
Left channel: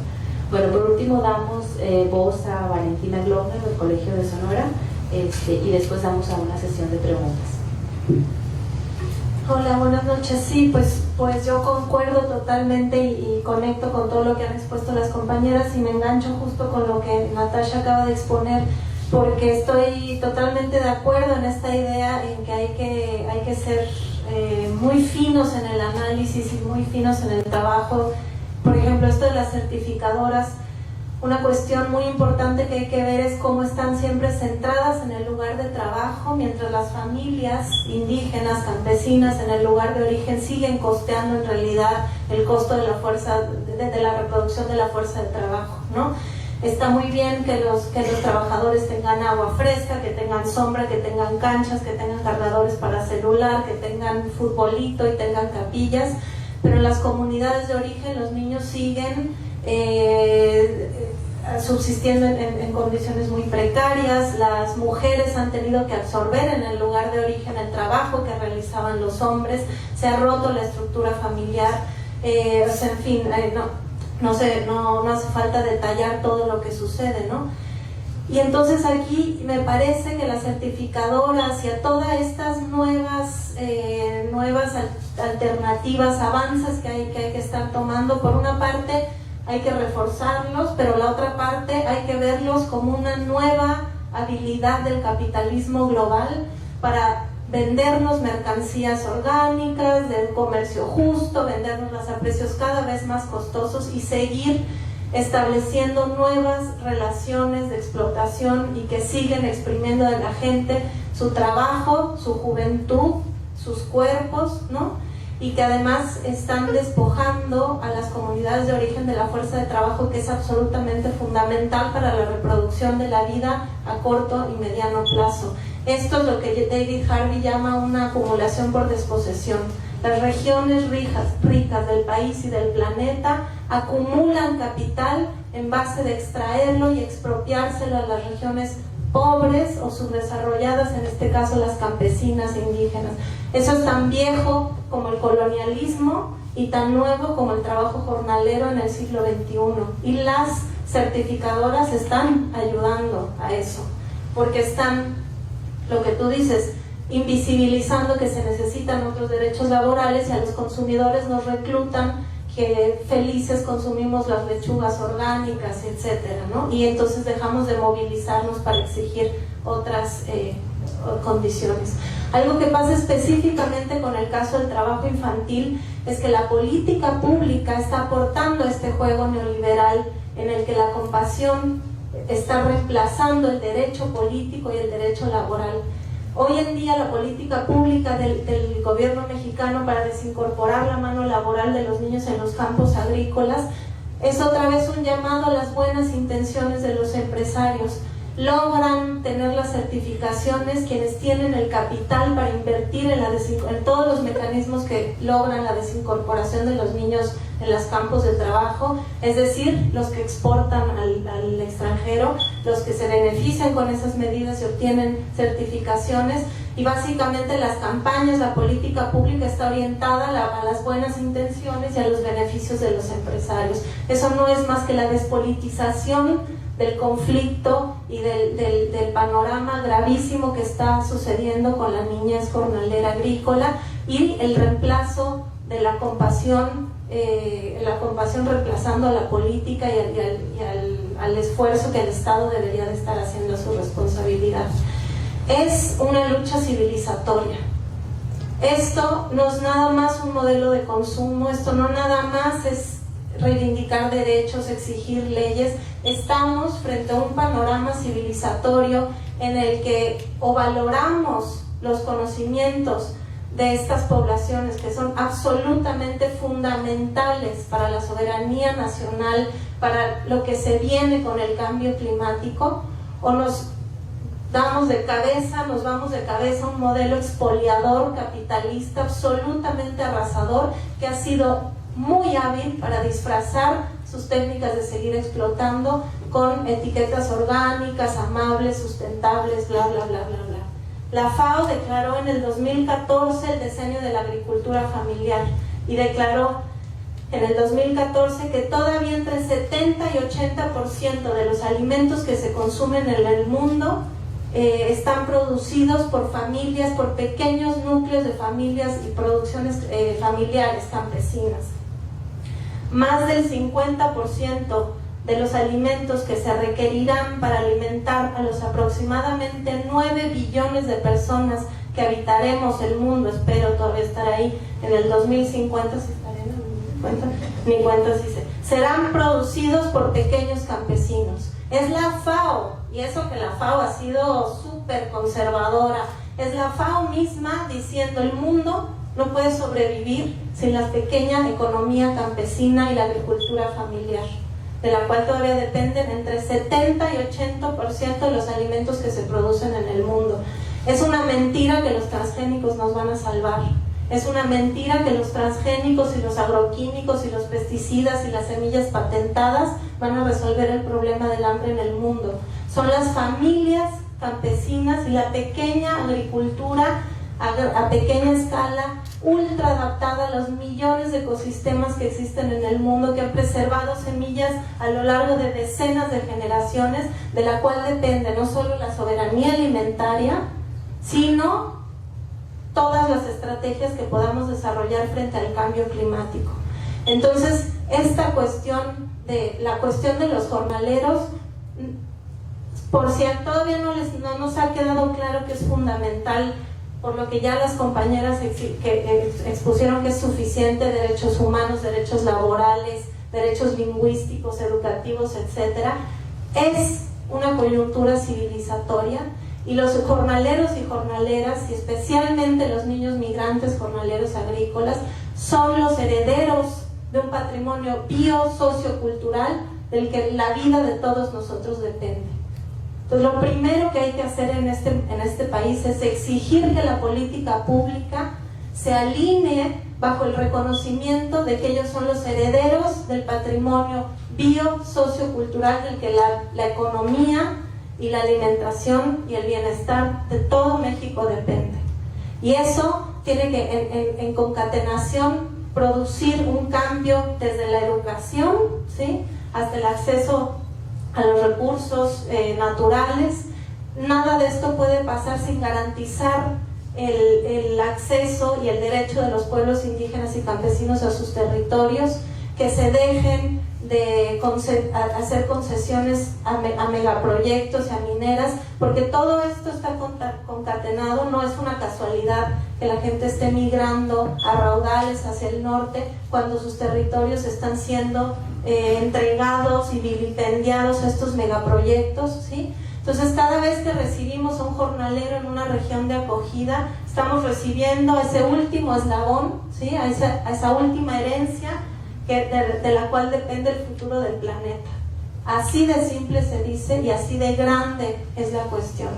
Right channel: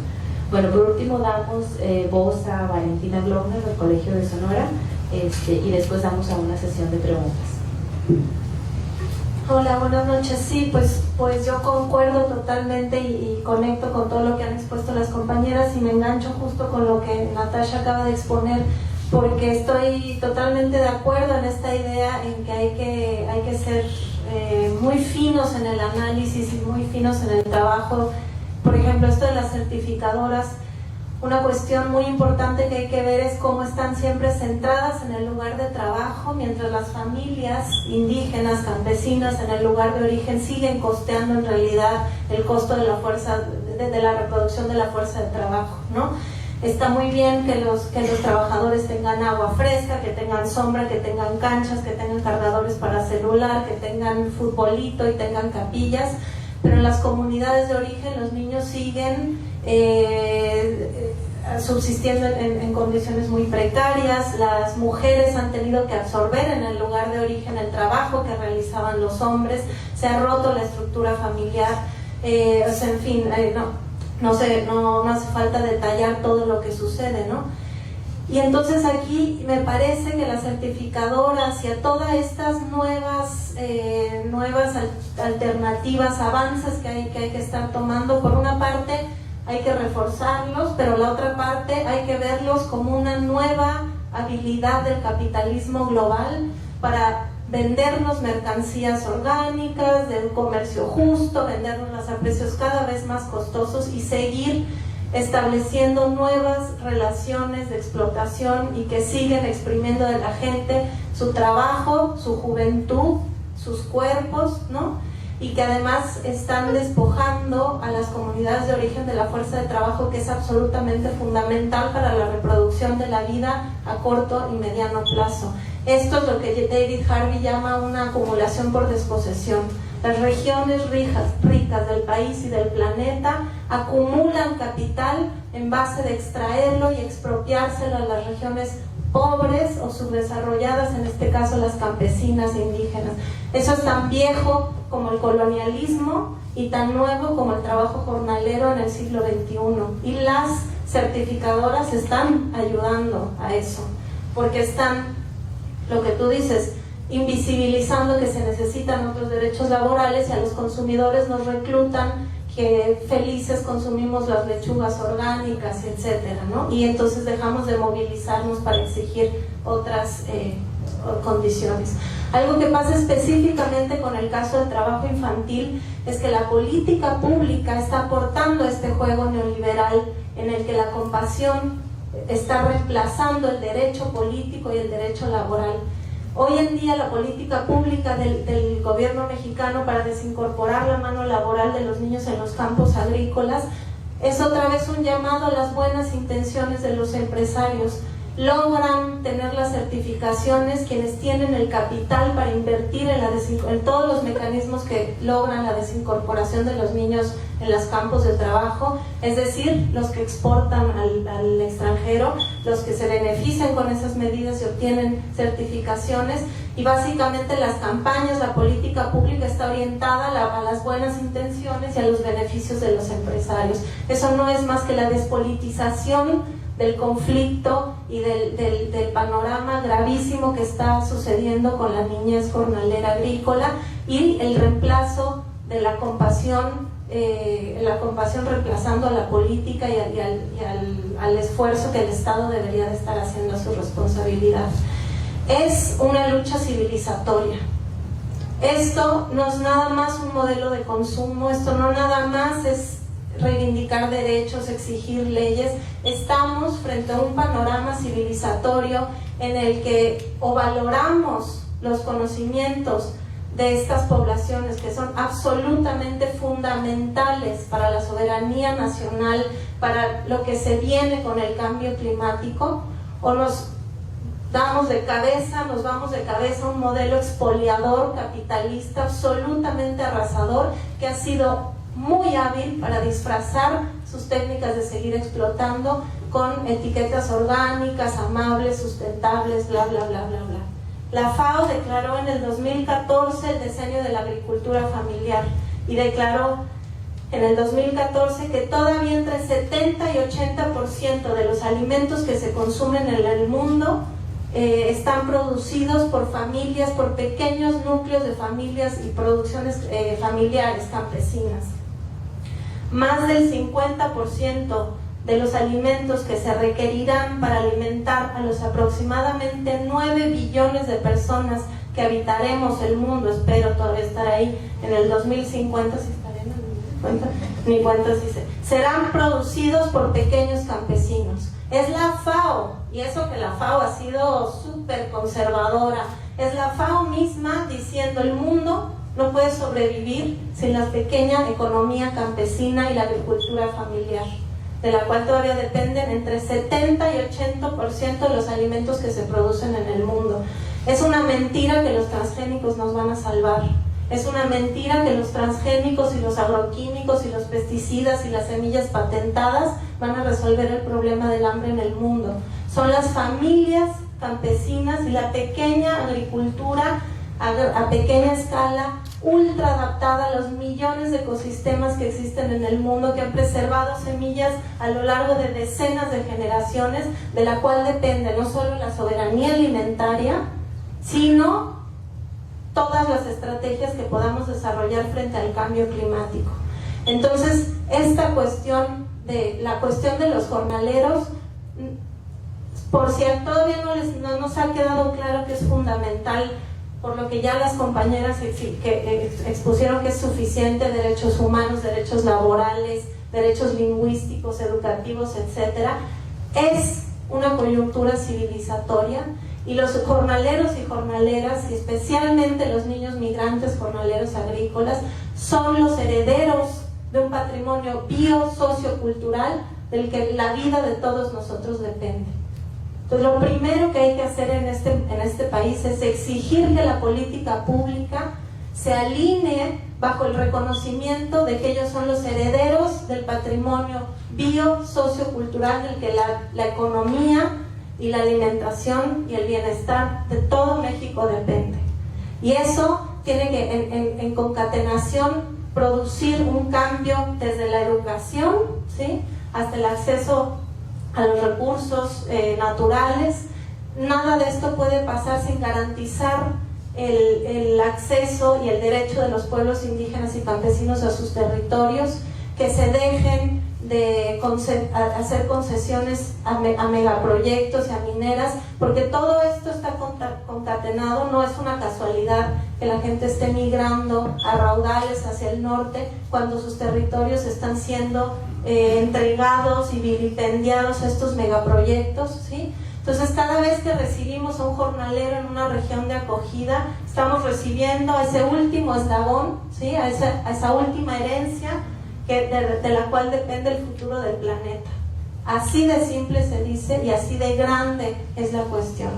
Bueno, por último damos voz a Valentina Glomer del Colegio de Sonora y después damos a una sesión de preguntas. Hola, buenas noches. Sí, pues yo concuerdo totalmente y conecto con todo lo que han expuesto las compañeras y me engancho justo con lo que Natacha acaba de exponer, porque estoy totalmente de acuerdo en esta idea en que hay que ser muy finos en el análisis y muy finos en el trabajo. Por ejemplo, esto de las certificadoras, una cuestión muy importante que hay que ver es cómo están siempre centradas en el lugar de trabajo, mientras las familias indígenas, campesinas en el lugar de origen siguen costeando en realidad el costo de la fuerza, de la reproducción de la fuerza de trabajo, ¿no? Está muy bien que los trabajadores tengan agua fresca, que tengan sombra, que tengan canchas, que tengan cargadores para celular, que tengan futbolito y tengan capillas, pero en las comunidades de origen los niños siguen subsistiendo en condiciones muy precarias. Las mujeres han tenido que absorber en el lugar de origen el trabajo que realizaban los hombres, se ha roto la estructura familiar, o sea, en fin, no hace falta detallar todo lo que sucede, ¿no? Y entonces aquí me parece que las certificadoras y a todas estas nuevas alternativas, avances que hay que estar tomando, por una parte hay que reforzarlos, pero la otra parte hay que verlos como una nueva habilidad del capitalismo global para vendernos mercancías orgánicas, del comercio justo, vendernoslas a precios cada vez más costosos y seguir estableciendo nuevas relaciones de explotación y que siguen exprimiendo de la gente su trabajo, su juventud, sus cuerpos, ¿no? Y que además están despojando a las comunidades de origen de la fuerza de trabajo que es absolutamente fundamental para la reproducción de la vida a corto y mediano plazo. Esto es lo que David Harvey llama una acumulación por desposesión. Las regiones ricas del país y del planeta acumulan capital en base de extraerlo y expropiárselo a las regiones pobres o subdesarrolladas, en este caso las campesinas e indígenas. Eso es tan viejo como el colonialismo y tan nuevo como el trabajo jornalero en el siglo XXI. Y las certificadoras están ayudando a eso, porque están, lo que tú dices, invisibilizando que se necesitan otros derechos laborales y a los consumidores nos reclutan que felices consumimos las lechugas orgánicas, etcétera, ¿no? Y entonces dejamos de movilizarnos para exigir otras condiciones. Algo que pasa específicamente con el caso del trabajo infantil es que la política pública está aportando este juego neoliberal en el que la compasión está reemplazando el derecho político y el derecho laboral. Hoy en día la política pública del gobierno mexicano para desincorporar la mano laboral de los niños en los campos agrícolas es otra vez un llamado a las buenas intenciones de los empresarios. Logran tener las certificaciones quienes tienen el capital para invertir en todos los mecanismos que logran la desincorporación de los niños en los campos de trabajo, es decir, los que exportan al extranjero, los que se benefician con esas medidas y obtienen certificaciones, y básicamente las campañas, la política pública está orientada a las buenas intenciones y a los beneficios de los empresarios. Eso no es más que la despolitización del conflicto y del panorama gravísimo que está sucediendo con la niñez jornalera agrícola, y el reemplazo de la compasión reemplazando a la política y al esfuerzo que el Estado debería de estar haciendo a su responsabilidad. Es una lucha civilizatoria. Esto no es nada más un modelo de consumo, esto no nada más es reivindicar derechos, exigir leyes. Estamos frente a un panorama civilizatorio en el que o valoramos los conocimientos de estas poblaciones que son absolutamente fundamentales para la soberanía nacional, para lo que se viene con el cambio climático, o nos vamos de cabeza a un modelo expoliador, capitalista, absolutamente arrasador, que ha sido muy hábil para disfrazar sus técnicas de seguir explotando con etiquetas orgánicas, amables, sustentables, bla, bla, bla, bla, bla. La FAO declaró en el 2014 el decenio de la agricultura familiar y declaró en el 2014 que todavía entre 70 y 80% de los alimentos que se consumen en el mundo están producidos por familias, por pequeños núcleos de familias y producciones familiares campesinas. Más del 50% de los alimentos que se requerirán para alimentar a los aproximadamente 9 billones de personas que habitaremos el mundo, espero todavía estar ahí en el 2050, si estaré en el 2050, ni cuenta si serán producidos por pequeños campesinos. Es la FAO, y eso que la FAO ha sido súper conservadora, es la FAO misma diciendo el mundo no puede sobrevivir sin la pequeña economía campesina y la agricultura familiar, de la cual todavía dependen entre 70 y 80% de los alimentos que se producen en el mundo. Es una mentira que los transgénicos nos van a salvar. Es una mentira que los transgénicos y los agroquímicos y los pesticidas y las semillas patentadas van a resolver el problema del hambre en el mundo. Son las familias campesinas y la pequeña agricultura a pequeña escala, ultra adaptada a los millones de ecosistemas que existen en el mundo, que han preservado semillas a lo largo de decenas de generaciones, de la cual depende no solo la soberanía alimentaria, sino todas las estrategias que podamos desarrollar frente al cambio climático. Entonces, esta cuestión de los jornaleros, por si todavía no nos ha quedado claro que es fundamental, por lo que ya las compañeras expusieron que es suficiente, derechos humanos, derechos laborales, derechos lingüísticos, educativos, etcétera, es una coyuntura civilizatoria, y los jornaleros y jornaleras, y especialmente los niños migrantes jornaleros agrícolas, son los herederos de un patrimonio biosociocultural del que la vida de todos nosotros depende. Entonces, lo primero que hay que hacer en este país es exigir que la política pública se alinee bajo el reconocimiento de que ellos son los herederos del patrimonio biosociocultural del que la economía y la alimentación y el bienestar de todo México depende. Y eso tiene que, en concatenación, producir un cambio desde la educación, ¿sí?, hasta el acceso a los recursos naturales. Nada de esto puede pasar sin garantizar el acceso y el derecho de los pueblos indígenas y campesinos a sus territorios, que se dejen de hacer concesiones a megaproyectos y a mineras, porque todo esto está concatenado, no es una casualidad que la gente esté migrando a raudales hacia el norte cuando sus territorios están siendo entregados y vilipendiados a estos megaproyectos, ¿sí? Entonces, cada vez que recibimos a un jornalero en una región de acogida, estamos recibiendo ese último eslabón, ¿sí? a esa última herencia de la cual depende el futuro del planeta. Así de simple se dice y así de grande es la cuestión.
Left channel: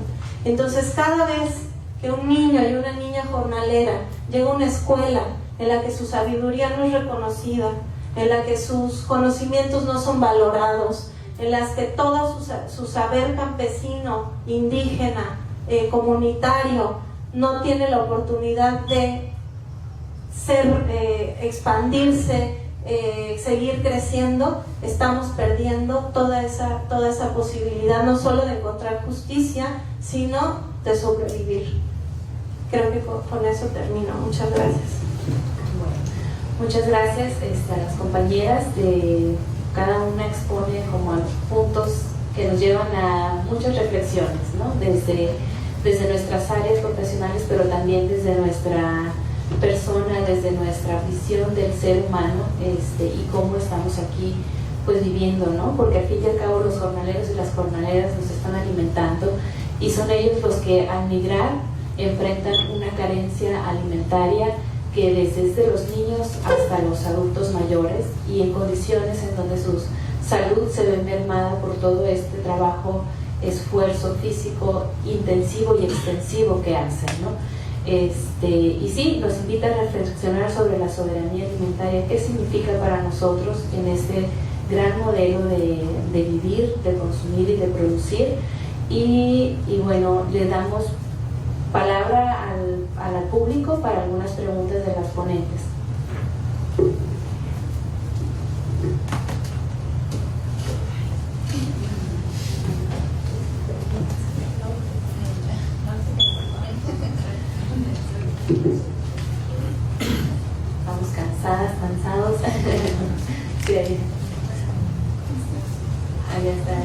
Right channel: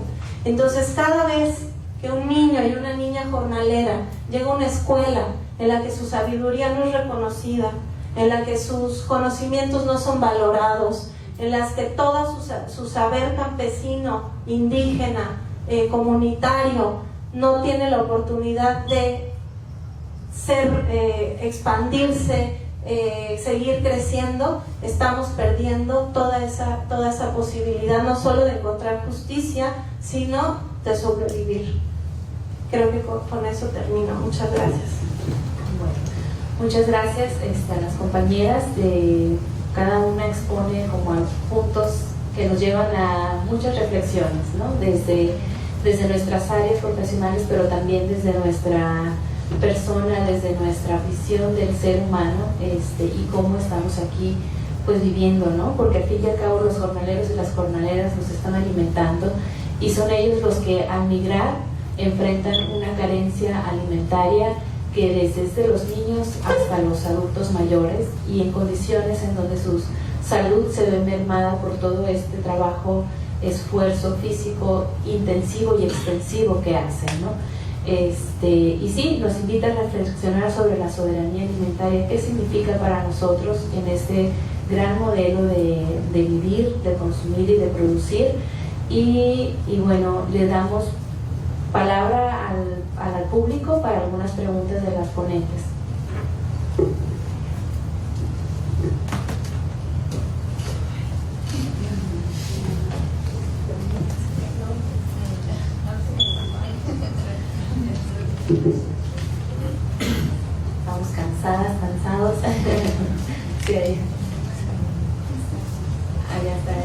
Entonces, cada vez que un niño y una niña jornalera llega a una escuela en la que su sabiduría no es reconocida, en la que sus conocimientos no son valorados, en las que todo su saber campesino, indígena, comunitario, no tiene la oportunidad de expandirse, seguir creciendo, estamos perdiendo toda esa posibilidad, no solo de encontrar justicia, sino de sobrevivir. Creo que con eso termino. Muchas gracias. Bueno, muchas gracias a las compañeras. Cada una expone como puntos que nos llevan a muchas reflexiones, ¿no? Desde nuestras áreas profesionales, pero también desde nuestra persona, desde nuestra visión del ser humano, y cómo estamos aquí pues viviendo, ¿no? Porque al fin y al cabo los jornaleros y las jornaleras nos están alimentando y son ellos los que al migrar enfrentan una carencia alimentaria que desde los niños hasta los adultos mayores, y en condiciones en donde su salud se ve mermada por todo este trabajo, esfuerzo físico intensivo y extensivo que hacen, ¿no? Y sí, nos invita a reflexionar sobre la soberanía alimentaria, qué significa para nosotros en este gran modelo de vivir, de consumir y de producir. Y bueno, le damos palabra al público para algunas preguntas de las ponentes. Estamos cansadas, cansados. Sí, ahí. Allá está.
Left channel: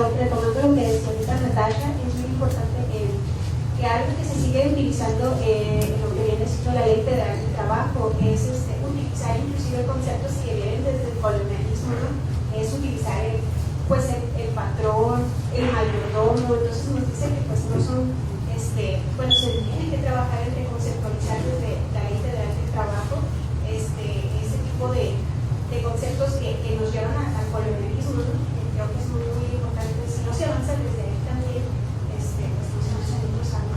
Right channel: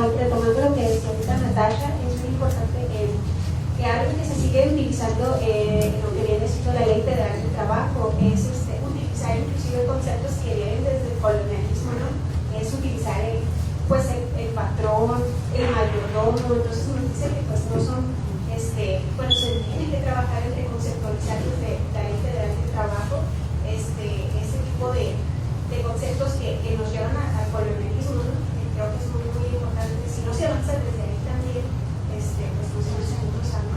Retomando lo que decía ahorita Natasha, es muy importante que algo que se sigue utilizando en lo que viene siendo la ley federal de trabajo es utilizar inclusive conceptos que vienen desde el colonialismo, ¿no? Es utilizar el patrón, el mayordomo. Entonces nos dice que pues no son, bueno, se tiene que trabajar entre conceptualizar desde la ley federal de trabajo ese tipo de conceptos que nos llevan al colonialismo, ¿no? Creo que es muy importante. Si no se avanza desde ahí también, pues nos vamos a ir cruzando.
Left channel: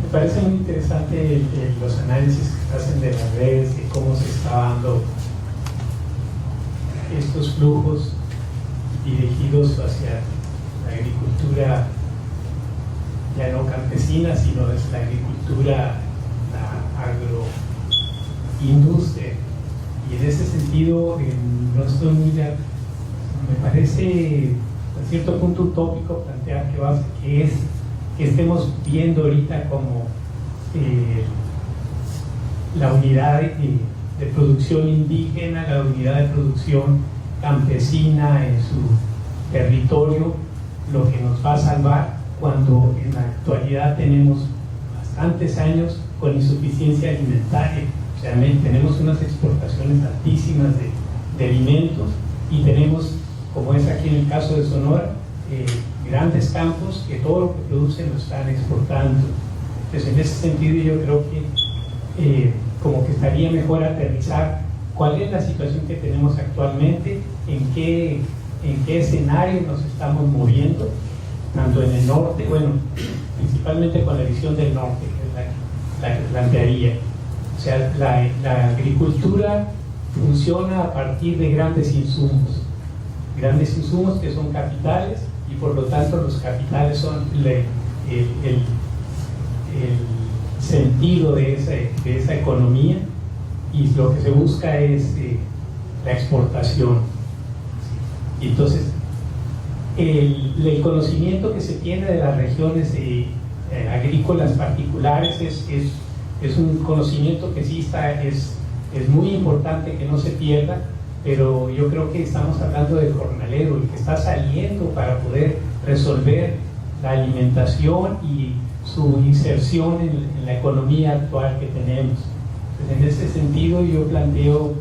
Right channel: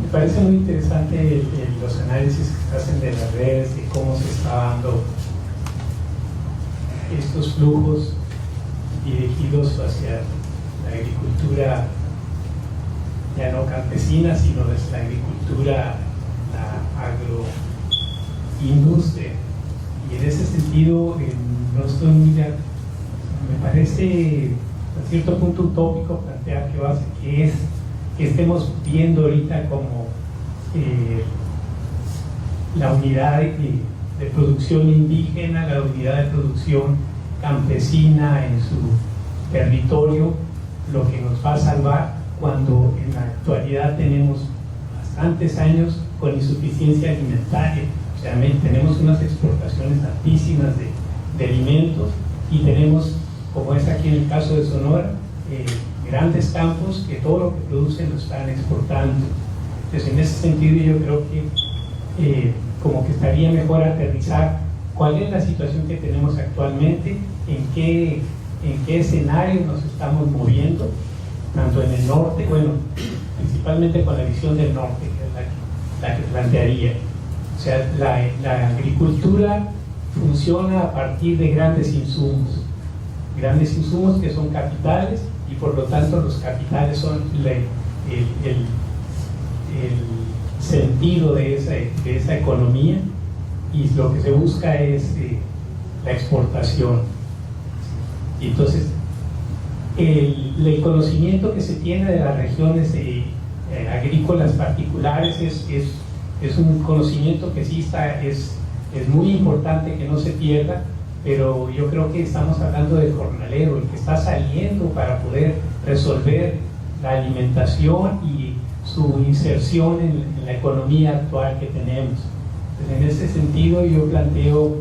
Me parece muy interesante los análisis que se hacen de las redes, de cómo se está dando estos flujos dirigidos hacia la agricultura ya no campesina, sino desde la agricultura, la agroindustria. Y en ese sentido, no estoy muy me parece a cierto punto utópico plantear que estemos viendo ahorita como la unidad de producción indígena, la unidad de producción campesina en su territorio, lo que nos va a salvar, cuando en la actualidad tenemos bastantes años con insuficiencia alimentaria. O sea, tenemos unas exportaciones altísimas de alimentos, y tenemos, como es aquí en el caso de Sonora, grandes campos que todo lo que producen lo están exportando. Entonces, en ese sentido, yo creo que como que estaría mejor aterrizar cuál es la situación que tenemos actualmente, en qué escenario nos estamos moviendo, tanto en el norte, bueno, principalmente con la visión del norte, que es la que plantearía. O sea, la agricultura funciona a partir de grandes insumos que son capitales, y por lo tanto los capitales son el sentido de esa economía, y lo que se busca es la exportación. Y entonces, el conocimiento que se tiene de las regiones agrícolas particulares es un conocimiento que sí es muy importante que no se pierda, pero yo creo que estamos hablando del jornalero, el que está saliendo para poder resolver la alimentación y su inserción en la economía actual que tenemos. Entonces, en ese sentido yo planteo,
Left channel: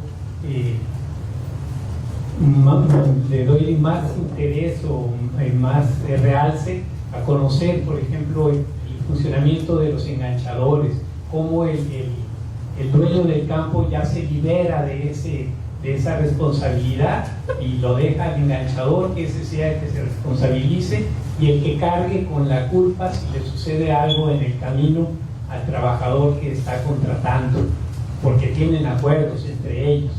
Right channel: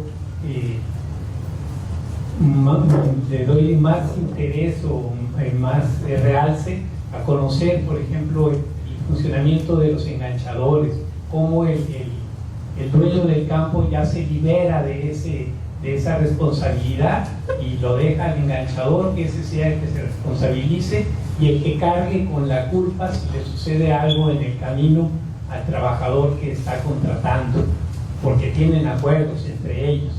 le doy más interés o más realce a conocer, por ejemplo, el funcionamiento de los enganchadores, cómo el dueño del campo ya se libera de esa responsabilidad y lo deja al enganchador, que ese sea el que se responsabilice y el que cargue con la culpa si le sucede algo en el camino al trabajador que está contratando, porque tienen acuerdos entre ellos,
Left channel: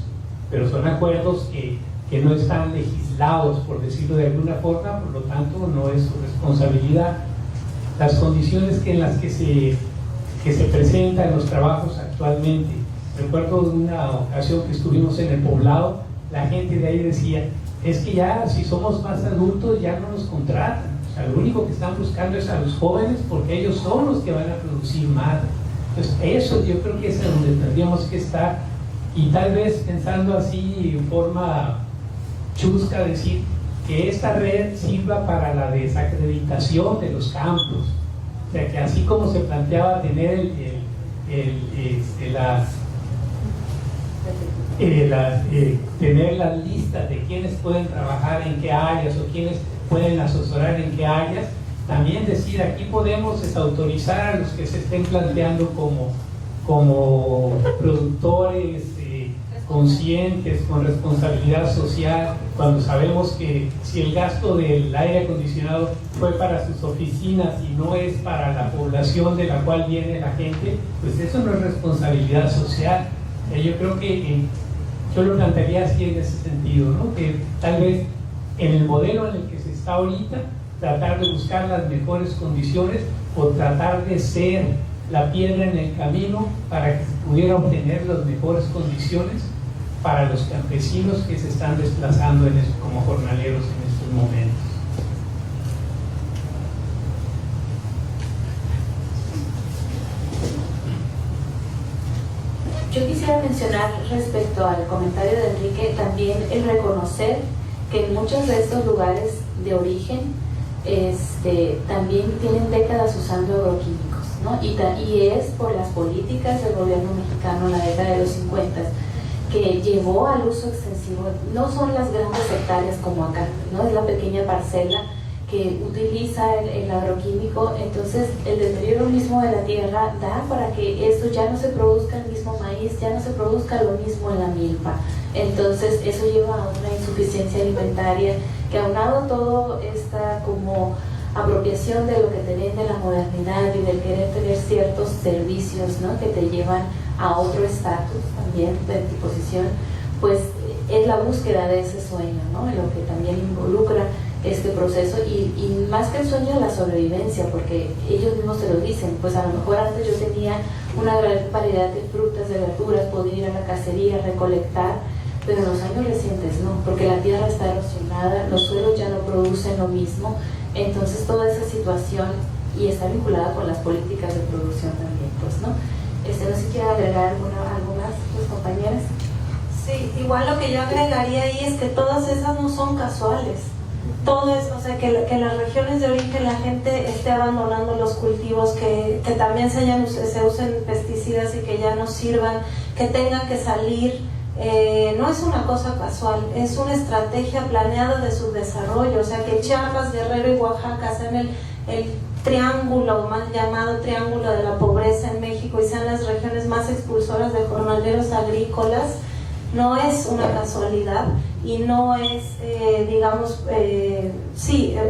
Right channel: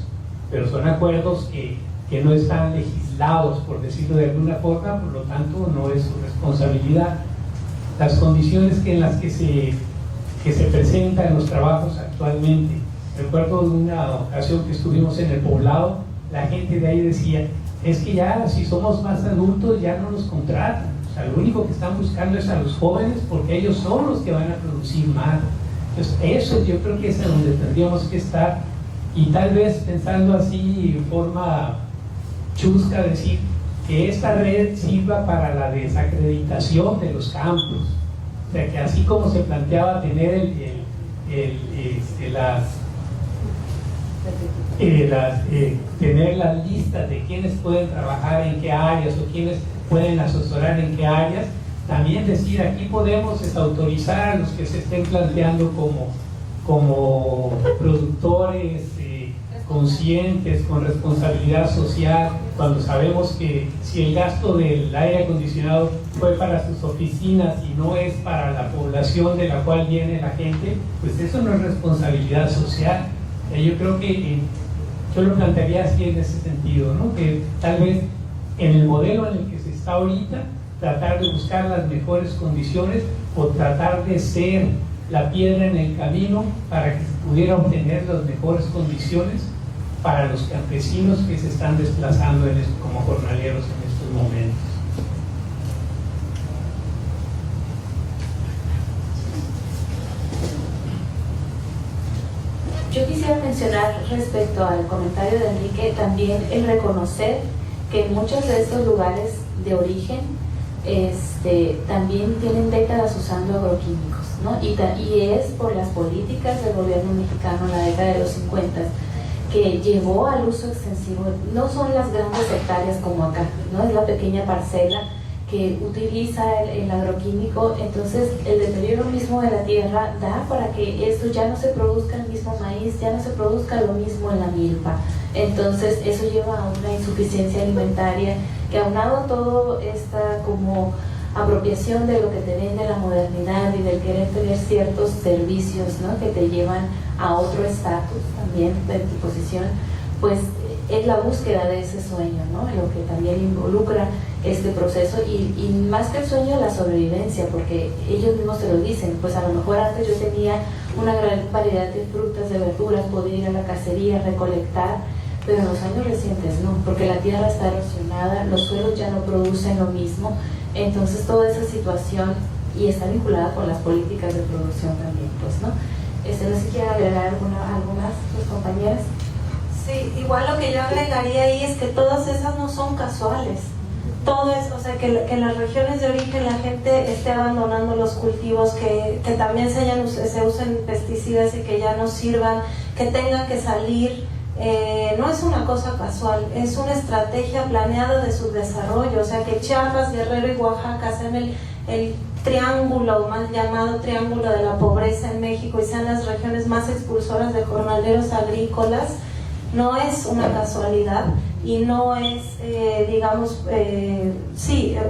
pero son acuerdos que no están legislados, por decirlo de alguna forma, por lo tanto no es su responsabilidad. Las condiciones en las que se presentan los trabajos actualmente. Recuerdo de una ocasión que estuvimos en el poblado, la gente de ahí decía, es que ya si somos más adultos ya no nos contratan, o sea, lo único que están buscando es a los jóvenes porque ellos son los que van a producir más. Entonces eso yo creo que es a donde tendríamos que estar, y tal vez pensando así en forma chusca, decir que esta red sirva para la desacreditación de los campos, o sea, que así como se planteaba tener tener las listas de quienes pueden trabajar en qué áreas o quienes pueden asesorar en qué áreas, también decir aquí podemos desautorizar a los que se estén planteando como productores conscientes, con responsabilidad social, cuando sabemos que si el gasto del aire acondicionado fue para sus oficinas y no es para la población de la cual viene la gente, pues eso no es responsabilidad social. Yo creo que yo lo plantearía así en ese sentido, ¿no? Que tal vez en el modelo en el que se está ahorita, tratar de buscar las mejores condiciones o tratar de ser la piedra en el camino para que se pudiera obtener las mejores condiciones para los campesinos que se están desplazando como jornaleros en estos momentos. Yo quisiera mencionar respecto al comentario de Enrique también el reconocer que en muchos de estos lugares de origen también tienen décadas usando agroquímicos, ¿no? Y es por las políticas del gobierno mexicano en la década de los 50 que llevó al uso extensivo. No son las grandes hectáreas como acá, ¿no? Es la pequeña parcela que utiliza el agroquímico. Entonces el deterioro mismo de la tierra da para que esto ya no se produzca el mismo maíz, ya no se produzca lo mismo en la milpa. Entonces eso lleva a una insuficiencia alimentaria que, aunado a todo esta como apropiación de lo que te vende la modernidad y del querer tener ciertos servicios, ¿no? Que te llevan a otro estatus también de posición, pues es la búsqueda de ese sueño, ¿no? Lo que también involucra este proceso y más que el sueño, la sobrevivencia, porque ellos mismos se lo dicen, pues a lo mejor antes yo tenía una gran variedad de frutas, de verduras, podía ir a la cacería, recolectar, pero en los años recientes no, porque la tierra está erosionada, los suelos ya no producen lo mismo. Entonces toda esa situación, y está vinculada con las políticas de producción también, pues, ¿no? No sé si quieren agregar algo más, tus compañeras. Sí, igual lo que yo agregaría ahí es que todas esas no son casuales. Todo es, o sea, que en las regiones de origen la gente esté abandonando los cultivos, que también se usen pesticidas y que ya no sirvan, que tenga que salir. No es una cosa casual, es una estrategia planeada de su desarrollo. O sea, que Chiapas, Guerrero y Oaxaca sean el triángulo, mal llamado triángulo de la pobreza en México, y sean las regiones más expulsoras de jornaleros agrícolas, no es una casualidad y no es,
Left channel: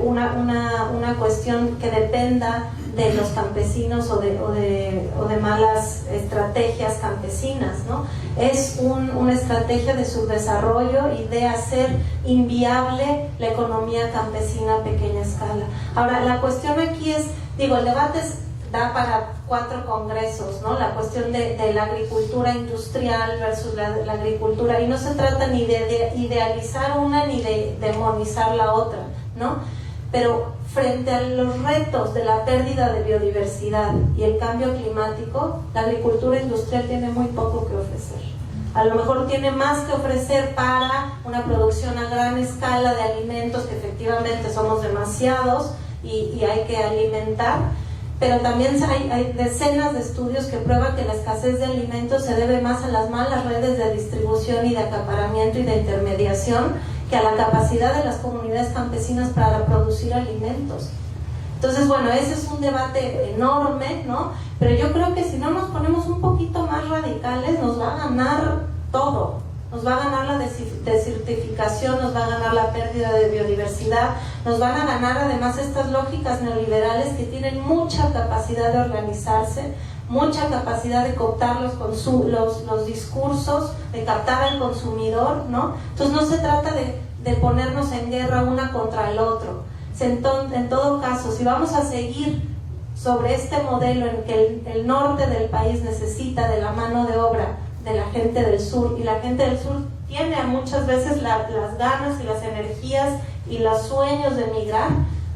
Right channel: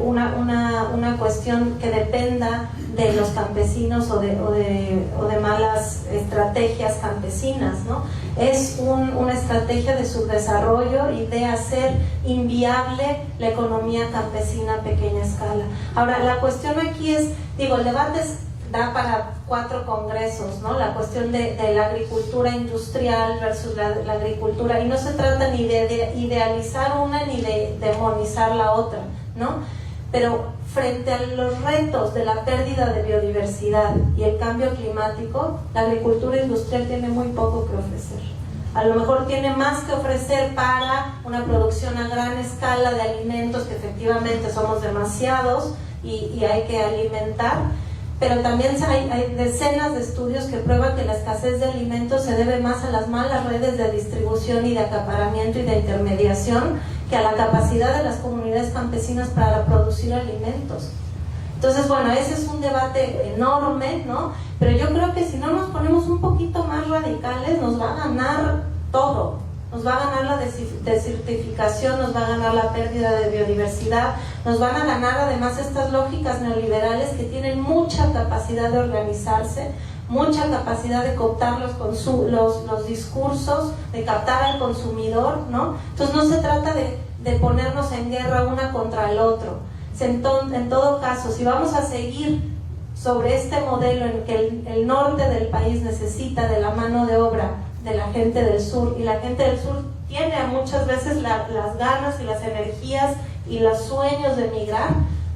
una cuestión que dependa de los campesinos o de malas estrategias campesinas, ¿no? Es una estrategia de subdesarrollo y de hacer inviable la economía campesina a pequeña escala. Ahora, la cuestión aquí es, el debate es da para 4 congresos, ¿no? La cuestión de la agricultura industrial versus la agricultura, y no se trata ni de idealizar una ni de demonizar la otra, ¿no? Pero frente a los retos de la pérdida de biodiversidad y el cambio climático, la agricultura industrial tiene muy poco que ofrecer. A lo mejor tiene más que ofrecer para una producción a gran escala de alimentos, que efectivamente somos demasiados y hay que alimentar, pero también hay decenas de estudios que prueban que la escasez de alimentos se debe más a las malas redes de distribución y de acaparamiento y de intermediación que a la capacidad de las comunidades campesinas para producir alimentos. Entonces, bueno, ese es un debate enorme, ¿no? Pero yo creo que si no nos ponemos un poquito más radicales, nos va a ganar todo. Nos va a ganar la desertificación, nos va a ganar la pérdida de biodiversidad, nos van a ganar además estas lógicas neoliberales que tienen mucha capacidad de organizarse, mucha capacidad de cooptar los discursos, de captar al consumidor, ¿no? Entonces no se trata de ponernos en guerra una contra el otro. En todo caso, si vamos a seguir sobre este modelo en que el norte del país necesita de la mano de obra de la gente del sur, y la gente del sur tiene muchas veces las ganas y las energías y los sueños de emigrar,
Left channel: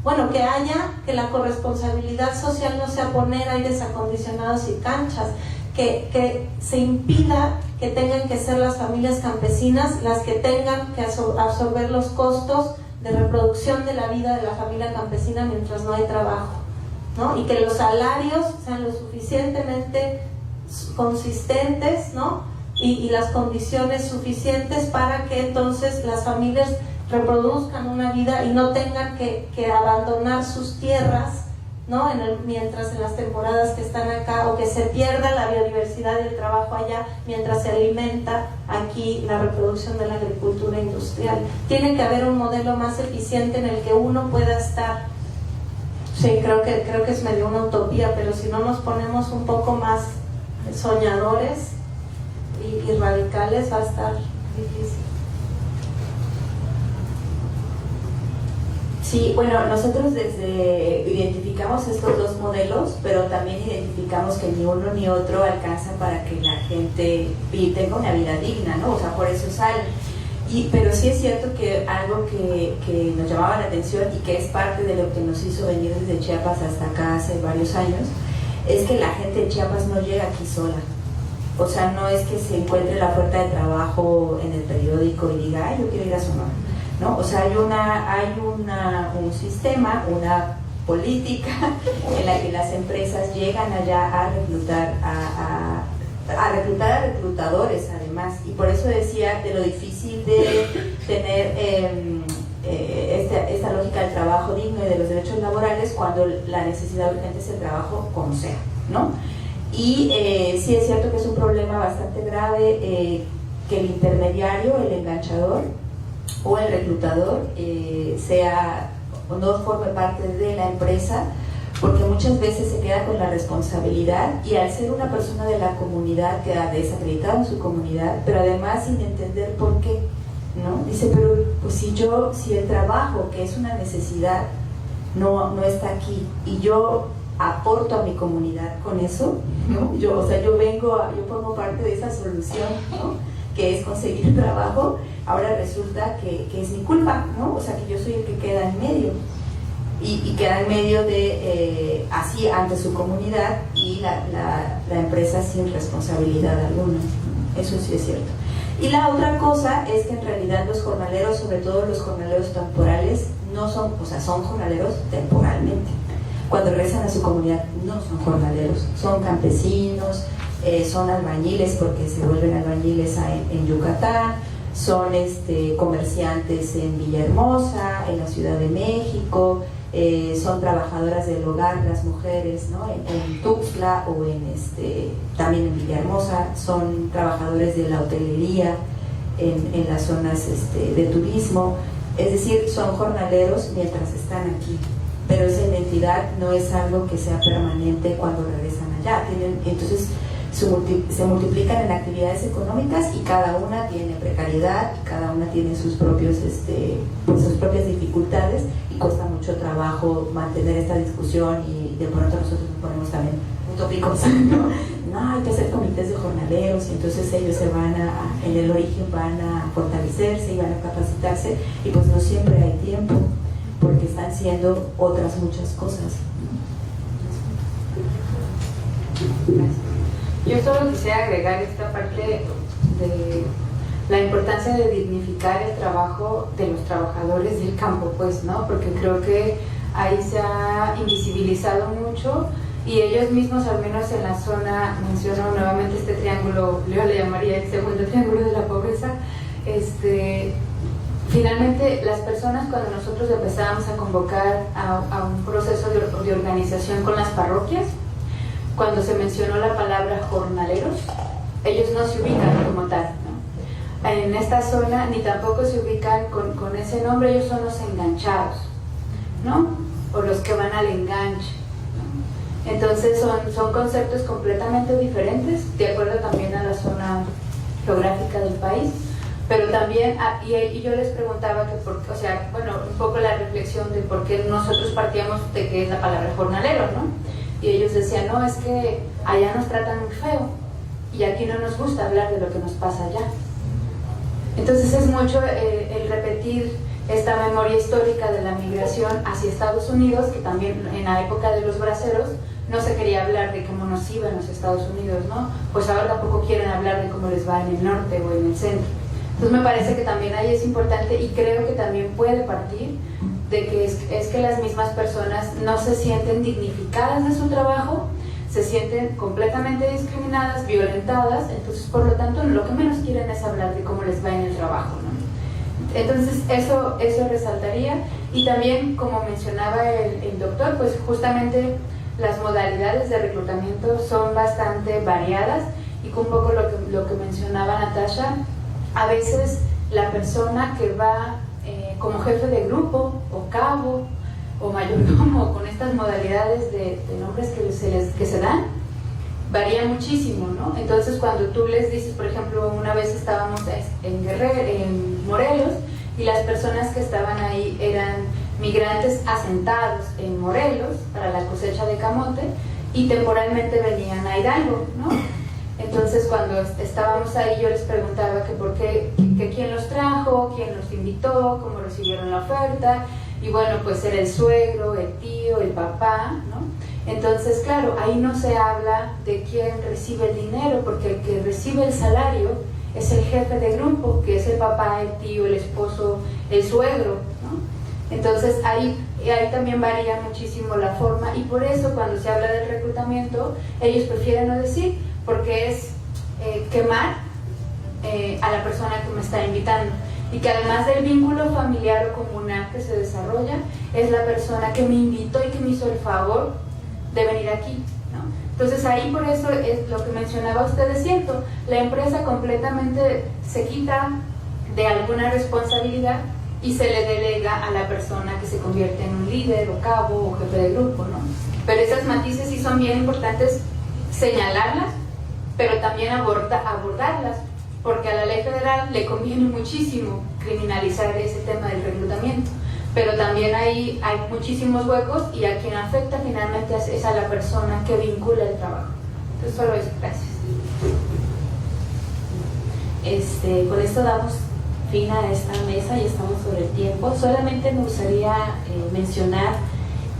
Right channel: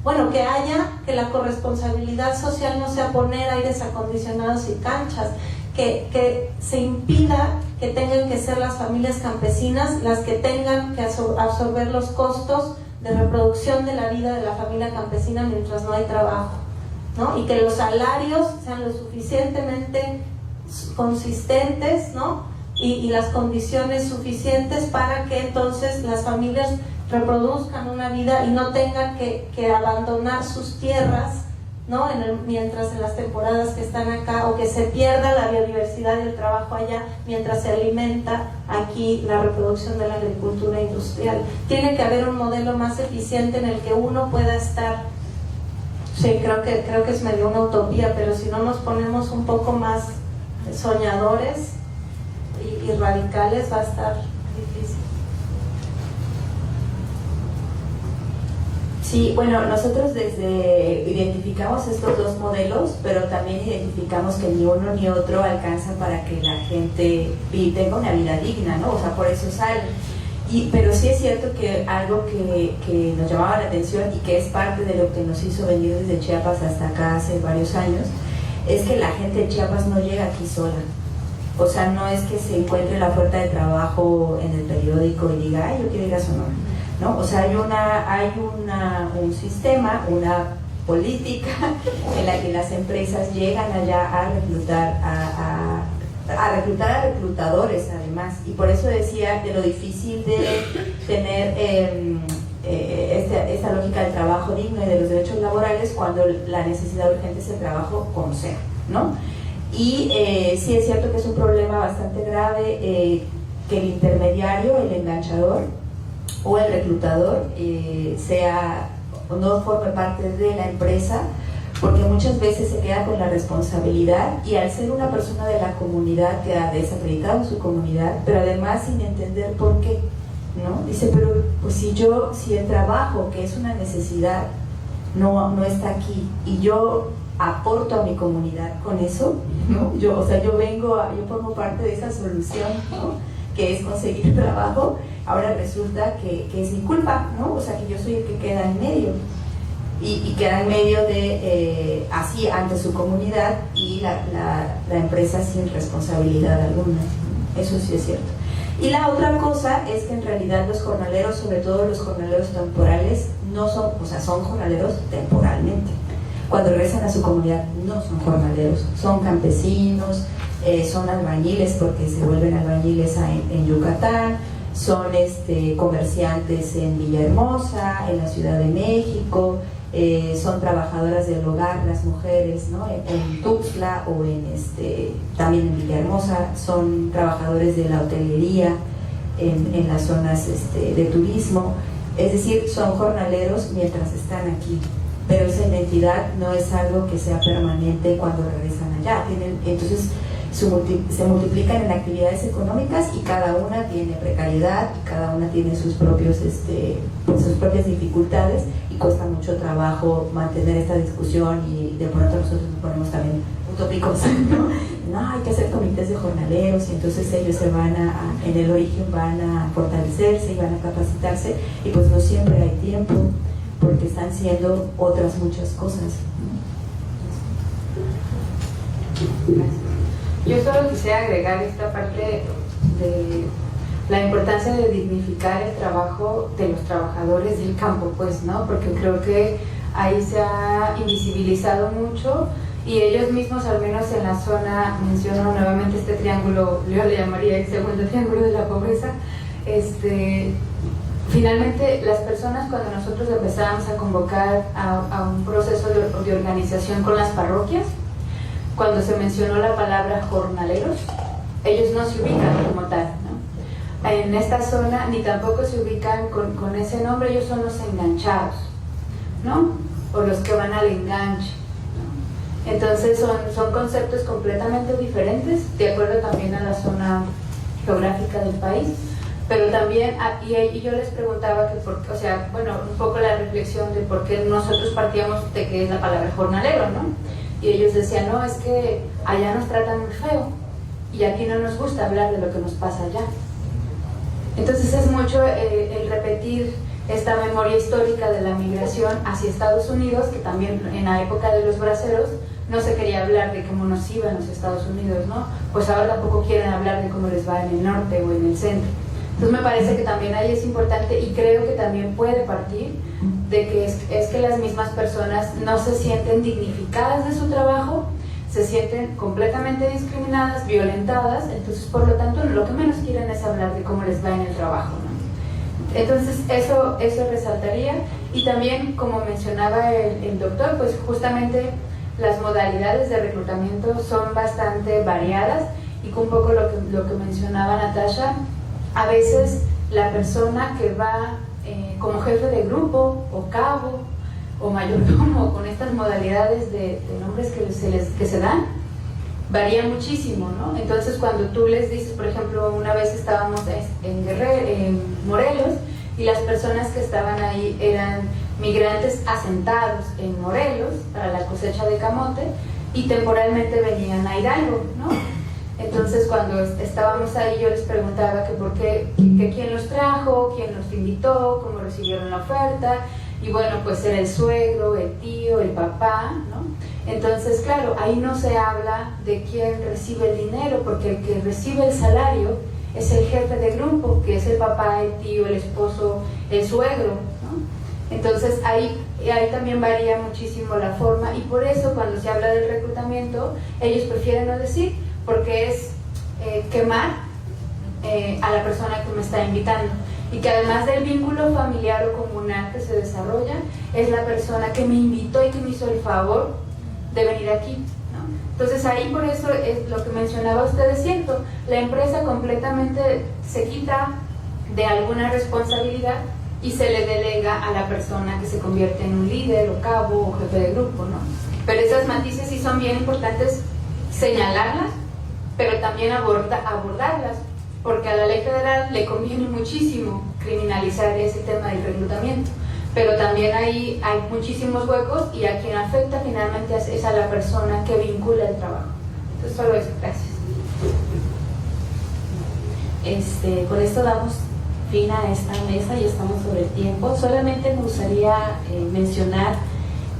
bueno, que la corresponsabilidad social no sea poner aires acondicionados y canchas, que se impida que tengan que ser las familias campesinas las que tengan que absorber los costos de reproducción de la vida de la familia campesina mientras no hay trabajo, ¿no? Y que los salarios sean lo suficientemente consistentes, ¿no? Y las condiciones suficientes para que entonces las familias reproduzcan una vida y no tengan que abandonar sus tierras, ¿no? Mientras en las temporadas que están acá, o que se pierda la biodiversidad y el trabajo allá mientras se alimenta aquí la reproducción de la agricultura industrial. Tiene que haber un modelo más eficiente en el que uno pueda estar. Sí, creo que es medio una utopía, pero si no nos ponemos un poco más soñadores y radicales va a estar difícil. Sí, bueno, nosotros identificamos estos dos modelos, pero también identificamos que ni uno ni otro alcanza para que la gente tenga una vida digna, ¿no? O sea, por eso salen. Pero sí es cierto que algo que nos llamaba la atención y que es parte de lo que nos hizo venir desde Chiapas hasta acá hace varios años, es que la gente de Chiapas no llega aquí sola. O sea, no es que se encuentre la oferta de trabajo en el periódico y diga, ay, yo quiero ir a Sonora, ¿no? O sea, hay un sistema, una política en la que las empresas llegan allá a reclutar a reclutadores además, y por eso decía de lo difícil de tener esta lógica del trabajo digno y de los derechos laborales cuando la necesidad urgente es el trabajo como sea, ¿no? Y sí es cierto que es un problema bastante grave que el intermediario, el enganchador o el reclutador no forme parte de la empresa, porque muchas veces se queda con la responsabilidad y al ser una persona de la comunidad queda desacreditado en su comunidad, pero además sin entender por qué, ¿no? Dice, pero pues si el trabajo, que es una necesidad, no está aquí y yo aporto a mi comunidad con eso, ¿no? Yo formo parte de esa solución, ¿no? Que es conseguir trabajo, ahora resulta que es mi culpa, ¿no? O sea, que yo soy el que queda en medio. Y queda en medio de, así, ante su comunidad y la empresa sin responsabilidad alguna. Eso sí es cierto. Y la otra cosa es que en realidad los jornaleros, sobre todo los jornaleros temporales, no son, o sea, son jornaleros temporalmente. Cuando regresan a su comunidad no son jornaleros, son campesinos, son albañiles porque se vuelven albañiles en Yucatán, son comerciantes en Villahermosa, en la Ciudad de México, son trabajadoras del hogar, las mujeres, ¿no? En Tuxtla o también en Villahermosa, son trabajadores de la hotelería en las zonas de turismo, es decir, son jornaleros mientras están aquí, pero esa identidad no es algo que sea permanente cuando regresan allá. Entonces se multiplican en actividades económicas y cada una tiene precariedad y cada una tiene sus propias dificultades, y cuesta mucho trabajo mantener esta discusión y de pronto nosotros nos ponemos también utópicos, ¿no? Hay que hacer comités de jornaleros y entonces ellos se van en el origen van a fortalecerse y van a capacitarse y pues no siempre hay tiempo porque están siendo otras muchas cosas. Gracias. Yo solo quisiera agregar esta parte de la importancia de dignificar el trabajo de los trabajadores del campo, pues, ¿no? Porque creo que ahí se ha invisibilizado mucho y ellos mismos, al menos en la zona, menciono nuevamente este triángulo, yo le llamaría el segundo triángulo de la pobreza, finalmente las personas cuando nosotros empezábamos a convocar a un proceso de organización con las parroquias, cuando se mencionó la palabra jornaleros, ellos no se ubican como tal, ¿no? En esta zona ni tampoco se ubican con ese nombre, ellos son los enganchados, ¿no? O los que van al enganche, ¿no? Entonces son conceptos completamente diferentes, de acuerdo también a la zona geográfica del país, pero también, y yo les preguntaba que o sea, bueno, un poco la reflexión de por qué nosotros partíamos de qué es la palabra jornalero, ¿no? Y ellos decían, no, es que allá nos tratan muy feo y aquí no nos gusta hablar de lo que nos pasa allá. Entonces es mucho el repetir esta memoria histórica de la migración hacia Estados Unidos, que también en la época de los braceros no se quería hablar de cómo nos iba en los Estados Unidos, ¿no? Pues ahora tampoco quieren hablar de cómo les va en el norte o en el centro. Entonces me parece que también ahí es importante y creo que también puede partir de que es que las mismas personas no se sienten dignificadas de su trabajo, se sienten completamente discriminadas, violentadas, entonces por lo tanto lo que menos quieren es hablar de cómo les va en el trabajo, ¿no? Entonces eso resaltaría y también como mencionaba el doctor, pues justamente las modalidades de reclutamiento son bastante variadas y con un poco lo que mencionaba Natasha, a veces la persona que va como jefe de grupo o cabo o mayordomo con estas modalidades de nombres que se dan varía muchísimo, ¿no? Entonces cuando tú les dices, por ejemplo, una vez estábamos en Morelos y las personas que estaban ahí eran migrantes asentados en Morelos para la cosecha de camote y temporalmente venían a Hidalgo, ¿no? Entonces cuando estábamos ahí yo les preguntaba que por qué, que quién los trajo, quién los invitó, cómo recibieron la oferta y bueno, pues era el suegro, el tío, el papá, ¿no? Entonces claro, ahí no se habla de quién recibe el dinero porque el que recibe el salario es el jefe de grupo, que es el papá, el tío, el esposo, el suegro, ¿no? Entonces ahí también varía muchísimo la forma y por eso cuando se habla del reclutamiento ellos prefieren no decir porque es quemar a la persona que me está invitando y que además del vínculo familiar o comunal que se desarrolla es la persona que me invitó y que me hizo el favor de venir aquí, ¿no? Entonces ahí por eso es lo que mencionaba usted, es cierto, la empresa completamente se quita de alguna responsabilidad y se le delega a la persona que se convierte en un líder o cabo o jefe de grupo, ¿no? Pero esas matices sí son bien importantes señalarlas pero también abordarlas, porque a la ley federal le conviene muchísimo criminalizar ese tema del reclutamiento, pero también ahí hay muchísimos huecos y a quien afecta finalmente es a la persona que vincula el trabajo. Entonces solo eso, gracias. Con esto damos fin a esta mesa y estamos sobre el tiempo. Solamente me gustaría mencionar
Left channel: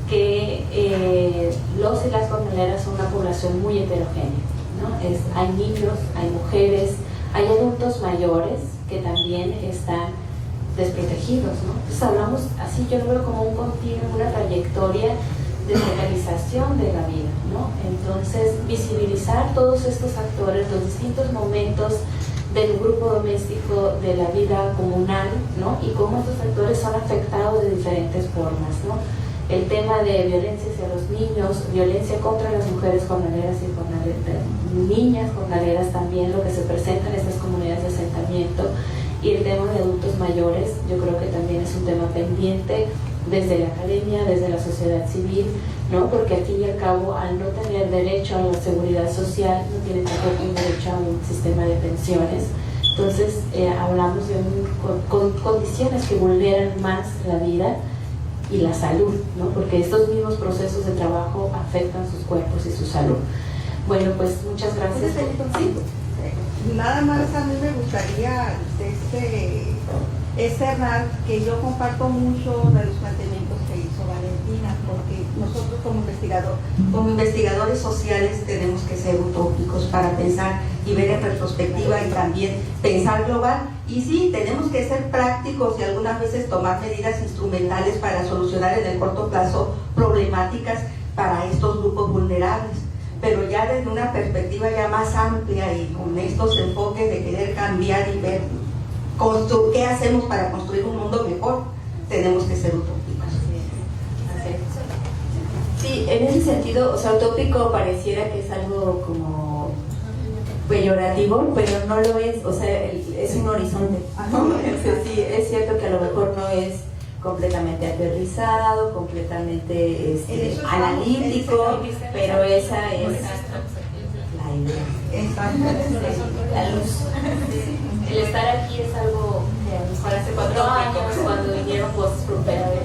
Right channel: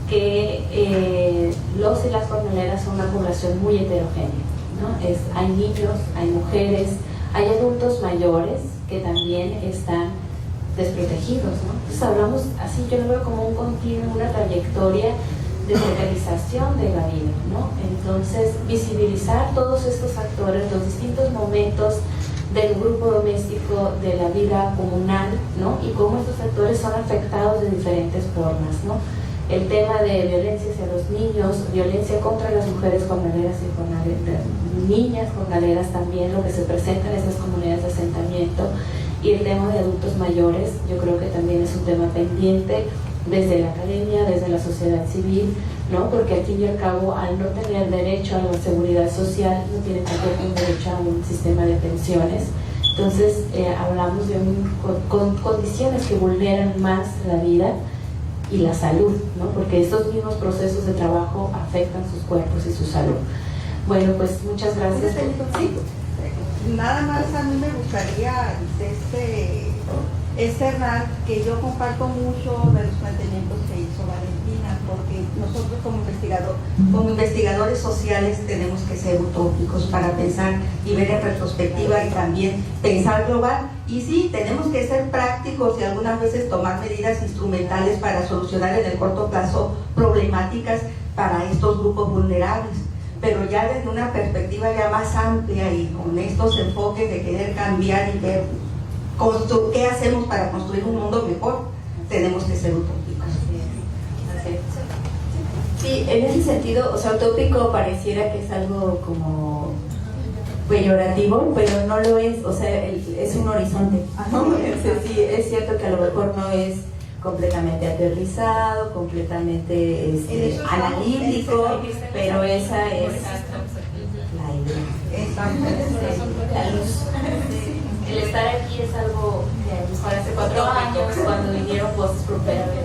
que los y las jornaleras son una población muy heterogénea, ¿no? Hay niños, hay mujeres, hay adultos mayores que también están desprotegidos, ¿no? Entonces hablamos así, yo lo veo como un continuo, una trayectoria de organización de la vida, ¿no? Entonces visibilizar todos estos actores, los distintos momentos del grupo doméstico, de la vida comunal, ¿no? Y cómo estos actores son afectados de diferentes formas, ¿no? El tema de violencia hacia los niños, violencia contra las mujeres jornaleras y niñas jornaleras también, lo que se presenta en estas comunidades de asentamiento, y el tema de adultos mayores, yo creo que también es un tema pendiente desde la academia, desde la sociedad civil, ¿no? Porque al fin y al cabo, al no tener derecho a la seguridad social, no tienen tampoco un derecho a un sistema de pensiones. Entonces, hablamos de condiciones que vulneran más la vida y la salud, ¿no? Porque estos mismos procesos de trabajo afectan sus cuerpos y su salud. Bueno, pues muchas gracias. Sí. Nada más a mí me gustaría externar que yo comparto mucho de los planteamientos que hizo Valentina, porque nosotros como investigadores sociales tenemos que ser utópicos para pensar y ver en retrospectiva y también pensar global. Y sí, tenemos que ser prácticos y algunas veces tomar medidas instrumentales para solucionar en el corto plazo problemáticas para estos grupos vulnerables, pero ya desde una perspectiva ya más amplia y con estos enfoques de querer cambiar y ver qué hacemos para construir un mundo mejor, tenemos que ser utópicos. Sí, en ese sentido, o sea, utópico pareciera que es algo como peyorativo, pero no lo es, o sea, es un horizonte, ¿no? Sí, es cierto que a lo mejor no es completamente aterrizado, completamente analítico, pero esa es la idea. La luz. El estar aquí es algo que a lo mejor hace 4 años, cuando vinieron voces por primera vez.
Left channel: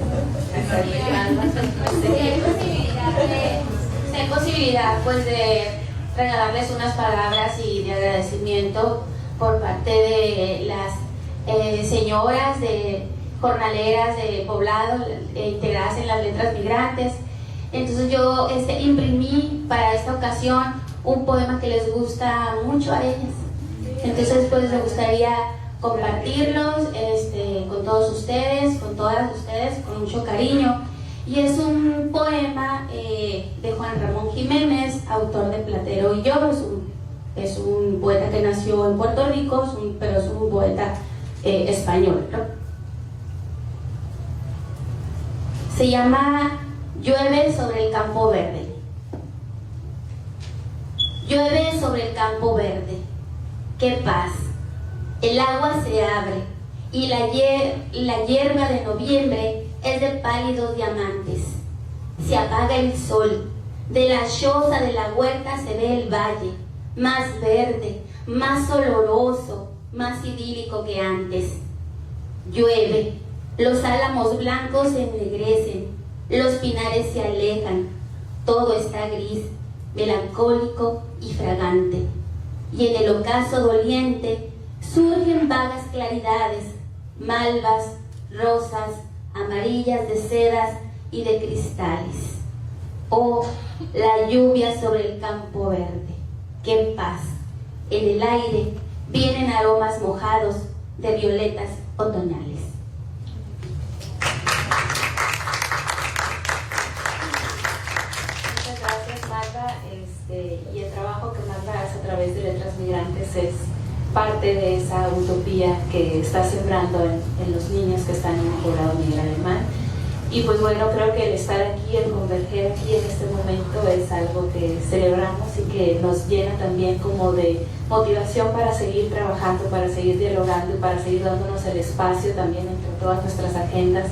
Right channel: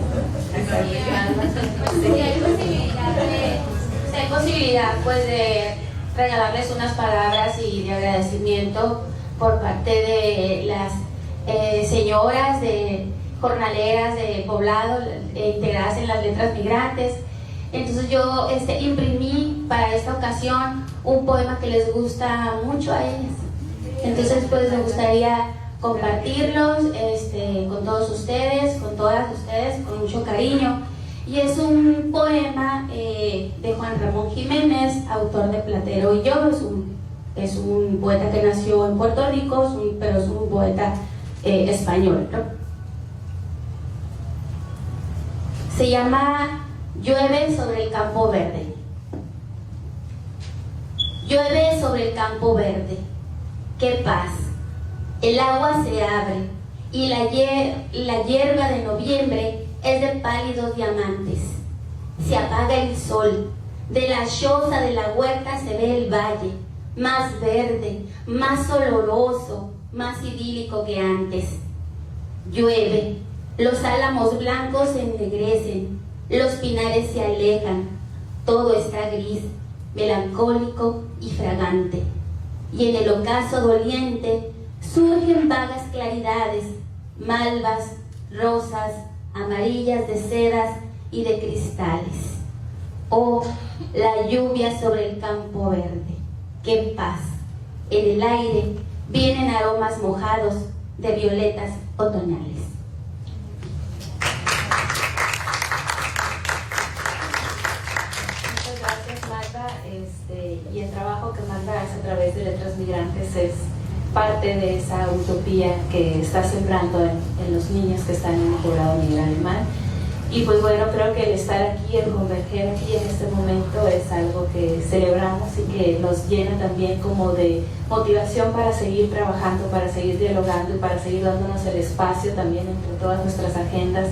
Si hay posibilidad pues de regalarles unas palabras y de agradecimiento por parte de las señoras de jornaleras de poblado integradas en las letras migrantes. Entonces yo imprimí para esta ocasión un poema que les gusta mucho a ellas. Entonces pues me gustaría compartirlos con todos ustedes, con todas ustedes, con mucho cariño. Y es un poema de Juan Ramón Jiménez, autor de Platero y yo. Es un poeta que nació en Puerto Rico, pero es un poeta español, ¿no? Se llama Llueve sobre el campo verde. Llueve sobre el campo verde. ¡Qué paz! El agua se abre y la hierba de noviembre es de pálidos diamantes. Se apaga el sol. De la choza de la huerta se ve el valle, más verde, más oloroso, más idílico que antes. Llueve. Los álamos blancos se ennegrecen, los pinares se alejan, todo está gris, melancólico y fragante. Y en el ocaso doliente surgen vagas claridades, malvas, rosas, amarillas de sedas y de cristales. Oh, la lluvia sobre el campo verde, qué paz. En el aire vienen aromas mojados de violetas otoñales. Y el trabajo que Magda hace a través de Letras Migrantes es parte de esa utopía que está sembrando en los niños que están en el poblado miguel alemán. Y pues bueno, creo que el estar aquí, el converger aquí en este momento es algo que celebramos y que nos llena también como de motivación para seguir trabajando, para seguir dialogando y para seguir dándonos el espacio también entre todas nuestras agendas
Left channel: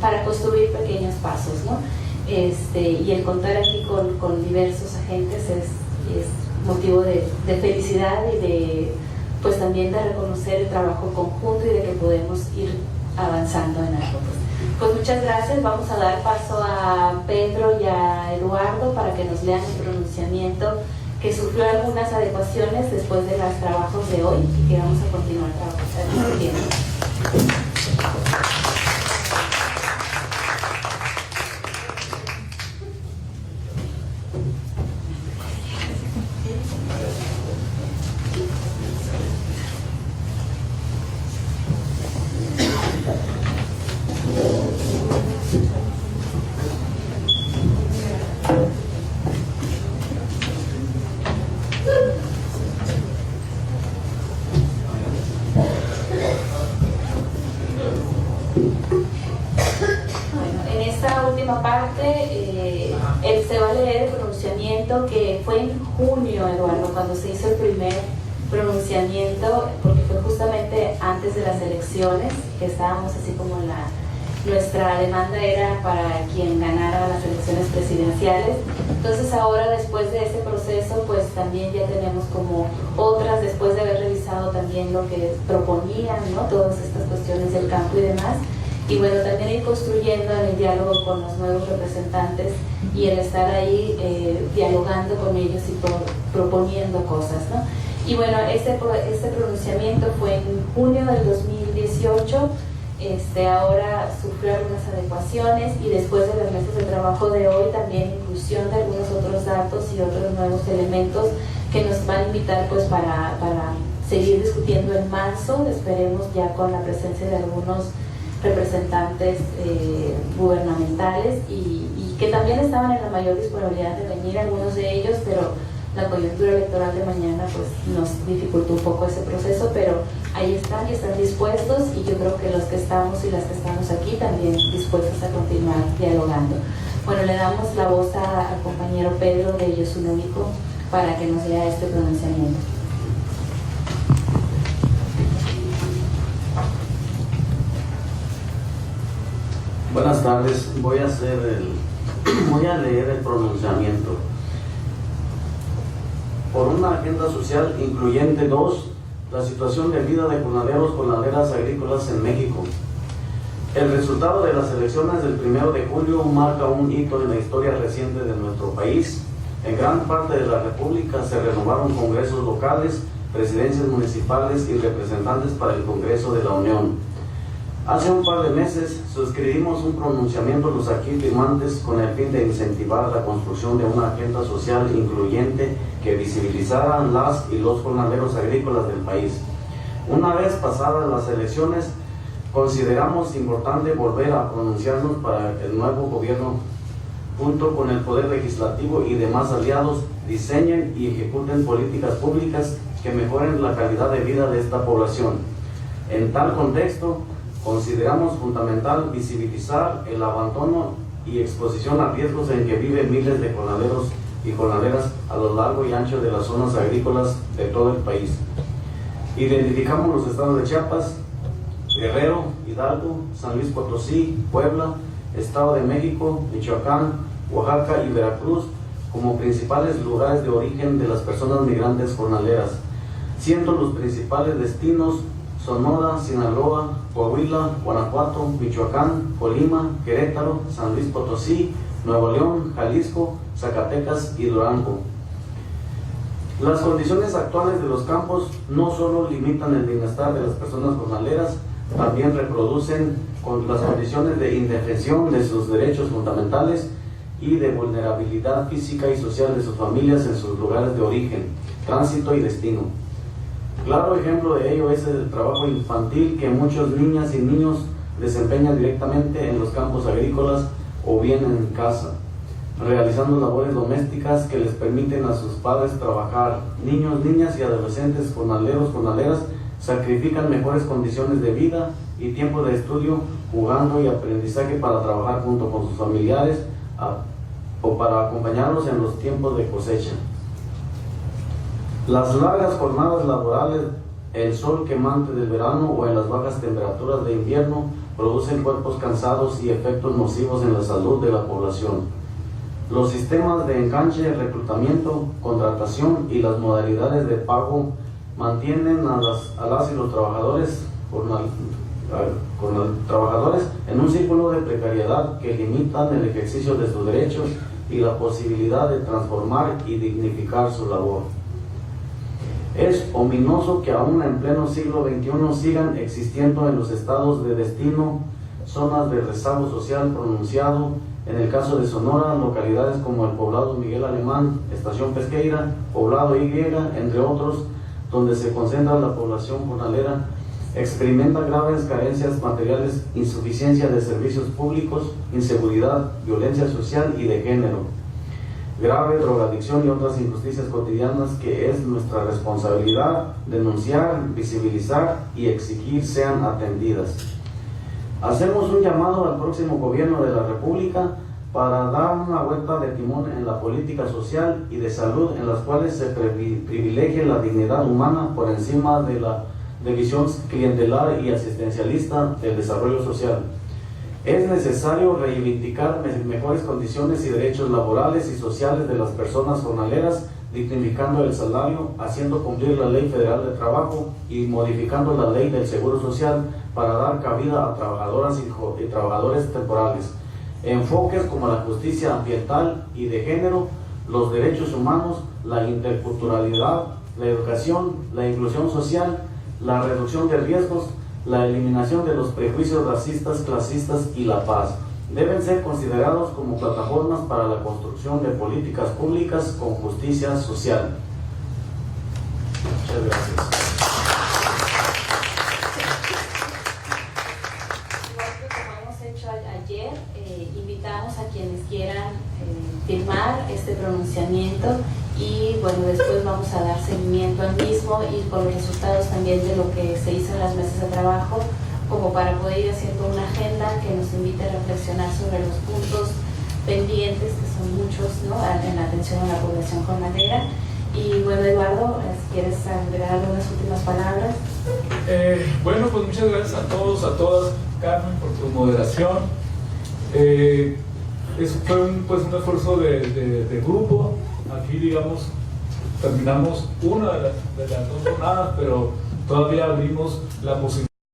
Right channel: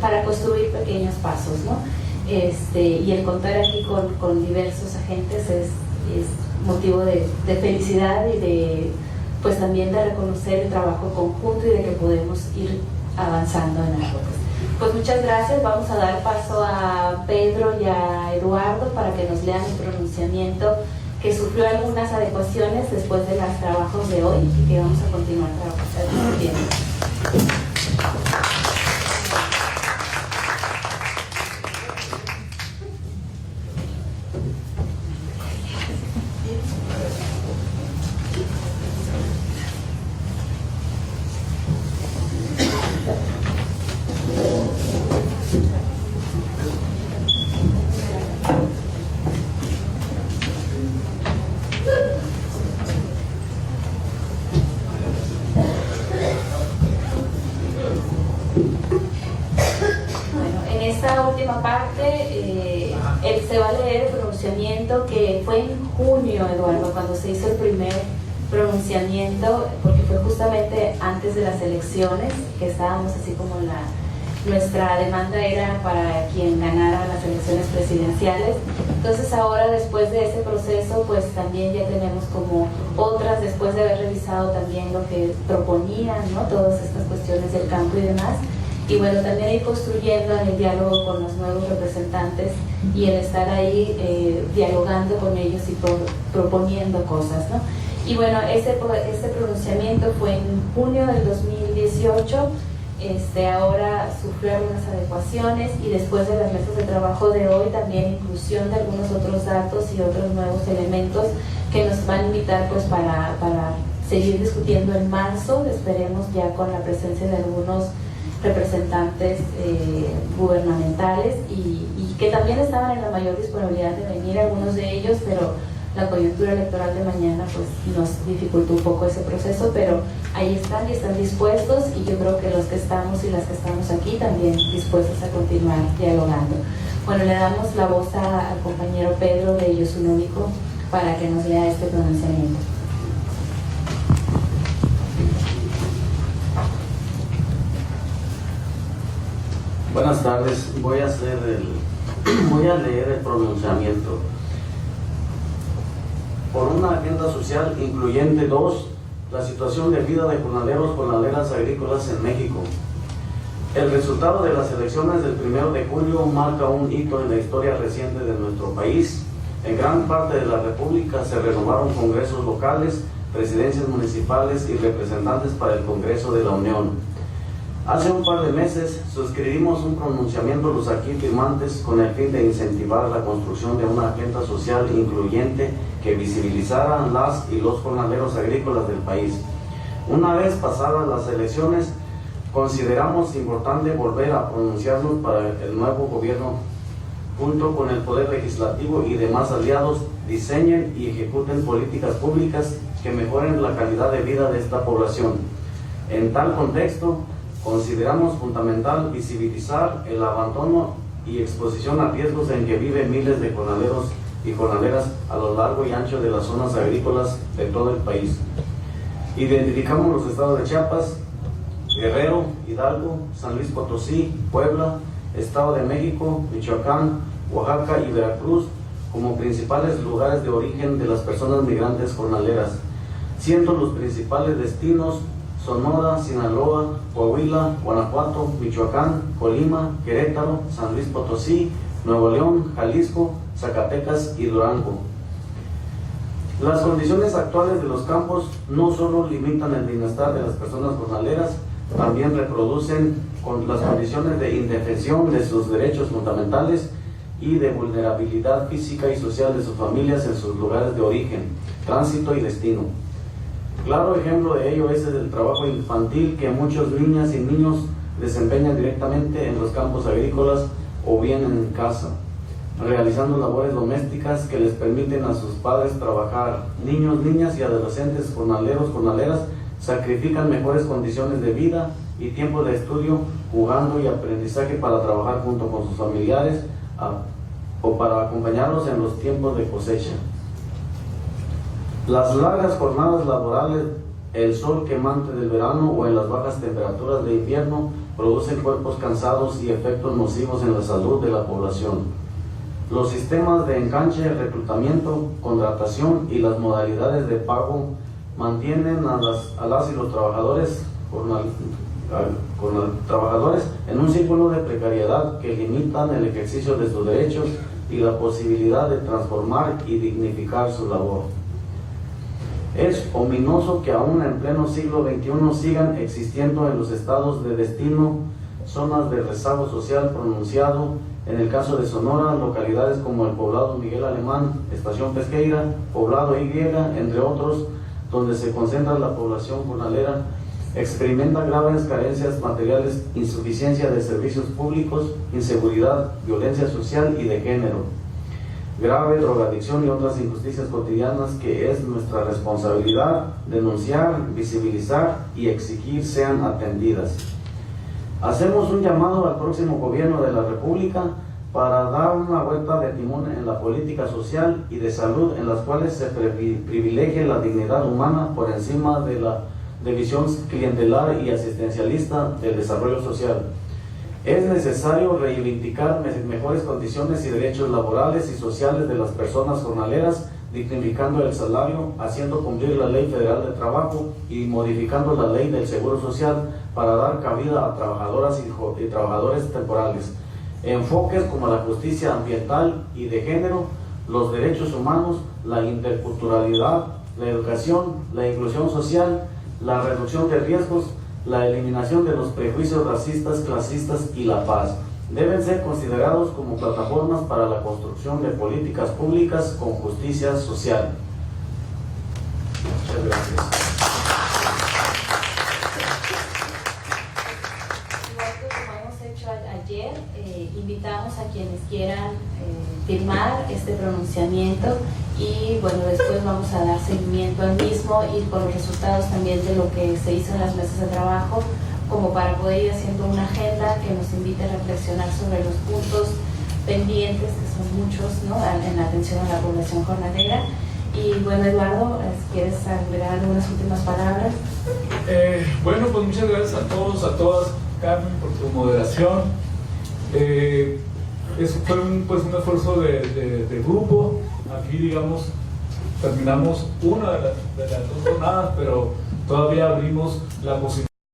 para construir pequeños pasos, ¿no? Y el contar aquí con diversos agentes es motivo de felicidad y de pues también de reconocer el trabajo conjunto y de que podemos ir avanzando en algo. Pues muchas gracias. Vamos a dar paso a Pedro y a Eduardo para que nos lean el pronunciamiento, que sufrió algunas adecuaciones después de los trabajos de hoy y que vamos a continuar trabajando. Que fue en junio, Eduardo, cuando se hizo el primer pronunciamiento, porque fue justamente antes de las elecciones, que estábamos así como nuestra demanda era para quien ganara las elecciones presidenciales. Entonces ahora, después de ese proceso, pues también ya tenemos como otras, después de haber revisado también lo que proponían, ¿no? Todas estas cuestiones del campo y demás. y bueno, también ir construyendo en el diálogo con los nuevos representantes y el estar ahí dialogando con ellos y proponiendo cosas, ¿no? Y bueno, este pronunciamiento fue en junio del 2018. Ahora sufrió algunas adecuaciones y después de las mesas de trabajo de hoy también inclusión de algunos otros datos y otros nuevos elementos que nos van a invitar pues para seguir discutiendo en marzo, esperemos ya con la presencia de algunos representantes gubernamentales y que también estaban en la mayor disponibilidad de venir, algunos de ellos, pero la coyuntura electoral de mañana pues nos dificultó un poco ese proceso, pero ahí están y están dispuestos, y yo creo que los que estamos y las que estamos aquí también dispuestos a continuar dialogando. Bueno, le damos la voz al compañero Pedro de Yo Soy Único para que nos lea este pronunciamiento. Buenas tardes, voy a leer el pronunciamiento. Por una agenda social incluyente 2, la situación de vida de jornaleros, jornaleras agrícolas en México. El resultado de las elecciones del 1 de julio marca un hito en la historia reciente de nuestro país. En gran parte de la República se renovaron congresos locales, presidencias municipales y representantes para el Congreso de la Unión. Hace un par de meses suscribimos un pronunciamiento los aquí firmantes con el fin de incentivar la construcción de una agenda social incluyente que visibilizara las y los jornaleros agrícolas del país. Una vez pasadas las elecciones, consideramos importante volver a pronunciarnos para que el nuevo gobierno, junto con el Poder Legislativo y demás aliados, diseñen y ejecuten políticas públicas que mejoren la calidad de vida de esta población. En tal contexto, consideramos fundamental visibilizar el abandono y exposición a riesgos en que viven miles de jornaleros y jornaleras a lo largo y ancho de las zonas agrícolas de todo el país. Identificamos los estados de Chiapas, Guerrero, Hidalgo, San Luis Potosí, Puebla, Estado de México, Michoacán, Oaxaca y Veracruz como principales lugares de origen de las personas migrantes jornaleras, siendo los principales destinos Sonora, Sinaloa, Coahuila, Guanajuato, Michoacán, Colima, Querétaro, San Luis Potosí, Nuevo León, Jalisco, Zacatecas y Durango. Las condiciones actuales de los campos no solo limitan el bienestar de las personas jornaleras, también reproducen las condiciones de indefensión de sus derechos fundamentales y de vulnerabilidad física y social de sus familias en sus lugares de origen, tránsito y destino. Claro ejemplo de ello es el trabajo infantil que muchas niñas y niños desempeñan directamente en los campos agrícolas o bien en casa, realizando labores domésticas que les permiten a sus padres trabajar. Niños, niñas y adolescentes jornaleros, jornaleras sacrifican mejores condiciones de vida y tiempo de estudio, jugando y aprendizaje para trabajar junto con sus familiares o para acompañarlos en los tiempos de cosecha. Las largas jornadas laborales, el sol quemante del verano o en las bajas temperaturas de invierno producen cuerpos cansados y efectos nocivos en la salud de la población. Los sistemas de enganche, reclutamiento, contratación y las modalidades de pago mantienen a las y los trabajadores en un círculo de precariedad que limitan el ejercicio de sus derechos y la posibilidad de transformar y dignificar su labor. Es ominoso que aún en pleno siglo XXI sigan existiendo en los estados de destino zonas de rezago social pronunciado. En el caso de Sonora, localidades como el poblado Miguel Alemán, Estación Pesqueira, poblado Y, entre otros, donde se concentra la población jornalera, experimenta graves carencias materiales, insuficiencia de servicios públicos, inseguridad, violencia social y de género, grave drogadicción y otras injusticias cotidianas que es nuestra responsabilidad denunciar, visibilizar y exigir sean atendidas. Hacemos un llamado al próximo gobierno de la República para dar una vuelta de timón en la política social y de salud en las cuales se privilegie la dignidad humana por encima de la visión clientelar y asistencialista del desarrollo social. Es necesario reivindicar mejores condiciones y derechos laborales y sociales de las personas jornaleras dignificando el salario, haciendo cumplir la Ley Federal de Trabajo y modificando la Ley del Seguro Social para dar cabida a trabajadoras y trabajadores temporales. Enfoques como la justicia ambiental y de género, los derechos humanos, la interculturalidad, la educación, la inclusión social, la reducción de riesgos, la eliminación de los prejuicios racistas, clasistas y la paz. Deben ser considerados como plataformas para la construcción de políticas públicas con justicia social. Muchas gracias. Igual que como hemos hecho ayer, invitamos a quienes quieran firmar este pronunciamiento y bueno, después vamos a dar seguimiento al mismo y con los resultados también de lo que se hizo en las mesas de trabajo, como para poder ir haciendo una agenda que nos invite a reflexionar sobre los puntos pendientes, que son muchos, ¿no?, en la atención a la población jornalera. Y bueno, Eduardo, ¿quieres agregar algunas últimas palabras? Bueno, pues muchas gracias a todos, a todas, Carmen, por tu moderación. Eso fue un esfuerzo de grupo. Aquí, digamos, terminamos una de las dos jornadas, pero todavía abrimos la posibilidad